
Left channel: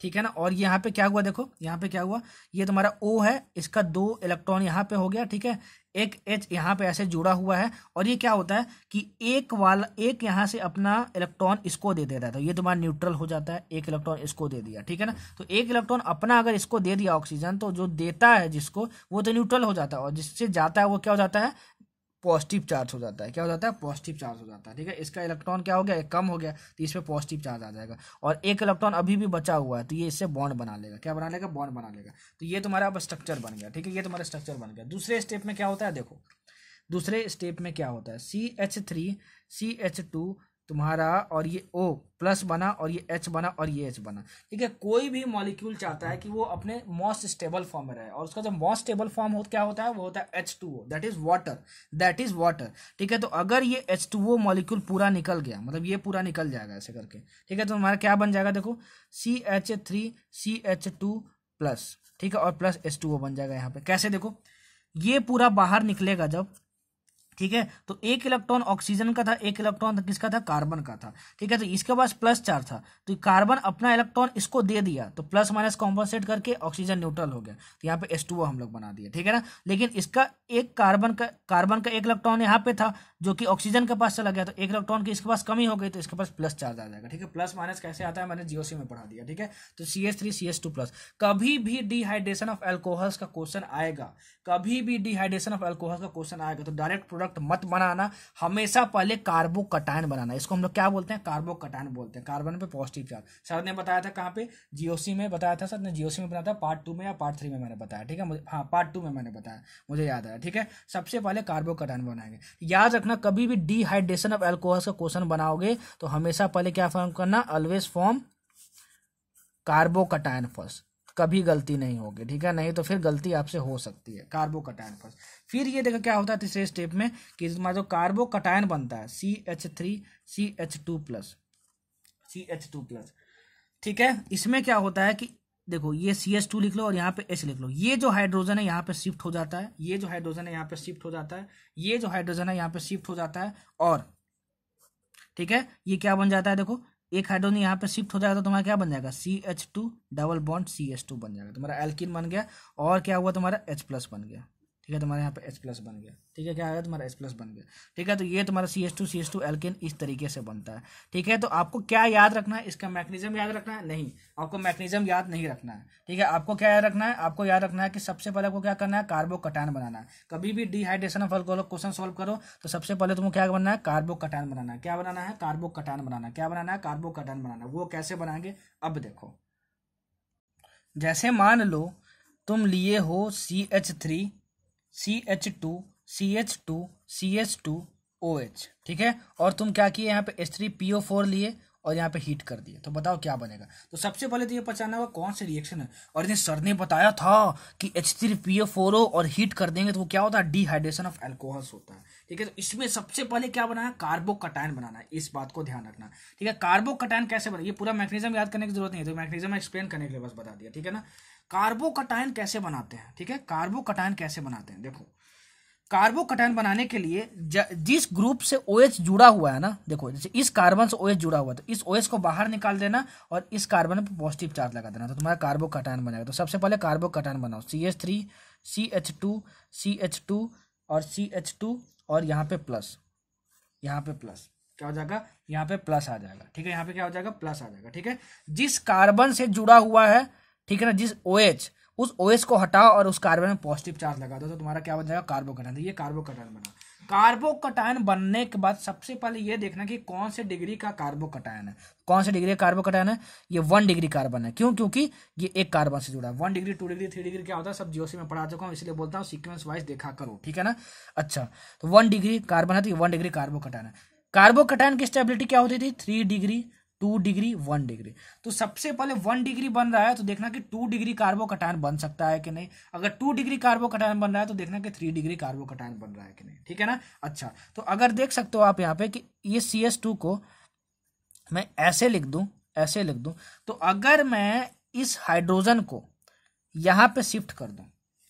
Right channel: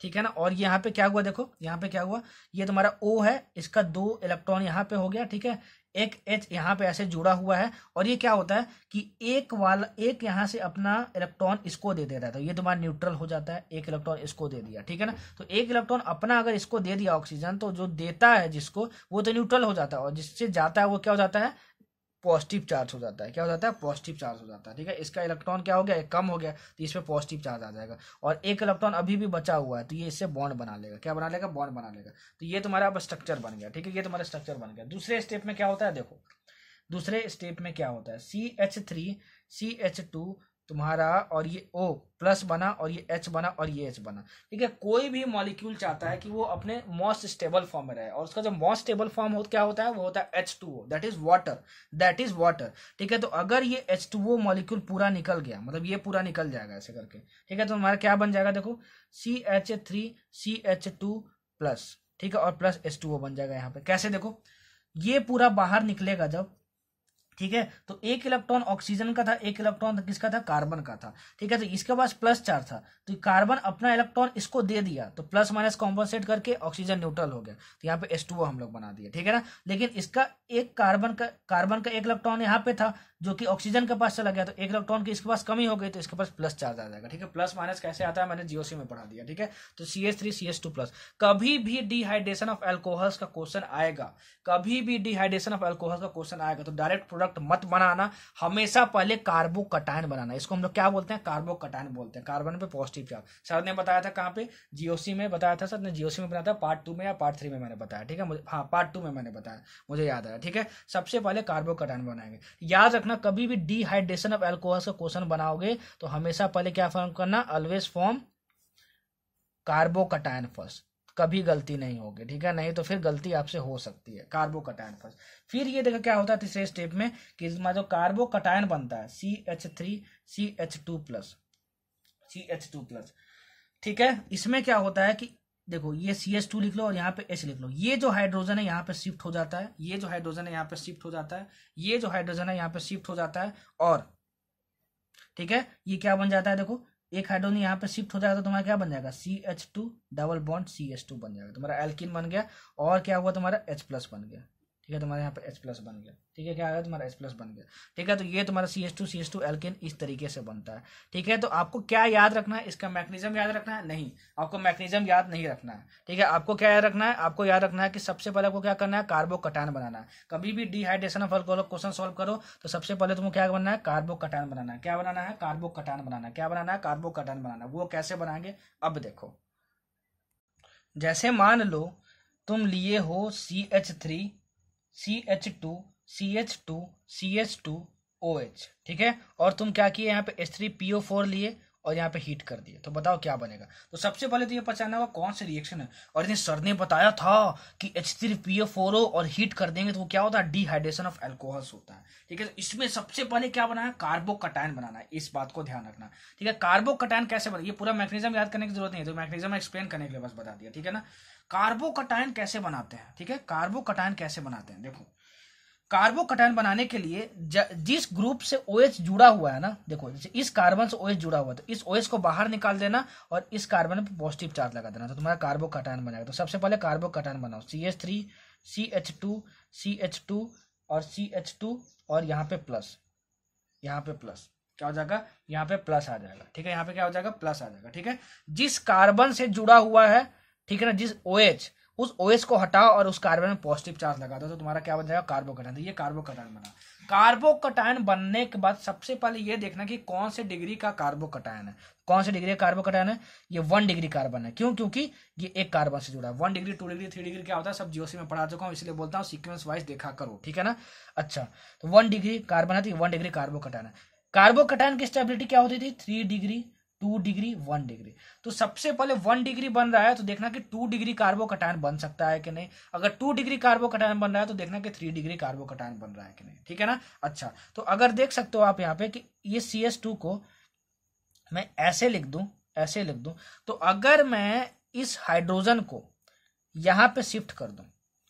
ठीक है ना। और यहाँ पे क्या हुआ, देखो यहाँ पे क्या हुआ, ये तुम्हारा O है, इसका 2 इलेक्ट्रॉन यहाँ पे हो गया, ठीक है। एक H यहाँ पे ऐसे जुड़ा हुआ है, और ये क्या होता है कि एक यहाँ से अपना इलेक्ट्रॉन इसको दे देता है, तो ये तुम्हारा न्यूट्रल हो जाता है, एक इलेक्ट्रॉन इसको दे दिया, ठीक है ना। तो एक इलेक्ट्रॉन अपना अगर इसको दे दिया ऑक्सीजन, तो जो देता है जिसको, वो तो न्यूट्रल हो जाता है, और जिससे जाता है वो क्या हो जाता है, पॉजिटिव चार्ज हो जाता है। क्या हो जाता है, पॉजिटिव चार्ज हो जाता है, ठीक है। इसका इलेक्ट्रॉन क्या हो गया, कम हो गया, तो इसमें पॉजिटिव चार्ज आ जाएगा, और एक इलेक्ट्रॉन अभी भी बचा हुआ है, तो ये इससे बॉन्ड बना लेगा। क्या बना लेगा, बॉन्ड बना लेगा। तो ये तुम्हारा अब स्ट्रक्चर बन गया, ठीक है, ये तुम्हारा स्ट्रक्चर बन गया। दूसरे स्टेप में क्या होता है, देखो दूसरे स्टेप में क्या होता है, CH3 CH2 तुम्हारा, और ये O प्लस बना, और ये H बना, और ये H बना, ठीक है। कोई भी मॉलिक्यूल चाहता है कि वो अपने मोस्ट स्टेबल फॉर्म में रहे, और उसका जो मोस्ट स्टेबल फॉर्म हो क्या होता है, वो होता है H2O, दैट इज वाटर, ठीक है। तो अगर ये H2O मॉलिक्यूल पूरा निकल गया, मतलब ये पूरा निकल जाएगा ऐसे करके, ठीक है, तो हमारा क्या बन जाएगा, देखो CH3 CH2 प्लस, ठीक है, और प्लस H2O बन जाएगा यहाँ पे। कैसे, देखो ये पूरा बाहर निकलेगा जब, ठीक है, तो एक इलेक्ट्रॉन ऑक्सीजन का था, एक इलेक्ट्रॉन किसका था, कार्बन का था, ठीक है। तो इसके पास प्लस चार्ज था, तो कार्बन अपना इलेक्ट्रॉन इसको दे दिया, तो प्लस माइनस कॉम्पनसेट करके ऑक्सीजन न्यूट्रल हो गया, तो यहाँ पे H2O हम लोग बना दिए, ठीक है ना। लेकिन इसका एक कार्बन का एक इलेक्ट्रॉन यहाँ पे था, जो कि ऑक्सीजन के पास चला गया, तो एक इलेक्ट्रॉन की इसके पास कमी हो गई, तो इसके पास प्लस चार्ज आ जाएगा, ठीक है। प्लस माइनस कैसे आता है, मैंने जीओसी में पढ़ा दिया, ठीक है। तो CH3 CH2 प्लस। कभी भी डिहाइड्रेशन ऑफ अल्कोहल्स का क्वेश्चन आएगा, कभी भी डिहाइड्रेशन ऑफ अल्कोहल का क्वेश्चन आएगा, तो डायरेक्ट प्रोडक्ट मत बनाना, हमेशा पहले कार्बोकटायन बनाना। इसको हम लोग क्या बोलते हैं, कार्बोकटायन बोलते हैं। कार्बन पे पॉजिटिव चार्ज, सर ने बताया था कहाँ पे, जीओसी में बताया था, सर ने जीओसी में बताया था, पार्ट 2 में या पार्ट 3 में मैंने बताया, ठीक है, हाँ पार्ट 2 में मैंने बताया, मुझे याद आया, ठीक है। सबसे पहले कार्बोकटायन बनाएंगे। याद रखना, कभी भी डिहाइड्रेशन ऑफ अल्कोहल का क्वेश्चन बनाओगे तो हमेशा पहले क्या फॉर्म करना, ऑलवेज फॉर्म कार्बोकटायन फर्स्ट, कभी गलती नहीं होगी, ठीक है, नहीं तो फिर गलती आपसे हो सकती है। Carbocation first. फिर ये देखो क्या होता है तीसरे स्टेप में, कि इसमें जो कार्बोकटायन बनता है CH3 CH2 plus, CH2 plus, ठीक है। इसमें क्या होता है कि देखो ये CH2 लिख लो और यहाँ पे H लिख लो, ये जो हाइड्रोजन है यहाँ पे शिफ्ट हो जाता है, ये जो हाइड्रोजन है यहाँ पे शिफ्ट हो जाता है, ये जो हाइड्रोजन है यहाँ पे शिफ्ट हो जाता है, और ठीक है, ये क्या बन जाता है, देखो एक हाइड्रोजन यहाँ पे शिफ्ट हो जाएगा, तो तुम्हारा क्या बन जाएगा, CH2 डबल बॉन्ड CH2 बन जाएगा, तुम्हारा एल्कीन बन गया। और क्या हुआ, तुम्हारा H प्लस बन गया, ठीक है, तुम्हारे यहाँ पे H प्लस बन गया, ठीक है, क्या आया, तुम्हारा H प्लस बन गया, ठीक है। तो ये तुम्हारा CH2 एल्केन इस तरीके से बनता है, ठीक है। तो आपको क्या याद रखना है, इसका मैकेनिज्म याद रखना है, नहीं आपको मैकेनिज्म याद नहीं रखना है, ठीक है। आपको क्या याद रखना है, आपको याद रखना है कि सबसे पहले आपको क्या करना है, कार्बोकटायन बनाना है। कभी भी dehydration of alcohol question solve करो तो सबसे पहले तुमको क्या बनना है, कार्बोकटायन बनाना है। क्या बनाना है, कार्बोकटायन बनाना है। क्या बनाना है, कार्बोकटायन बनाना है। वो कैसे बनाएंगे, अब देखो, जैसे मान लो तुम लिए हो CH3 CH2 CH2 CH2 OH, ठीक है, और तुम क्या किए, यहाँ पे H3PO4 लिए और यहाँ पे हीट कर दिए, तो बताओ क्या बनेगा। तो सबसे पहले तो ये पहचानना होगा कौन सी रिएक्शन है, और इन्हें सर ने बताया था कि H3PO4 और हीट कर देंगे तो वो क्या होता है, डिहाइड्रेशन ऑफ अल्कोहल्स होता है, ठीक है। तो इसमें सबसे पहले क्या बनाना है, कार्बोकटायन बनाना है, इस बात को ध्यान रखना, ठीक है। कार्बोकटायन कैसे बना, ये पूरा मैकेनिज्म याद करने की जरूरत नहीं है, तो मैकेनिज्म एक्सप्लेन करने के लिए बस बता दिया, ठीक है ना। कार्बोकटायन कैसे बनाते हैं, ठीक है, कार्बोकटायन कैसे बनाते हैं, देखो कार्बोकटायन बनाने के लिए जिस ग्रुप से OH जुड़ा हुआ है ना, देखो जैसे इस कार्बन से OH जुड़ा हुआ है, तो इस OH को बाहर निकाल देना और इस कार्बन पे पॉजिटिव चार्ज लगा देना, तो तुम्हारा कार्बोकटायन बनेगा। तो सबसे पहले कार्बोकटायन बनाओ, CH3 CH2 CH2 और CH2 और यहाँ पे प्लस, यहाँ पे प्लस क्या हो जाएगा, यहाँ पे प्लस आ जाएगा, ठीक है, यहाँ पे क्या हो जाएगा, प्लस आ जाएगा, ठीक है। जिस कार्बन से जुड़ा हुआ है, ठीक है ना, जिस OH, उस OH को हटाओ और उस कार्बन में पॉजिटिव चार्ज लगा दो, तो तुम्हारा क्या बन जाएगा, कार्बोकटायन। तो ये कार्बोकटायन बना। कार्बोकटायन बनने के बाद सबसे पहले ये देखना कि कौन से डिग्री का कार्बोकटायन है, कौन से डिग्री का कार्बोकटायन है, ये 1 डिग्री कार्बन है। क्यों, क्योंकि ये एक कार्बन से जुड़ा है। 1 डिग्री 2 डिग्री 3 डिग्री क्या होता है, सब जीओसी में पढ़ा चुका हूँ, इसलिए बोलता हूँ सीक्वेंस वाइज देखा करो, ठीक है ना। अच्छा, तो 1 डिग्री कार्बन है, तो 1 डिग्री कार्बोकटायन है। कार्बोकटायन की स्टेबिलिटी क्या होती थी, 3 डिग्री 2 डिग्री 1 डिग्री। तो सबसे पहले 1 डिग्री बन रहा है तो देखना कि 2 डिग्री कार्बोकटायन बन सकता है कि नहीं। अगर 2 डिग्री कार्बोकटायन बन रहा है तो देखना कि 3 डिग्री कार्बोकटायन बन रहा है कि नहीं, ठीक है ना। अच्छा, तो अगर देख सकते हो आप यहाँ पे कि ये CH2 को मैं ऐसे लिख दूं, ऐसे लिख दूं, तो अगर मैं इस हाइड्रोजन को यहाँ पे शिफ्ट कर दूं,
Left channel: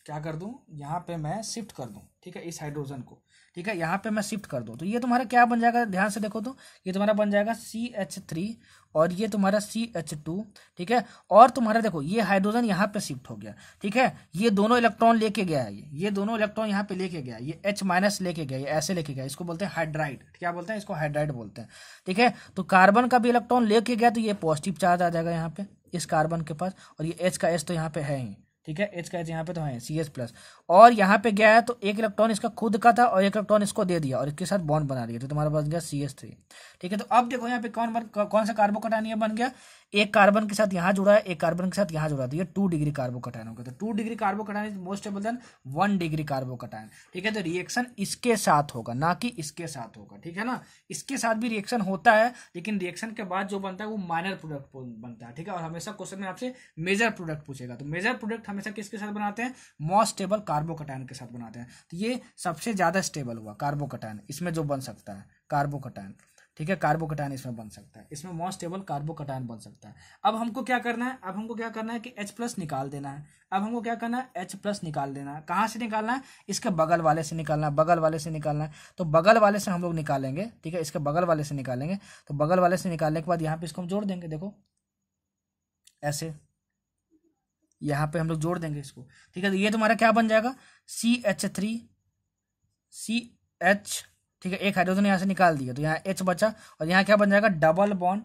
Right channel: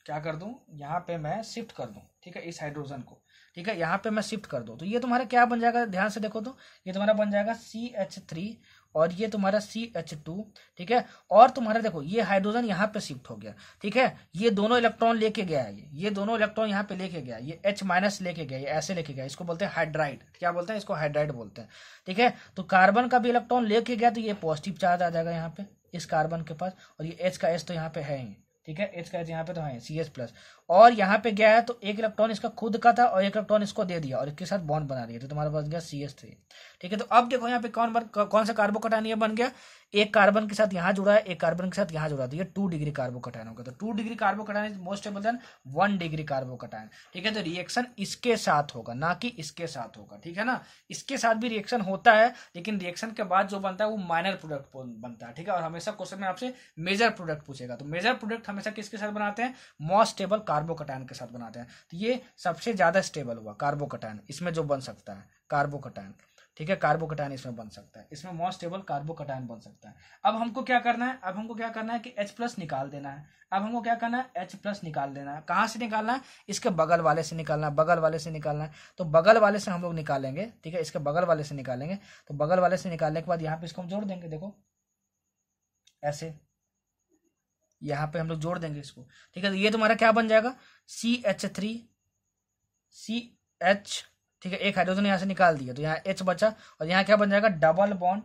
क्या कर दूं, यहाँ पे मैं शिफ्ट कर दूं, ठीक है, इस हाइड्रोजन को, ठीक है, यहाँ पे मैं शिफ्ट कर दूं, तो ये तुम्हारा क्या बन जाएगा, ध्यान से देखो तो ये तुम्हारा बन जाएगा CH3 और ये तुम्हारा CH2, ठीक है। और तुम्हारा देखो ये हाइड्रोजन यहाँ पे शिफ्ट हो गया, ठीक है। ये दोनों इलेक्ट्रॉन लेके गया है, ये दोनों इलेक्ट्रॉन यहाँ पे लेके गया, ये H- लेके गया, ये ऐसे लेके गया, इसको बोलते हैं हाइड्राइड। क्या बोलते हैं इसको? हाइड्राइड बोलते हैं, ठीक है। तो कार्बन का भी इलेक्ट्रॉन लेके गया तो ये पॉजिटिव चार्ज आ जाएगा यहाँ पे इस कार्बन के पास, और ये H का H तो यहाँ पे है ही, ठीक है। H का H यहाँ पे तो है CH+, और यहाँ पे गया है तो एक इलेक्ट्रॉन इसका खुद का था और एक इलेक्ट्रॉन इसको दे दिया और इसके साथ बॉन्ड बना दिया, तो तुम्हारा बन गया CH3, ठीक है। तो अब देखो यहाँ पे कौन सा कार्बोकटायन ये बन गया? एक कार्बन के साथ यहाँ जुड़ा है, एक कार्बन के साथ यहाँ जुड़ा है, तो ये 2 डिग्री कार्बोकटायन होगा। तो 2 degree carbocation is most stable then 1 degree carbocation, ठीक है। तो रिएक्शन इसके साथ होगा, ना कि इसके साथ होगा, ठीक है ना। इसके साथ भी रिएक्शन होता है, लेकिन रिएक्शन के बाद जो बनता है वो माइनर प्रोडक्ट बनता है, ठीक है। और हमेशा क्वेश्चन में आपसे मेजर प्रोडक्ट पूछेगा, तो मेजर प्रोडक्ट हमेशा किसके साथ बनाते हैं? मोस्ट स्टेबल कार्बोकटायन के साथ बनाते हैं। तो ये सबसे ज्यादा स्टेबल हुआ कार्बोकटायन, इसमें जो बन सकता है कार्बोकटायन, ठीक है। कार्बोकटायन इसमें बन सकता है, इसमें मोस्ट स्टेबल कार्बोकटायन बन सकता है। अब हमको क्या करना है? अब हमको क्या करना है कि H+ निकाल देना है। अब हमको क्या करना है? H+ निकाल देना है। कहाँ से निकालना है? इसके बगल वाले से निकालना है, बगल वाले से निकालना है। तो बगल वाले से हम लोग निकालेंगे, ठीक है। इसके बगल वाले से निकालेंगे, तो बगल वाले से निकालने के बाद यहाँ पे इसको हम जोड़ देंगे, देखो ऐसे यहाँ पे हम लोग जोड़ देंगे इसको, ठीक है। तो ये तुम्हारा क्या बन जाएगा? CH3 CH, ठीक है। एक हाइड्रोजन यहाँ से निकाल दिया तो यहाँ H बचा, और यहाँ क्या बन जाएगा? डबल बॉन्ड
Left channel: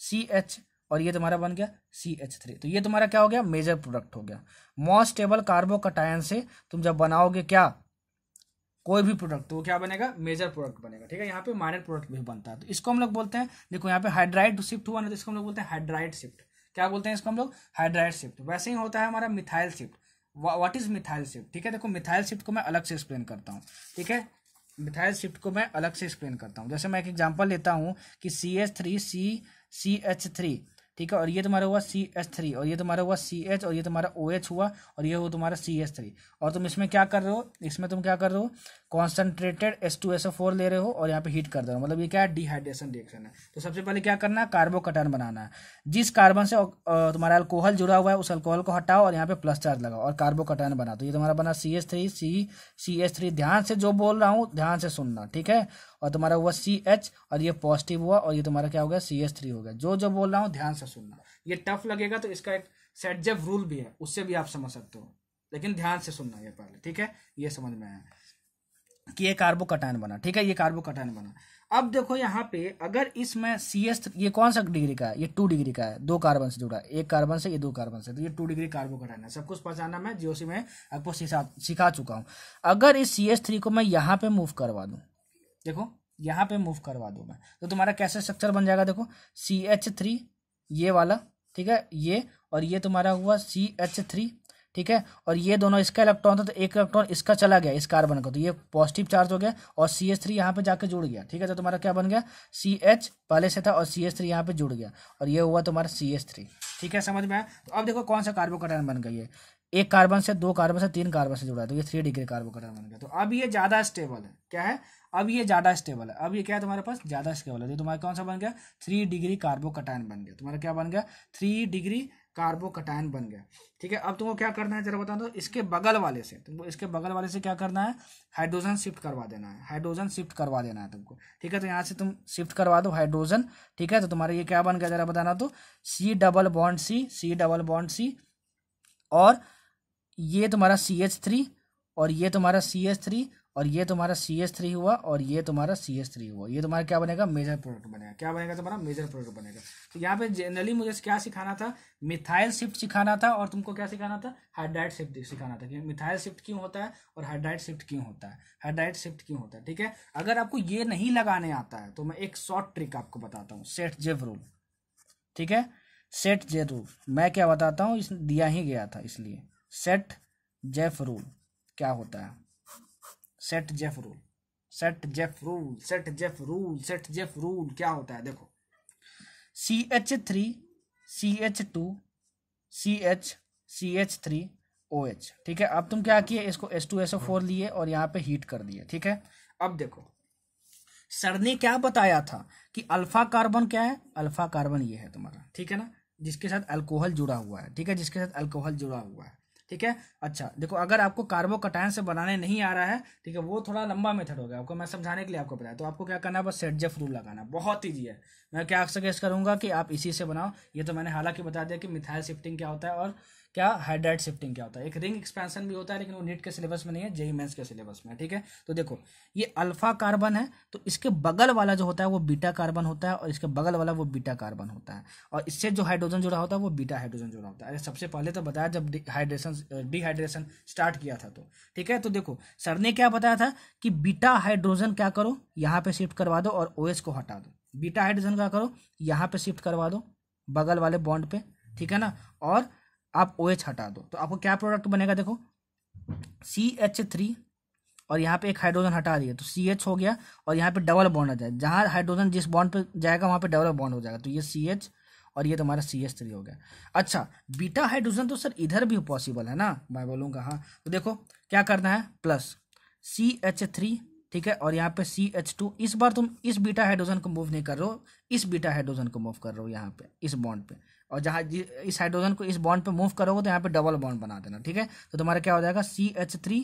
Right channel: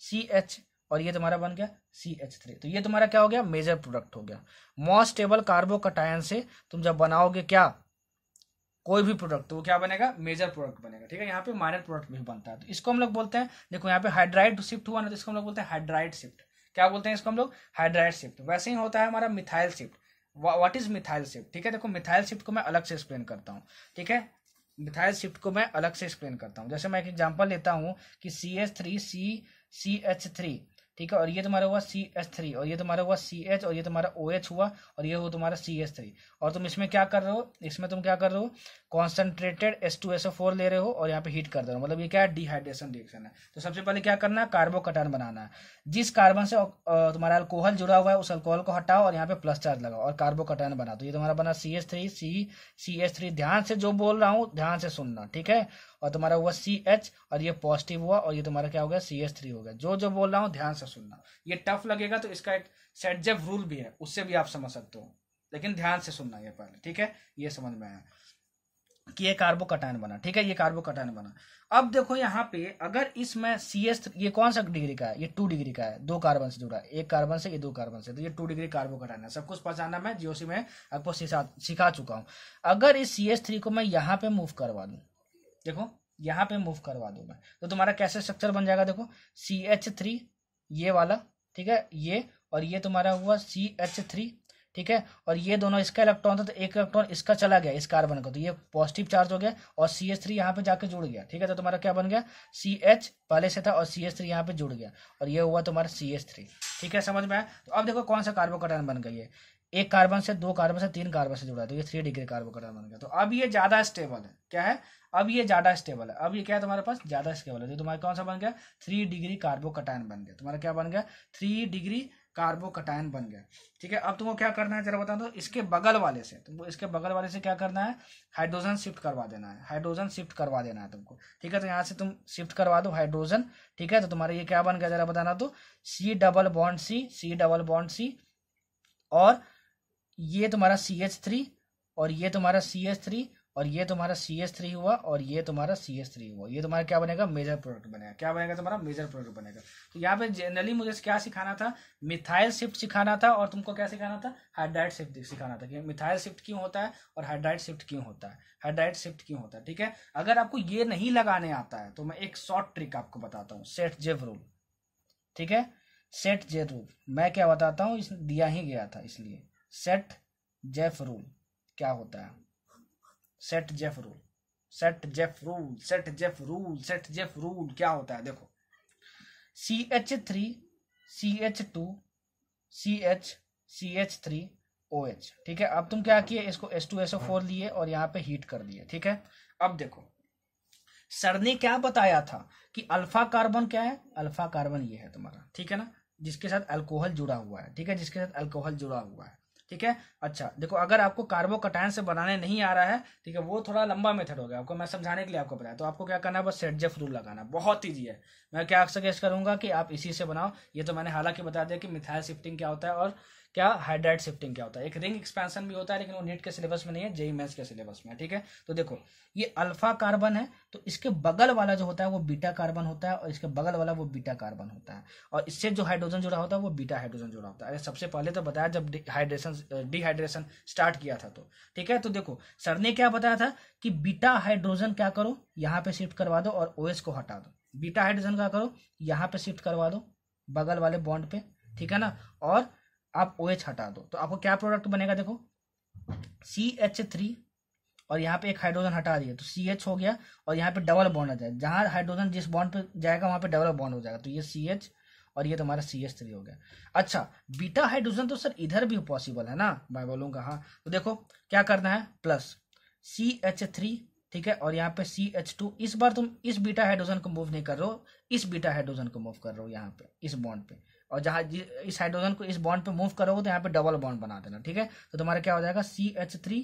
CH, और ये तुम्हारा बन गया CH3। तो ये तुम्हारा क्या हो गया? मेजर प्रोडक्ट हो गया। मोस्ट स्टेबल कार्बोकटायन से तुम जब बनाओगे क्या कोई भी प्रोडक्ट, तो वो क्या बनेगा? मेजर प्रोडक्ट बनेगा, ठीक है। यहाँ पे माइनर प्रोडक्ट भी बनता है, तो इसको हम लोग बोलते हैं, देखो यहाँ पे हाइड्राइड शिफ्ट हुआ ना, तो इसको हम लोग बोलते हैं हाइड्राइड शिफ्ट। क्या बोलते हैं इसको हम लोग? Hydride shift. वैसे ही होता है हमारा methyl shift. What is methyl shift? ठीक है, देखो मिथाइल शिफ्ट को मैं अलग से एक्सप्लेन करता हूँ, ठीक है। मिथाइल शिफ्ट को मैं अलग से एक्सप्लेन करता हूँ। जैसे मैं एक एग्जांपल लेता हूँ कि CH3 CH3, ठीक है, और ये तुम्हारा हुआ CH3, और ये तुम्हारा हुआ CH, और ये तुम्हारा OH हुआ, और ये हुआ तुम्हारा CH3। और तुम इसमें क्या कर रहे हो? इसमें तुम क्या कर रहे हो? कॉन्सेंट्रेटेड H2SO4 ले रहे हो और यहाँ पे हीट कर रहे हो, मतलब ये क्या है? डिहाइड्रेशन रिएक्शन है। तो सबसे पहले क्या करना है? कार्बोकटायन बनाना है। जिस कार्बन से तुम्हारा अल्कोहल जुड़ा हुआ है उस अल्कोहल को हटाओ और यहाँ पे प्लस चार्ज लगाओ और कार्बोकटायन बना। तो ये तुम्हारा बना CH3 ध्यान से जो बोल रहा हूँ ध्यान से सुनना, ठीक है। और तुम्हारा हुआ CH, और ये पॉजिटिव हुआ, और ये तुम्हारा क्या हो गया? CH3 हो गया। जो बोल रहा हूँ ध्यान से सुनना। ये टफ लगेगा तो इसका एक सेटजेफ रूल भी है, उससे भी आप समझ सकते हो, लेकिन ध्यान से सुनना ये पहले, ठीक है। ये समझ में आया कि ये कार्बोकटायन बना, ठीक है, ये कार्बोकटायन बना। अब देखो यहाँ पे अगर इसमें CH, ये कौन सा डिग्री का है? ये 2 डिग्री का है, 2 कार्बन से जुड़ा है, एक कार्बन से, ये 2 कार्बन से, तो ये 2 डिग्री कार्बोकटायन है। सब कुछ पहचाना मैं जीओसी में आपको सिखा चुका हूँ। अगर इस CH3 को मैं यहाँ पे मूव करवा दूं, देखो यहाँ पे मूव करवा दूं मैं, तो तुम्हारा कैसे स्ट्रक्चर बन जाएगा? देखो CH3 ये वाला, ठीक है, ये, और ये तुम्हारा हुआ CH3, ठीक है। और ये दोनों इसका इलेक्ट्रॉन था, तो एक इलेक्ट्रॉन इसका चला गया इस कार्बन का, तो ये पॉजिटिव चार्ज हो गया, और CH3 यहाँ पे जाके जुड़ गया, ठीक है। तो तुम्हारा क्या बन गया? CH पहले से था और CH3 यहाँ पे जुड़ गया, और ये हुआ तुम्हारा CH3, ठीक है। समझ में आया? तो अब देखो कौन सा कार्बोकटायन बन गई है? एक कार्बन से, 2 कार्बन से, 3 कार्बन से जुड़ा है, तो ये 3 डिग्री कार्बोकटायन बन गया। तो अब ये ज्यादा स्टेबल है। क्या है? अब ये ज्यादा स्टेबल है। अब ये क्या है तुम्हारे पास? ज्यादा स्टेबल है। तो तुम्हारा कौन सा बन गया? 3 डिग्री कार्बोकटायन बन गया। तुम्हारा क्या बन गया? 3 डिग्री कार्बोकटायन बन गया, ठीक है। अब तुमको क्या करना है जरा बता दो। इसके बगल वाले से तुमको, इसके बगल वाले से क्या करना है? हाइड्रोजन शिफ्ट करवा देना है, हाइड्रोजन शिफ्ट करवा देना है तुमको, ठीक है। तो यहाँ से तुम शिफ्ट करवा दो हाइड्रोजन, ठीक है। तो तुम्हारा ये क्या बन गया जरा बताना तो? C डबल बॉन्ड C, और ये तुम्हारा CH3, और ये तुम्हारा CH3, और ये तुम्हारा CH3 हुआ, और ये तुम्हारा CH3 हुआ। ये तुम्हारा क्या बनेगा? मेजर प्रोडक्ट बनेगा। क्या बनेगा तुम्हारा? मेजर प्रोडक्ट बनेगा। तो यहाँ पे जनरली मुझे क्या सिखाना था? मिथाइल शिफ्ट सिखाना था, और तुमको क्या सिखाना था? हाइड्राइड शिफ्ट सिखाना था कि मिथाइल शिफ्ट क्यों होता है और हाइड्राइड शिफ्ट क्यों होता है, हाइड्राइड शिफ्ट क्यों होता है, ठीक है। अगर आपको ये नहीं लगाने आता है तो मैं एक शॉर्ट ट्रिक आपको बताता हूँ, सेट जेव रूल, ठीक है। सेट जेव रूल मैं क्या बताता हूँ, दिया ही गया था इसलिए। सेट जेफ रूल क्या होता है? Set Jeff rule, set Jeff rule, set Jeff rule, set Jeff rule क्या होता है? देखो CH3 CH2 CH CH3 OH, ठीक है। अब तुम क्या किए? इसको H2SO4 लिए और यहाँ पे हीट कर दिए, ठीक है। अब देखो सर ने क्या बताया था कि अल्फा कार्बन क्या है? अल्फा कार्बन ये है तुम्हारा, ठीक है ना, जिसके साथ अल्कोहल जुड़ा हुआ है, ठीक है, जिसके साथ अल्कोहल जुड़ा हुआ है, ठीक है। अच्छा देखो, अगर आपको कार्बोकटायन से बनाने नहीं आ रहा है, ठीक है, वो थोड़ा लंबा मेथड हो गया, आपको मैं समझाने के लिए आपको बताया। तो आपको क्या करना है, बस सेटजेफ रूल लगाना, बहुत ईजी है। मैं क्या सजेस्ट करूंगा कि आप इसी से बनाओ। ये तो मैंने हालांकि बता दिया कि मिथाइल शिफ्टिंग क्या होता है और क्या हाइड्राइड शिफ्टिंग क्या होता है। एक रिंग एक्सपेंशन भी होता है, लेकिन वो नीट के सिलेबस में नहीं है, जेईई मेंस के सिलेबस में है, ठीक है। तो देखो, ये अल्फा कार्बन है, तो इसके बगल वाला जो होता है वो बीटा कार्बन होता है, और इसके बगल वाला वो बीटा कार्बन होता है, और इससे जो हाइड्रोजन जुड़ा होता है वो बीटा हाइड्रोजन जुड़ा होता है। अरे सबसे पहले तो बताया जब डिहाइड्रेशन स्टार्ट किया था, तो ठीक है। तो देखो, सर ने क्या बताया था कि बीटा हाइड्रोजन क्या करो, यहाँ पे शिफ्ट करवा दो और OH को हटा दो। बीटा हाइड्रोजन क्या करो, यहाँ पे शिफ्ट करवा दो बगल वाले बॉन्ड पे, ठीक है ना, और आप OH हटा दो। तो आपको क्या प्रोडक्ट बनेगा, देखो CH3, और यहाँ पे एक हाइड्रोजन हटा दिया तो CH हो गया, और यहाँ पे डबल बॉन्ड आ जाए, जहाँ हाइड्रोजन जिस बॉन्ड पे जाएगा वहाँ पे डबल बॉन्ड हो जाएगा, तो ये CH और ये तुम्हारा CH3 हो गया। अच्छा, बीटा हाइड्रोजन तो सर इधर भी पॉसिबल है ना, मैं बोलूँगा हाँ। तो देखो क्या करना है, प्लस CH3, ठीक है, और यहाँ पे CH2। इस बार तुम इस बीटा हाइड्रोजन को मूव नहीं कर रहे हो, इस बीटा हाइड्रोजन को मूव कर रहे हो यहाँ पे इस बॉन्ड पे, और जहाँ इस हाइड्रोजन को इस बॉन्ड पे मूव करोगे तो यहाँ पे डबल बॉन्ड बना देना, ठीक है। तो तुम्हारा क्या हो जाएगा, CH3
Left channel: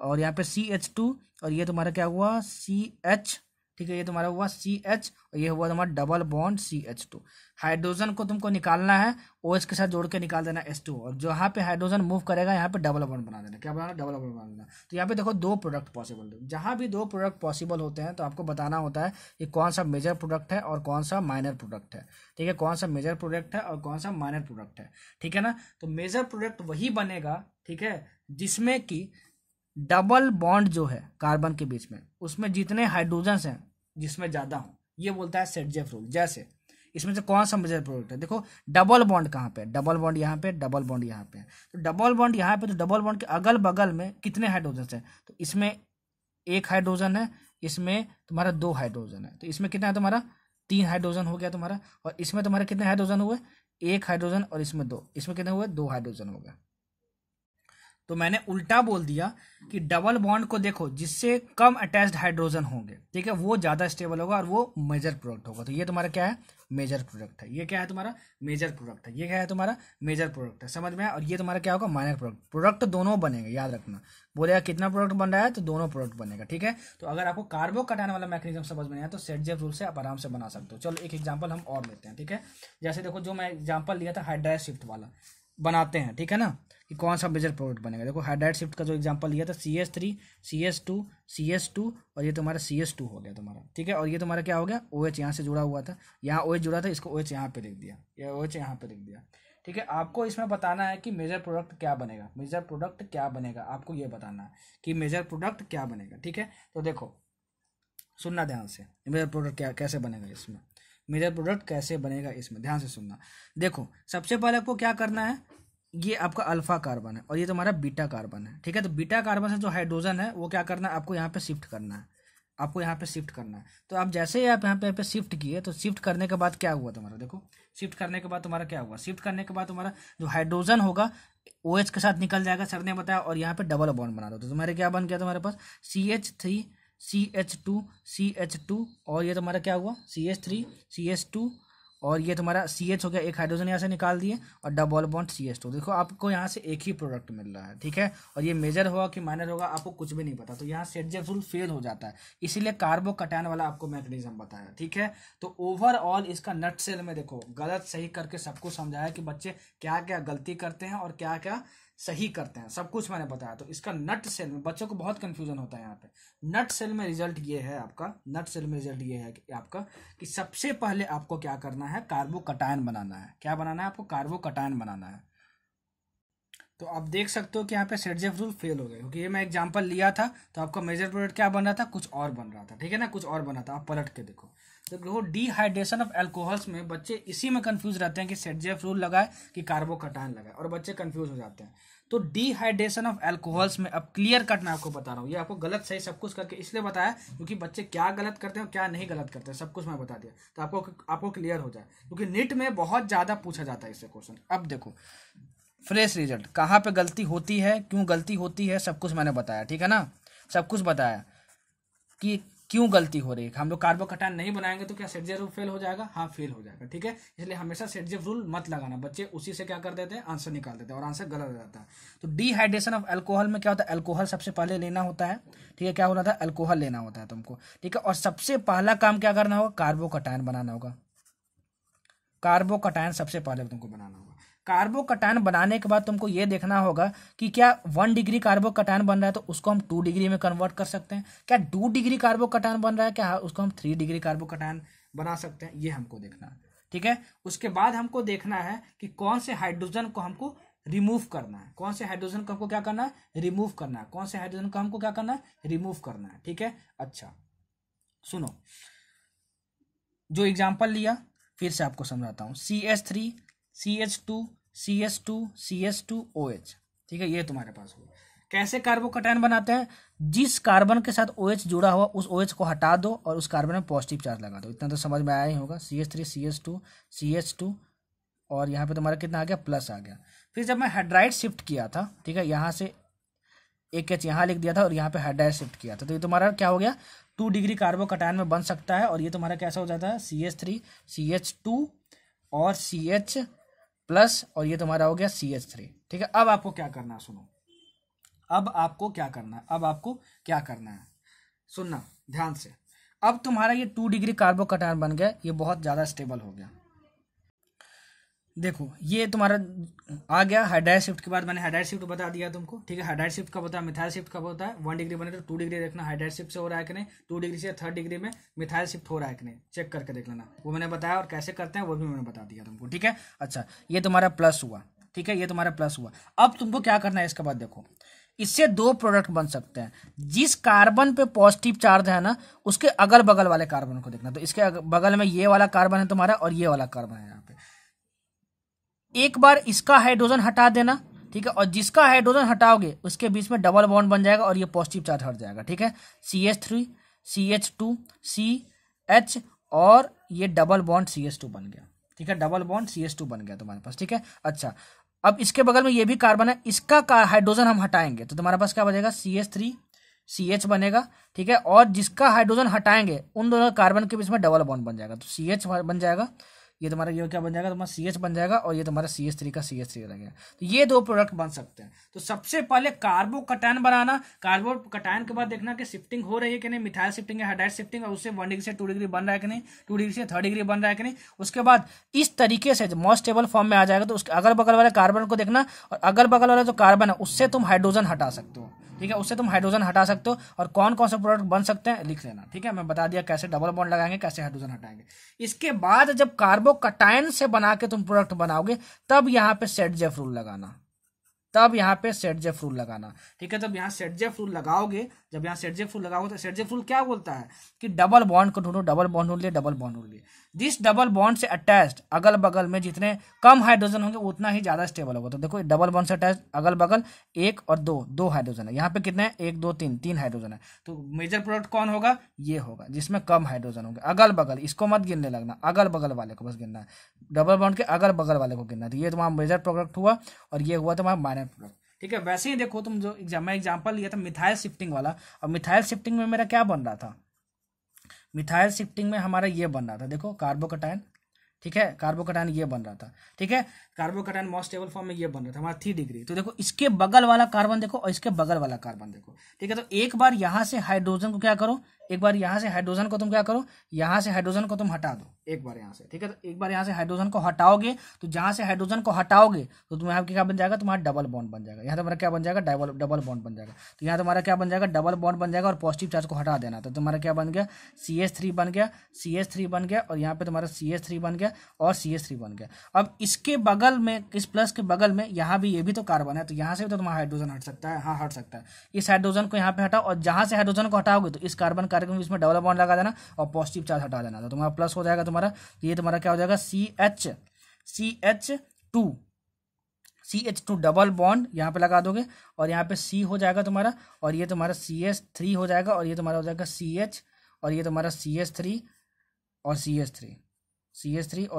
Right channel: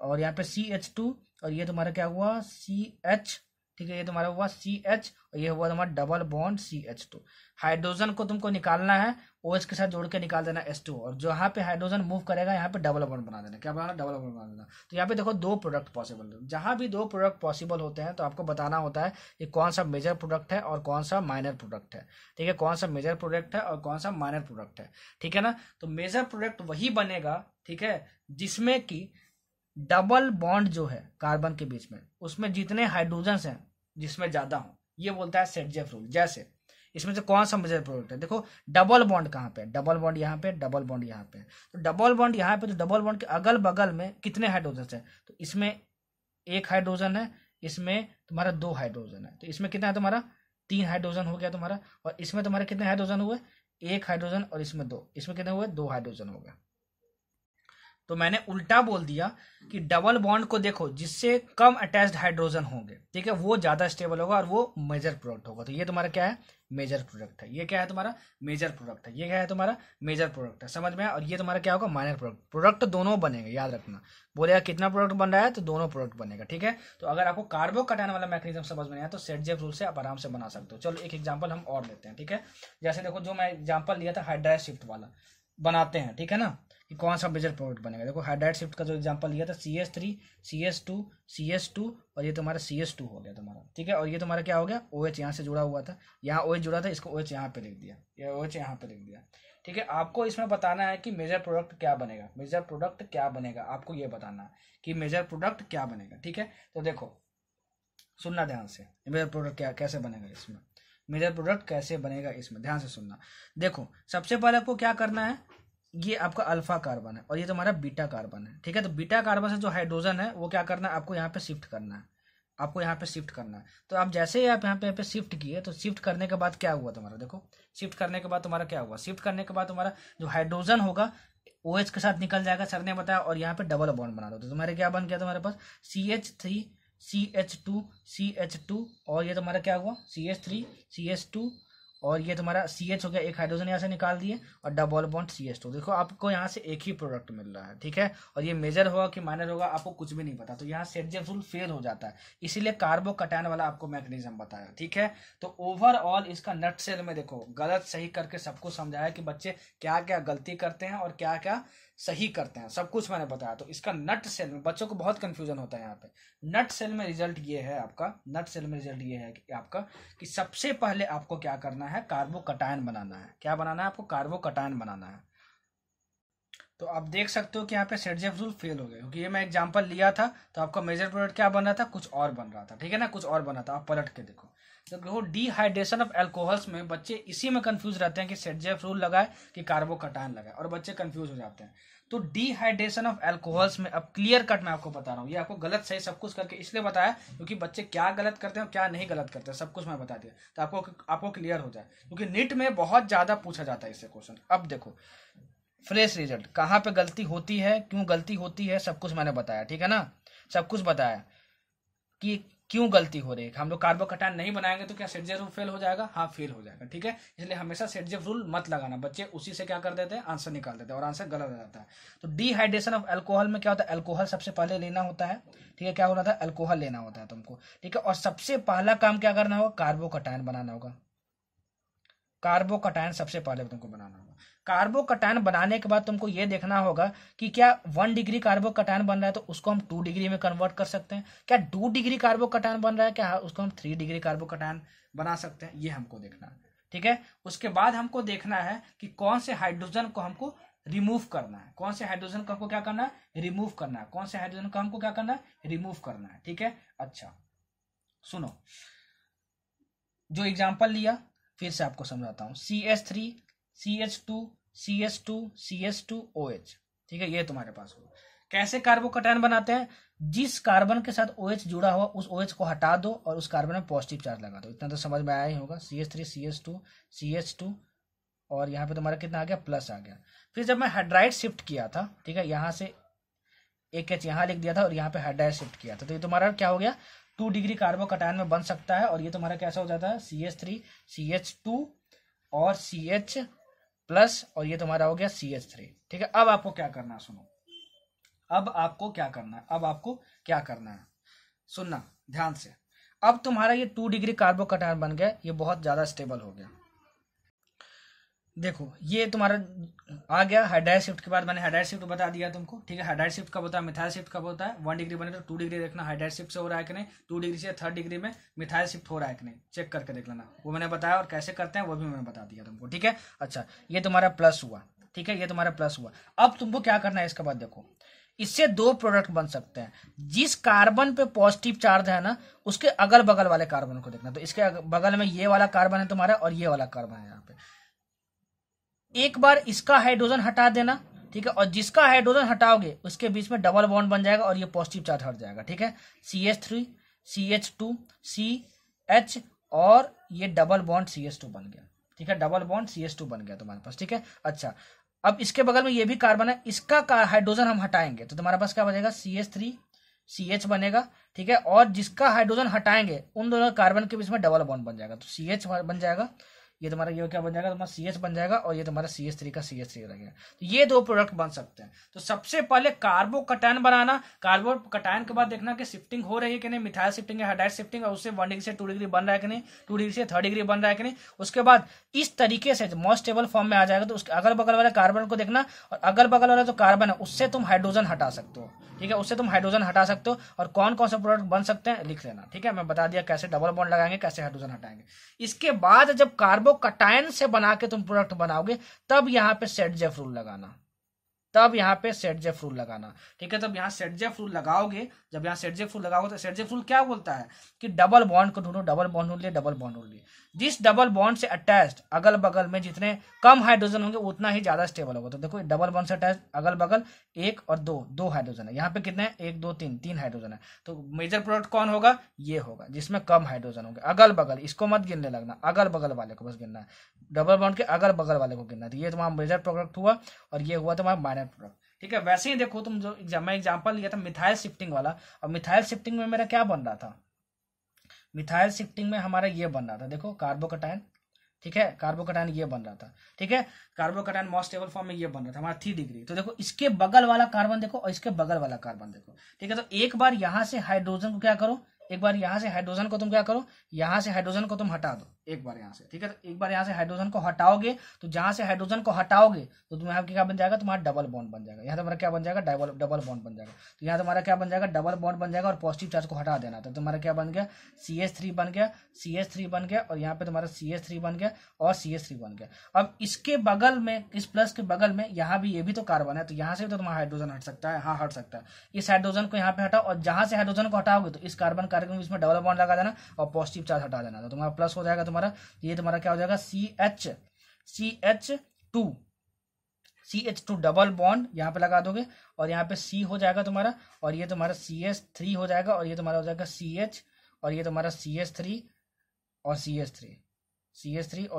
और यहाँ पे CH2, और ये तुम्हारा क्या हुआ, CH, ठीक है, ये तुम्हारा हुआ CH, और ये हुआ तुम्हारा डबल बॉन्ड CH2। हाइड्रोजन को तुमको निकालना है, OH के साथ जोड़ के निकाल देना H2, और जहाँ पे हाइड्रोजन मूव करेगा यहाँ पे डबल बॉन्ड बना देना। क्या बनाना, डबल बॉन्ड बना देना। तो यहाँ पे देखो दो प्रोडक्ट पॉसिबल है, जहाँ भी दो प्रोडक्ट पॉसिबल होते हैं तो आपको बताना होता है कि कौन सा मेजर प्रोडक्ट है और कौन सा माइनर प्रोडक्ट है, ठीक है, कौन सा मेजर प्रोडक्ट है और कौन सा माइनर प्रोडक्ट है, ठीक है ना। तो मेजर प्रोडक्ट वही बनेगा, ठीक है, जिसमें कि डबल बॉन्ड जो है कार्बन के बीच में, उसमें जितने हाइड्रोजन हैं जिसमें ज्यादा हो, ये बोलता है सेटजेफ रूल। जैसे इसमें से कौन सा मेजर प्रोडक्ट है, देखो डबल बॉन्ड कहाँ पे, डबल बॉन्ड यहाँ पे, डबल बॉन्ड यहाँ पे। तो डबल बॉन्ड यहाँ पे, तो डबल बॉन्ड के अगल बगल में कितने हाइड्रोजन है, तो इसमें एक हाइड्रोजन है, इसमें तुम्हारा 2 हाइड्रोजन है, तो इसमें कितना है तुम्हारा 3 हाइड्रोजन हो गया तुम्हारा, और इसमें तुम्हारे कितने हाइड्रोजन हुए, 1 हाइड्रोजन, और इसमें 2, इसमें कितने हुए, 2 हाइड्रोजन हो गया। तो मैंने उल्टा बोल दिया कि डबल बॉन्ड को देखो, जिससे कम अटैच्ड हाइड्रोजन होंगे, ठीक है, वो ज्यादा स्टेबल होगा और वो मेजर प्रोडक्ट होगा। तो ये तुम्हारा क्या है, मेजर प्रोडक्ट है। ये क्या है तुम्हारा, मेजर प्रोडक्ट है। ये क्या है तुम्हारा, मेजर प्रोडक्ट है, समझ में आया। और ये तुम्हारा क्या होगा, माइनर प्रोडक्ट। प्रोडक्ट दोनों बनेगा, याद रखना। बोलेगा कितना प्रोडक्ट बन रहा है, तो दोनों प्रोडक्ट बनेगा, ठीक है। तो अगर आपको कार्बोकटायन वाला मैकेनिज्म समझ में आया तो सेटजेफ रूल से आप आराम से बना सकते हो। चलो एक एग्जांपल हम और लेते हैं, ठीक है। जैसे देखो, जो मैं एग्जांपल लिया था हाइड्राइड शिफ्ट वाला, बनाते हैं, ठीक है ना, कि कौन सा मेजर प्रोडक्ट बनेगा। देखो हाइड्राइड शिफ्ट का जो एग्जांपल लिया था, CH3, CH2, CH2, और ये तुम्हारा CH2 हो गया तुम्हारा, ठीक है। और ये तुम्हारा क्या हो गया, OH यहाँ से जुड़ा हुआ था, यहाँ OH जुड़ा था, इसको OH यहाँ पे लिख दिया, या OH यहाँ पे लिख दिया, ठीक है। आपको इसमें बताना है कि मेजर प्रोडक्ट क्या बनेगा, मेजर प्रोडक्ट क्या बनेगा, आपको ये बताना है कि मेजर प्रोडक्ट क्या बनेगा, ठीक है। तो देखो सुनना ध्यान से, मेजर प्रोडक्ट क्या कैसे बनेगा इसमें, मेजर प्रोडक्ट कैसे बनेगा इसमें, ध्यान से सुनना। देखो सबसे पहले आपको क्या करना है, ये आपका अल्फा कार्बन है और ये तुम्हारा बीटा कार्बन है, ठीक है। तो बीटा कार्बन से जो हाइड्रोजन है वो क्या करना है, आपको यहाँ पे शिफ्ट करना है, आपको यहाँ पे शिफ्ट करना है। तो आप जैसे ही आप यहाँ पे शिफ्ट किए, तो शिफ्ट करने के बाद क्या हुआ तुम्हारा, देखो शिफ्ट करने के बाद तुम्हारा क्या हुआ, शिफ्ट करने के बाद तुम्हारा जो हाइड्रोजन होगा OH के साथ निकल जाएगा, सर ने बताया, और यहाँ पे डबल बॉन्ड बना दो। तो तुम्हारे क्या बन गया तुम्हारे पास, CH3, CH2, CH2, और ये तुम्हारा क्या हुआ, CH3, CH2, और ये तुम्हारा CH हो गया, एक हाइड्रोजन यहाँ से निकाल दिए, और डबल बॉन्ड CH2। देखो आपको यहाँ से एक ही प्रोडक्ट मिल रहा है, ठीक है। और ये मेजर होगा कि माइनर होगा आपको कुछ भी नहीं पता, तो यहाँ सेटजेफ रूल फेल हो जाता है। इसीलिए कार्बोकटायन वाला आपको मैकेनिज्म बताया, ठीक है। तो ओवरऑल इसका नट सेल में देखो गलत सही करके सबको समझाया कि बच्चे क्या क्या गलती करते हैं और क्या क्या सही करते हैं, सब कुछ मैंने बताया। तो इसका नट सेल में बच्चों को बहुत कंफ्यूजन होता है यहाँ पे। नट सेल में रिजल्ट ये है आपका, नट सेल में रिजल्ट ये है कि आपका कि सबसे पहले आपको क्या करना है, कार्बोकटायन बनाना है। क्या बनाना है आपको, कार्बोकटायन बनाना है। तो आप देख सकते हो कि यहाँ पे सेटजेफ रूल फेल हो गया, क्योंकि ये मैं एग्जांपल लिया था तो आपका मेजर प्रोडक्ट क्या बन रहा था, कुछ और बन रहा था, ठीक है ना, कुछ और बना था। आप पलट के देखो, तो देखो डिहाइड्रेशन ऑफ अल्कोहल्स में बच्चे इसी में कंफ्यूज रहते हैं कि सेटजेफ रूल लगाए कि कार्बोकटायन लगाए, और बच्चे कंफ्यूज हो जाते हैं। तो डिहाइड्रेशन ऑफ अल्कोहल्स में अब क्लियर कट मैं आपको बता रहा हूँ, ये आपको गलत सही सब कुछ करके इसलिए बताया क्योंकि बच्चे क्या गलत करते हैं और क्या नहीं गलत करते हैं सब कुछ मैं बता दिया, तो आपको क्लियर हो जाए, क्योंकि नीट में बहुत ज्यादा पूछा जाता है इससे क्वेश्चन। अब देखो फ्रेश रिजल्ट, कहाँ पे गलती होती है, क्यों गलती होती है, सब कुछ मैंने बताया, ठीक है ना, सब कुछ बताया कि क्यों गलती हो रही है? हम लोग कार्बोकटायन नहीं बनाएंगे तो क्या सेट रूल फेल हो जाएगा? हाँ फेल हो जाएगा, ठीक है। इसलिए हमेशा सेट रूल मत लगाना, बच्चे उसी से क्या कर देते हैं, आंसर निकाल देते हैं और आंसर गलत हो जाता है। तो डिहाइड्रेशन ऑफ अल्कोहल में क्या होता है, अल्कोहल सबसे पहले लेना होता है, ठीक है। क्या होना था, अल्कोहल लेना होता है तुमको, ठीक है। और सबसे पहला काम क्या करना होगा, कार्बोकटायन बनाना होगा। कार्बोकटायन सबसे पहले तुमको बनाना होगा। कार्बोकटायन बनाने के बाद तुमको ये देखना होगा कि क्या 1 डिग्री कार्बोकटायन बन रहा है तो उसको हम 2 डिग्री में कन्वर्ट कर सकते हैं, क्या 2 डिग्री कार्बोकटायन बन रहा है क्या उसको हम 3 डिग्री कार्बोकटायन बना सकते हैं, ये हमको देखना है, ठीक है। उसके बाद हमको देखना है कि कौन से हाइड्रोजन को हमको रिमूव करना है, कौन से हाइड्रोजन को हमको क्या करना है, रिमूव करना है, कौन से हाइड्रोजन को हमको क्या करना है, रिमूव करना है, ठीक है। अच्छा सुनो, जो एग्जाम्पल लिया फिर से आपको समझाता हूँ। CH3 CH2 CH2 CH2 OH, ठीक है, ये तुम्हारे पास होगा। कैसे कार्बोकटायन बनाते हैं, जिस कार्बन के साथ OH जुड़ा हुआ उस OH को हटा दो और उस कार्बन में पॉजिटिव चार्ज लगा दो। इतना तो समझ में आया ही होगा। CH3 CH2 CH2 और यहाँ पे तुम्हारा कितना आ गया, प्लस आ गया। फिर जब मैं हाइड्राइड शिफ्ट किया था, ठीक है, यहाँ से एक H यहाँ लिख दिया था और यहाँ पे हाइड्राइड शिफ्ट किया था, तो ये तुम्हारा क्या हो गया, 2 डिग्री कार्बोकटायन में बन सकता है। और ये तुम्हारा कैसा हो जाता है, CH3 CH2 और CH प्लस और ये तुम्हारा हो गया CH3, ठीक है। अब आपको क्या करना है, सुनो, अब आपको क्या करना है, अब आपको क्या करना है, सुनना ध्यान से। अब तुम्हारा ये 2 डिग्री कार्बोकटायन बन गया, ये बहुत ज्यादा स्टेबल हो गया। देखो ये तुम्हारा आ गया हाइड्राइड शिफ्ट के बाद, मैंने हाइड्राइड शिफ्ट बता दिया तुमको, ठीक है। हाइड्राइड शिफ्ट कब होता है, मिथाइल शिफ्ट कब होता है, 1 डिग्री बने तो 2 डिग्री देखना हाइड्राइड शिफ्ट से हो रहा है कि नहीं, 2 डिग्री से 3rd डिग्री में मिथाइल शिफ्ट हो रहा है कि नहीं, चेक करके देख लेना, वो मैंने बताया और कैसे करते हैं वो भी मैंने बता दिया तुमको, ठीक है। अच्छा ये तुम्हारा प्लस हुआ, ठीक है, ये तुम्हारा प्लस हुआ। अब तुमको क्या करना है, इसके बाद देखो इससे 2 प्रोडक्ट बन सकते हैं। जिस कार्बन पे पॉजिटिव चार्ज है ना उसके अगल बगल वाले कार्बन को देखना, तो इसके बगल में ये वाला कार्बन है तुम्हारा और ये वाला कार्बन है यहाँ पे, एक बार इसका हाइड्रोजन हटा देना, ठीक है, और जिसका हाइड्रोजन हटाओगे उसके बीच में डबल बॉन्ड बन जाएगा और ये पॉजिटिव चार्ज हट जाएगा, ठीक है। CH3 CH2 CH और ये डबल बॉन्ड CH2 बन गया, ठीक है, डबल बॉन्ड CH2 बन गया तुम्हारे पास, ठीक है। अच्छा अब इसके बगल में ये भी कार्बन है, इसका हाइड्रोजन हम हटाएंगे तो तुम्हारे पास क्या बनेगा, CH3 CH बनेगा, ठीक है। और जिसका हाइड्रोजन हटाएंगे उन दोनों कार्बन के बीच में डबल बॉन्ड बन जाएगा, तो CH बन जाएगा, ये तुम्हारा ये क्या बन जाएगा, तुम्हारा CH बन जाएगा और ये तुम्हारा CH3 का CH3 लगेगा। तो ये 2 प्रोडक्ट बन सकते हैं। तो सबसे पहले कार्बोकटायन बनाना, कार्बोकटायन के बाद देखना कि शिफ्टिंग हो रही है कि नहीं, मिथाइल शिफ्टिंग है, हाइड्राइड शिफ्टिंग है, उससे 1 डिग्री से 2 डिग्री बन रहा है कि नहीं, 2 डिग्री से 3rd डिग्री बन रहा है कि नहीं। उसके बाद इस तरीके से मोस्ट स्टेबल फॉर्म में आ जाएगा तो उसके अगल बगल वाले कार्बन को देखना और अगल बगल वाला जो कार्बन है उससे तुम हाइड्रोजन हटा सकते हो, ठीक है, उससे तुम हाइड्रोजन हटा सकते हो। और कौन कौन से प्रोडक्ट बन सकते हैं लिख लेना, ठीक है। मैं बता दिया कैसे डबल बॉन्ड लगाएंगे, कैसे हाइड्रोजन हटाएंगे। इसके बाद जब कार्बोकटायन से बना के तुम प्रोडक्ट बनाओगे तब यहाँ पे सेट-जेफ रूल लगाना, तब यहाँ पे सेट-जेफ रूल लगाना, ठीक है। तब यहाँ सेट-जेफ रूल लगाओगे, जब यहाँ सेट-जेफ रूल लगाओगे तो सेट-जेफ रूल क्या बोलता है कि डबल बॉन्ड को ढूंढो, डबल बॉन्ड ढूंढ लिए, डबल बॉन्ड ढूंढ लिए। जिस डबल बॉन्ड से अटैच्ड अगल बगल में जितने कम हाइड्रोजन होंगे उतना ही ज्यादा स्टेबल होगा। तो देखो डबल बॉन्ड से अटैच्ड अगल बगल 1 और 2 हाइड्रोजन है, यहाँ पे कितने हैं, 1 2 3 हाइड्रोजन है। तो मेजर प्रोडक्ट कौन होगा, ये होगा जिसमें कम हाइड्रोजन होंगे। अगल बगल इसको मत गिनने लगना, अगल बगल वाले को बस गिनना है, डबल बॉन्ड के अगल बगल वाले को गिनना है। तो ये तुम्हारा मेजर प्रोडक्ट हुआ और ये हुआ तुम्हारा माइनर प्रोडक्ट, ठीक है। वैसे ही देखो तुम जो मैं एग्जांपल लिया था मिथाइल शिफ्टिंग वाला, और मिथाइल शिफ्टिंग में मेरा क्या बन रहा था, मिथाइल शिफ्टिंग में हमारा ये बन रहा था, देखो कार्बोकटायन, ठीक है, कार्बोकटायन ये बन रहा था, ठीक है। कार्बोकटायन मोस्ट स्टेबल फॉर्म में ये बन रहा था हमारा 3 डिग्री। तो देखो इसके बगल वाला कार्बन देखो और इसके बगल वाला कार्बन देखो, ठीक है। तो एक बार यहां से हाइड्रोजन को क्या करो, एक बार यहां से हाइड्रोजन को तुम क्या करो, यहां से हाइड्रोजन को तुम हटा दो एक बार यहां से, ठीक है। तो एक बार यहां से हाइड्रोजन को हटाओगे तो जहां से हाइड्रोजन को हटाओगे तो तुम्हारा क्या बन जाएगा, तुम्हारा डबल बॉन्ड बन जाएगा। यहाँ तुम्हारा क्या बन जाएगा, डबल बॉन्ड बन जाएगा। तो यहाँ तुम्हारा क्या बन जाएगा, डबल बॉन्ड बन जाएगा और पॉजिटिव चार्ज को हटा देना। तो तुम्हारा क्या बन गया, CH3 बन गया, CH3 बन गया और यहाँ पे तुम्हारा CH3 बन गया और CH3 बन गया। अब इसके बगल में, इस प्लस के बगल में यहाँ भी ये भी तो कार्बन है, तो यहाँ से भी तो तुम्हारा हाइड्रोजन हट सकता है, हाँ हट सकता है। इस हाइड्रोजन को यहाँ पे हटाओ और जहां से हाइड्रोजन को हटाओगे तो इस कार्बन के इसमें डबल बॉन्ड लगा देना और पॉजिटिव चार्ज हटा देना, तो तुम्हारा प्लस हो जाएगा। तुम्हारा ये तुम्हारा क्या हो जाएगा, CH2 डबल बॉन्ड यहाँ पे लगा दोगे और यहाँ पे C हो जाएगा तुम्हारा और ये तुम्हारा CH3 हो जाएगा और ये तुम्हारा हो जाएगा CH और ये तुम्हारा CH3 और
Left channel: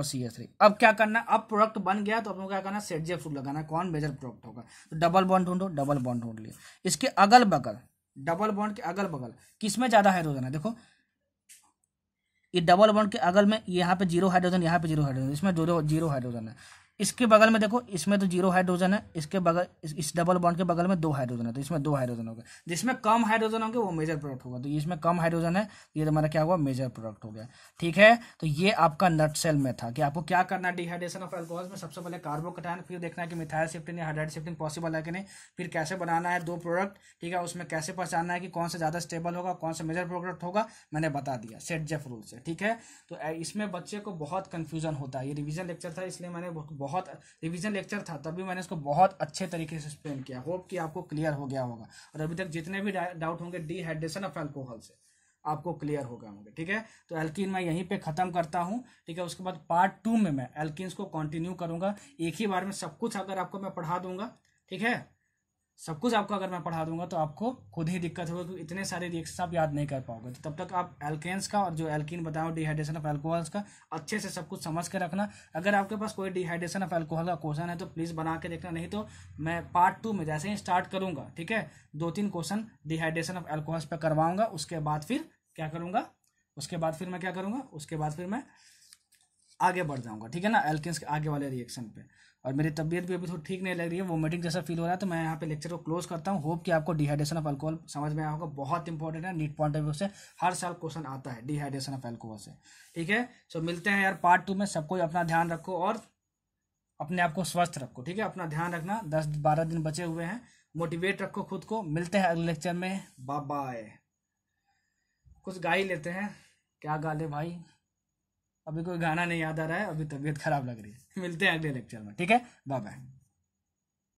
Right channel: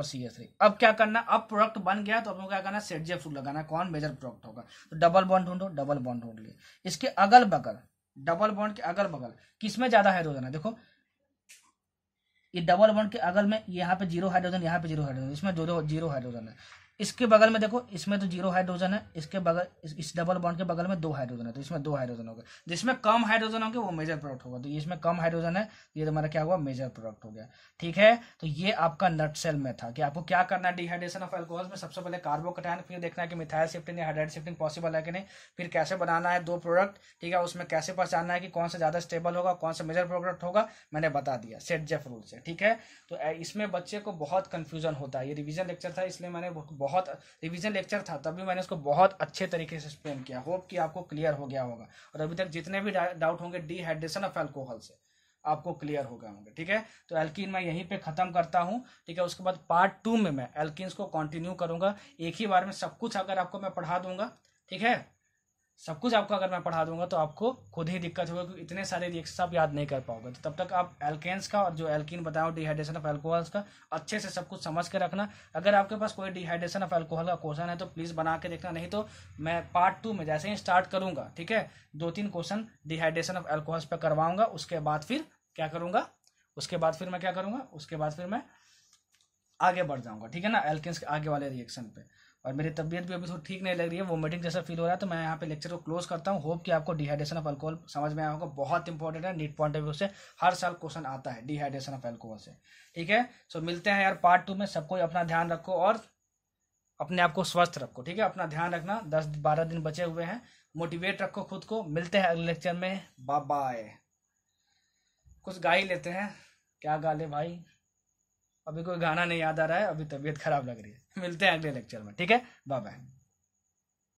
CH3। अब क्या करना, अब प्रोडक्ट बन गया तो अब क्या करना, सेट-जेफ रूल लगाना, कौन मेजर प्रोडक्ट होगा। तो डबल बॉन्ड ढूंढो, डबल बॉन्ड ढूंढ लिए। इसके अगल बगल, डबल बॉन्ड के अगल बगल किसमें ज्यादा हाइड्रोजन है, देखो ये डबल बॉन्ड के अगल में यहाँ पे 0 हाइड्रोजन, यहाँ पे 0 हाइड्रोजन, इसमें 0 हाइड्रोजन है। इसके बगल में देखो, इसमें तो 0 हाइड्रोजन है, इसके बगल इस डबल बॉन्ड के बगल में 2 हाइड्रोजन है, तो इसमें 2 हाइड्रोजन होगा। जिसमें कम हाइड्रोजन होंगे वो मेजर प्रोडक्ट होगा, तो इसमें कम हाइड्रोजन है, ये तुम्हारा क्या हुआ, मेजर प्रोडक्ट हो गया। ठीक है, तो ये आपका नटसेल में था कि आपको क्या करना है डिहाइड्रेशन ऑफ अल्कोहल में। सबसे पहले कार्बोकैटायन, फिर देखना है कि मिथाइल शिफ्टिंग या हाइड्राइड शिफ्टिंग पॉसिबल है कि नहीं, फिर कैसे बनाना है 2 प्रोडक्ट। ठीक है, उसमें कैसे पहचानना है कि कौन सा ज्यादा स्टेबल होगा, कौन सा मेजर प्रोडक्ट होगा, मैंने बता दिया सेट-जेफ रूल से। ठीक है, तो इसमें बच्चे को बहुत कंफ्यूजन होता है। ये रिवीजन लेक्चर था, इसलिए मैंने बहुत रिवीजन लेक्चर था तभी मैंने इसको बहुत अच्छे तरीके से एक्सप्लेन किया। होप कि आपको क्लियर हो गया होगा, और अभी तक जितने भी डाउट होंगे डिहाइड्रेशन ऑफ अल्कोहल से आपको क्लियर हो गए होंगे। ठीक है, तो एल्कीन मैं यहीं पे खत्म करता हूं। ठीक है, उसके बाद पार्ट 2 में मैं एल्कीन्स को कंटिन्यू करूंगा। एक ही बार में सब कुछ अगर आपको मैं पढ़ा दूंगा, ठीक है, सब कुछ आपको अगर मैं पढ़ा दूंगा तो आपको खुद ही दिक्कत होगी, क्योंकि इतने सारे रिएक्शन आप याद नहीं कर पाओगे। तो तब तक आप एल्केन्स का और जो एल्कीन बताओ डिहाइड्रेशन ऑफ अल्कोहल्स का अच्छे से सब कुछ समझ के रखना। अगर आपके पास कोई डिहाइड्रेशन ऑफ अल्कोहल का क्वेश्चन है तो प्लीज बना के देखना, नहीं तो मैं पार्ट 2 में जैसे ही स्टार्ट करूंगा, ठीक है, 2-3 क्वेश्चन डिहाइड्रेशन ऑफ अल्कोहल्स पे करवाऊंगा। उसके बाद फिर क्या करूंगा, उसके बाद फिर मैं क्या करूंगा, उसके बाद फिर मैं आगे बढ़ जाऊंगा। ठीक है ना, एल्केन्स के आगे वाले रिएक्शन पे। और मेरी तबीयत भी अभी थोड़ी ठीक नहीं लग रही है, वोमिटिंग जैसा फील हो रहा है, तो मैं यहाँ पे लेक्चर को क्लोज करता हूँ। होप कि आपको डिहाइड्रेशन ऑफ अल्कोहल समझ में आया होगा, बहुत इंपॉर्टेंट है, नीट पॉइंट ऑफ व्यू से हर साल क्वेश्चन आता है डिहाइड्रेशन ऑफ अल्कोहल से। ठीक है, सो मिलते हैं यार पार्ट 2 में। सबको अपना ध्यान रखो और अपने आप को स्वस्थ रखो। ठीक है, अपना ध्यान रखना, 10-12 दिन बचे हुए हैं, मोटिवेट रखो खुद को। मिलते हैं अगले लेक्चर में, बाय बाय। कुछ गा ही लेते हैं, क्या गा ले भाई, अभी कोई गाना नहीं याद आ रहा है, अभी तबीयत खराब लग रही है। मिलते हैं अगले लेक्चर में, ठीक है, बाय बाय।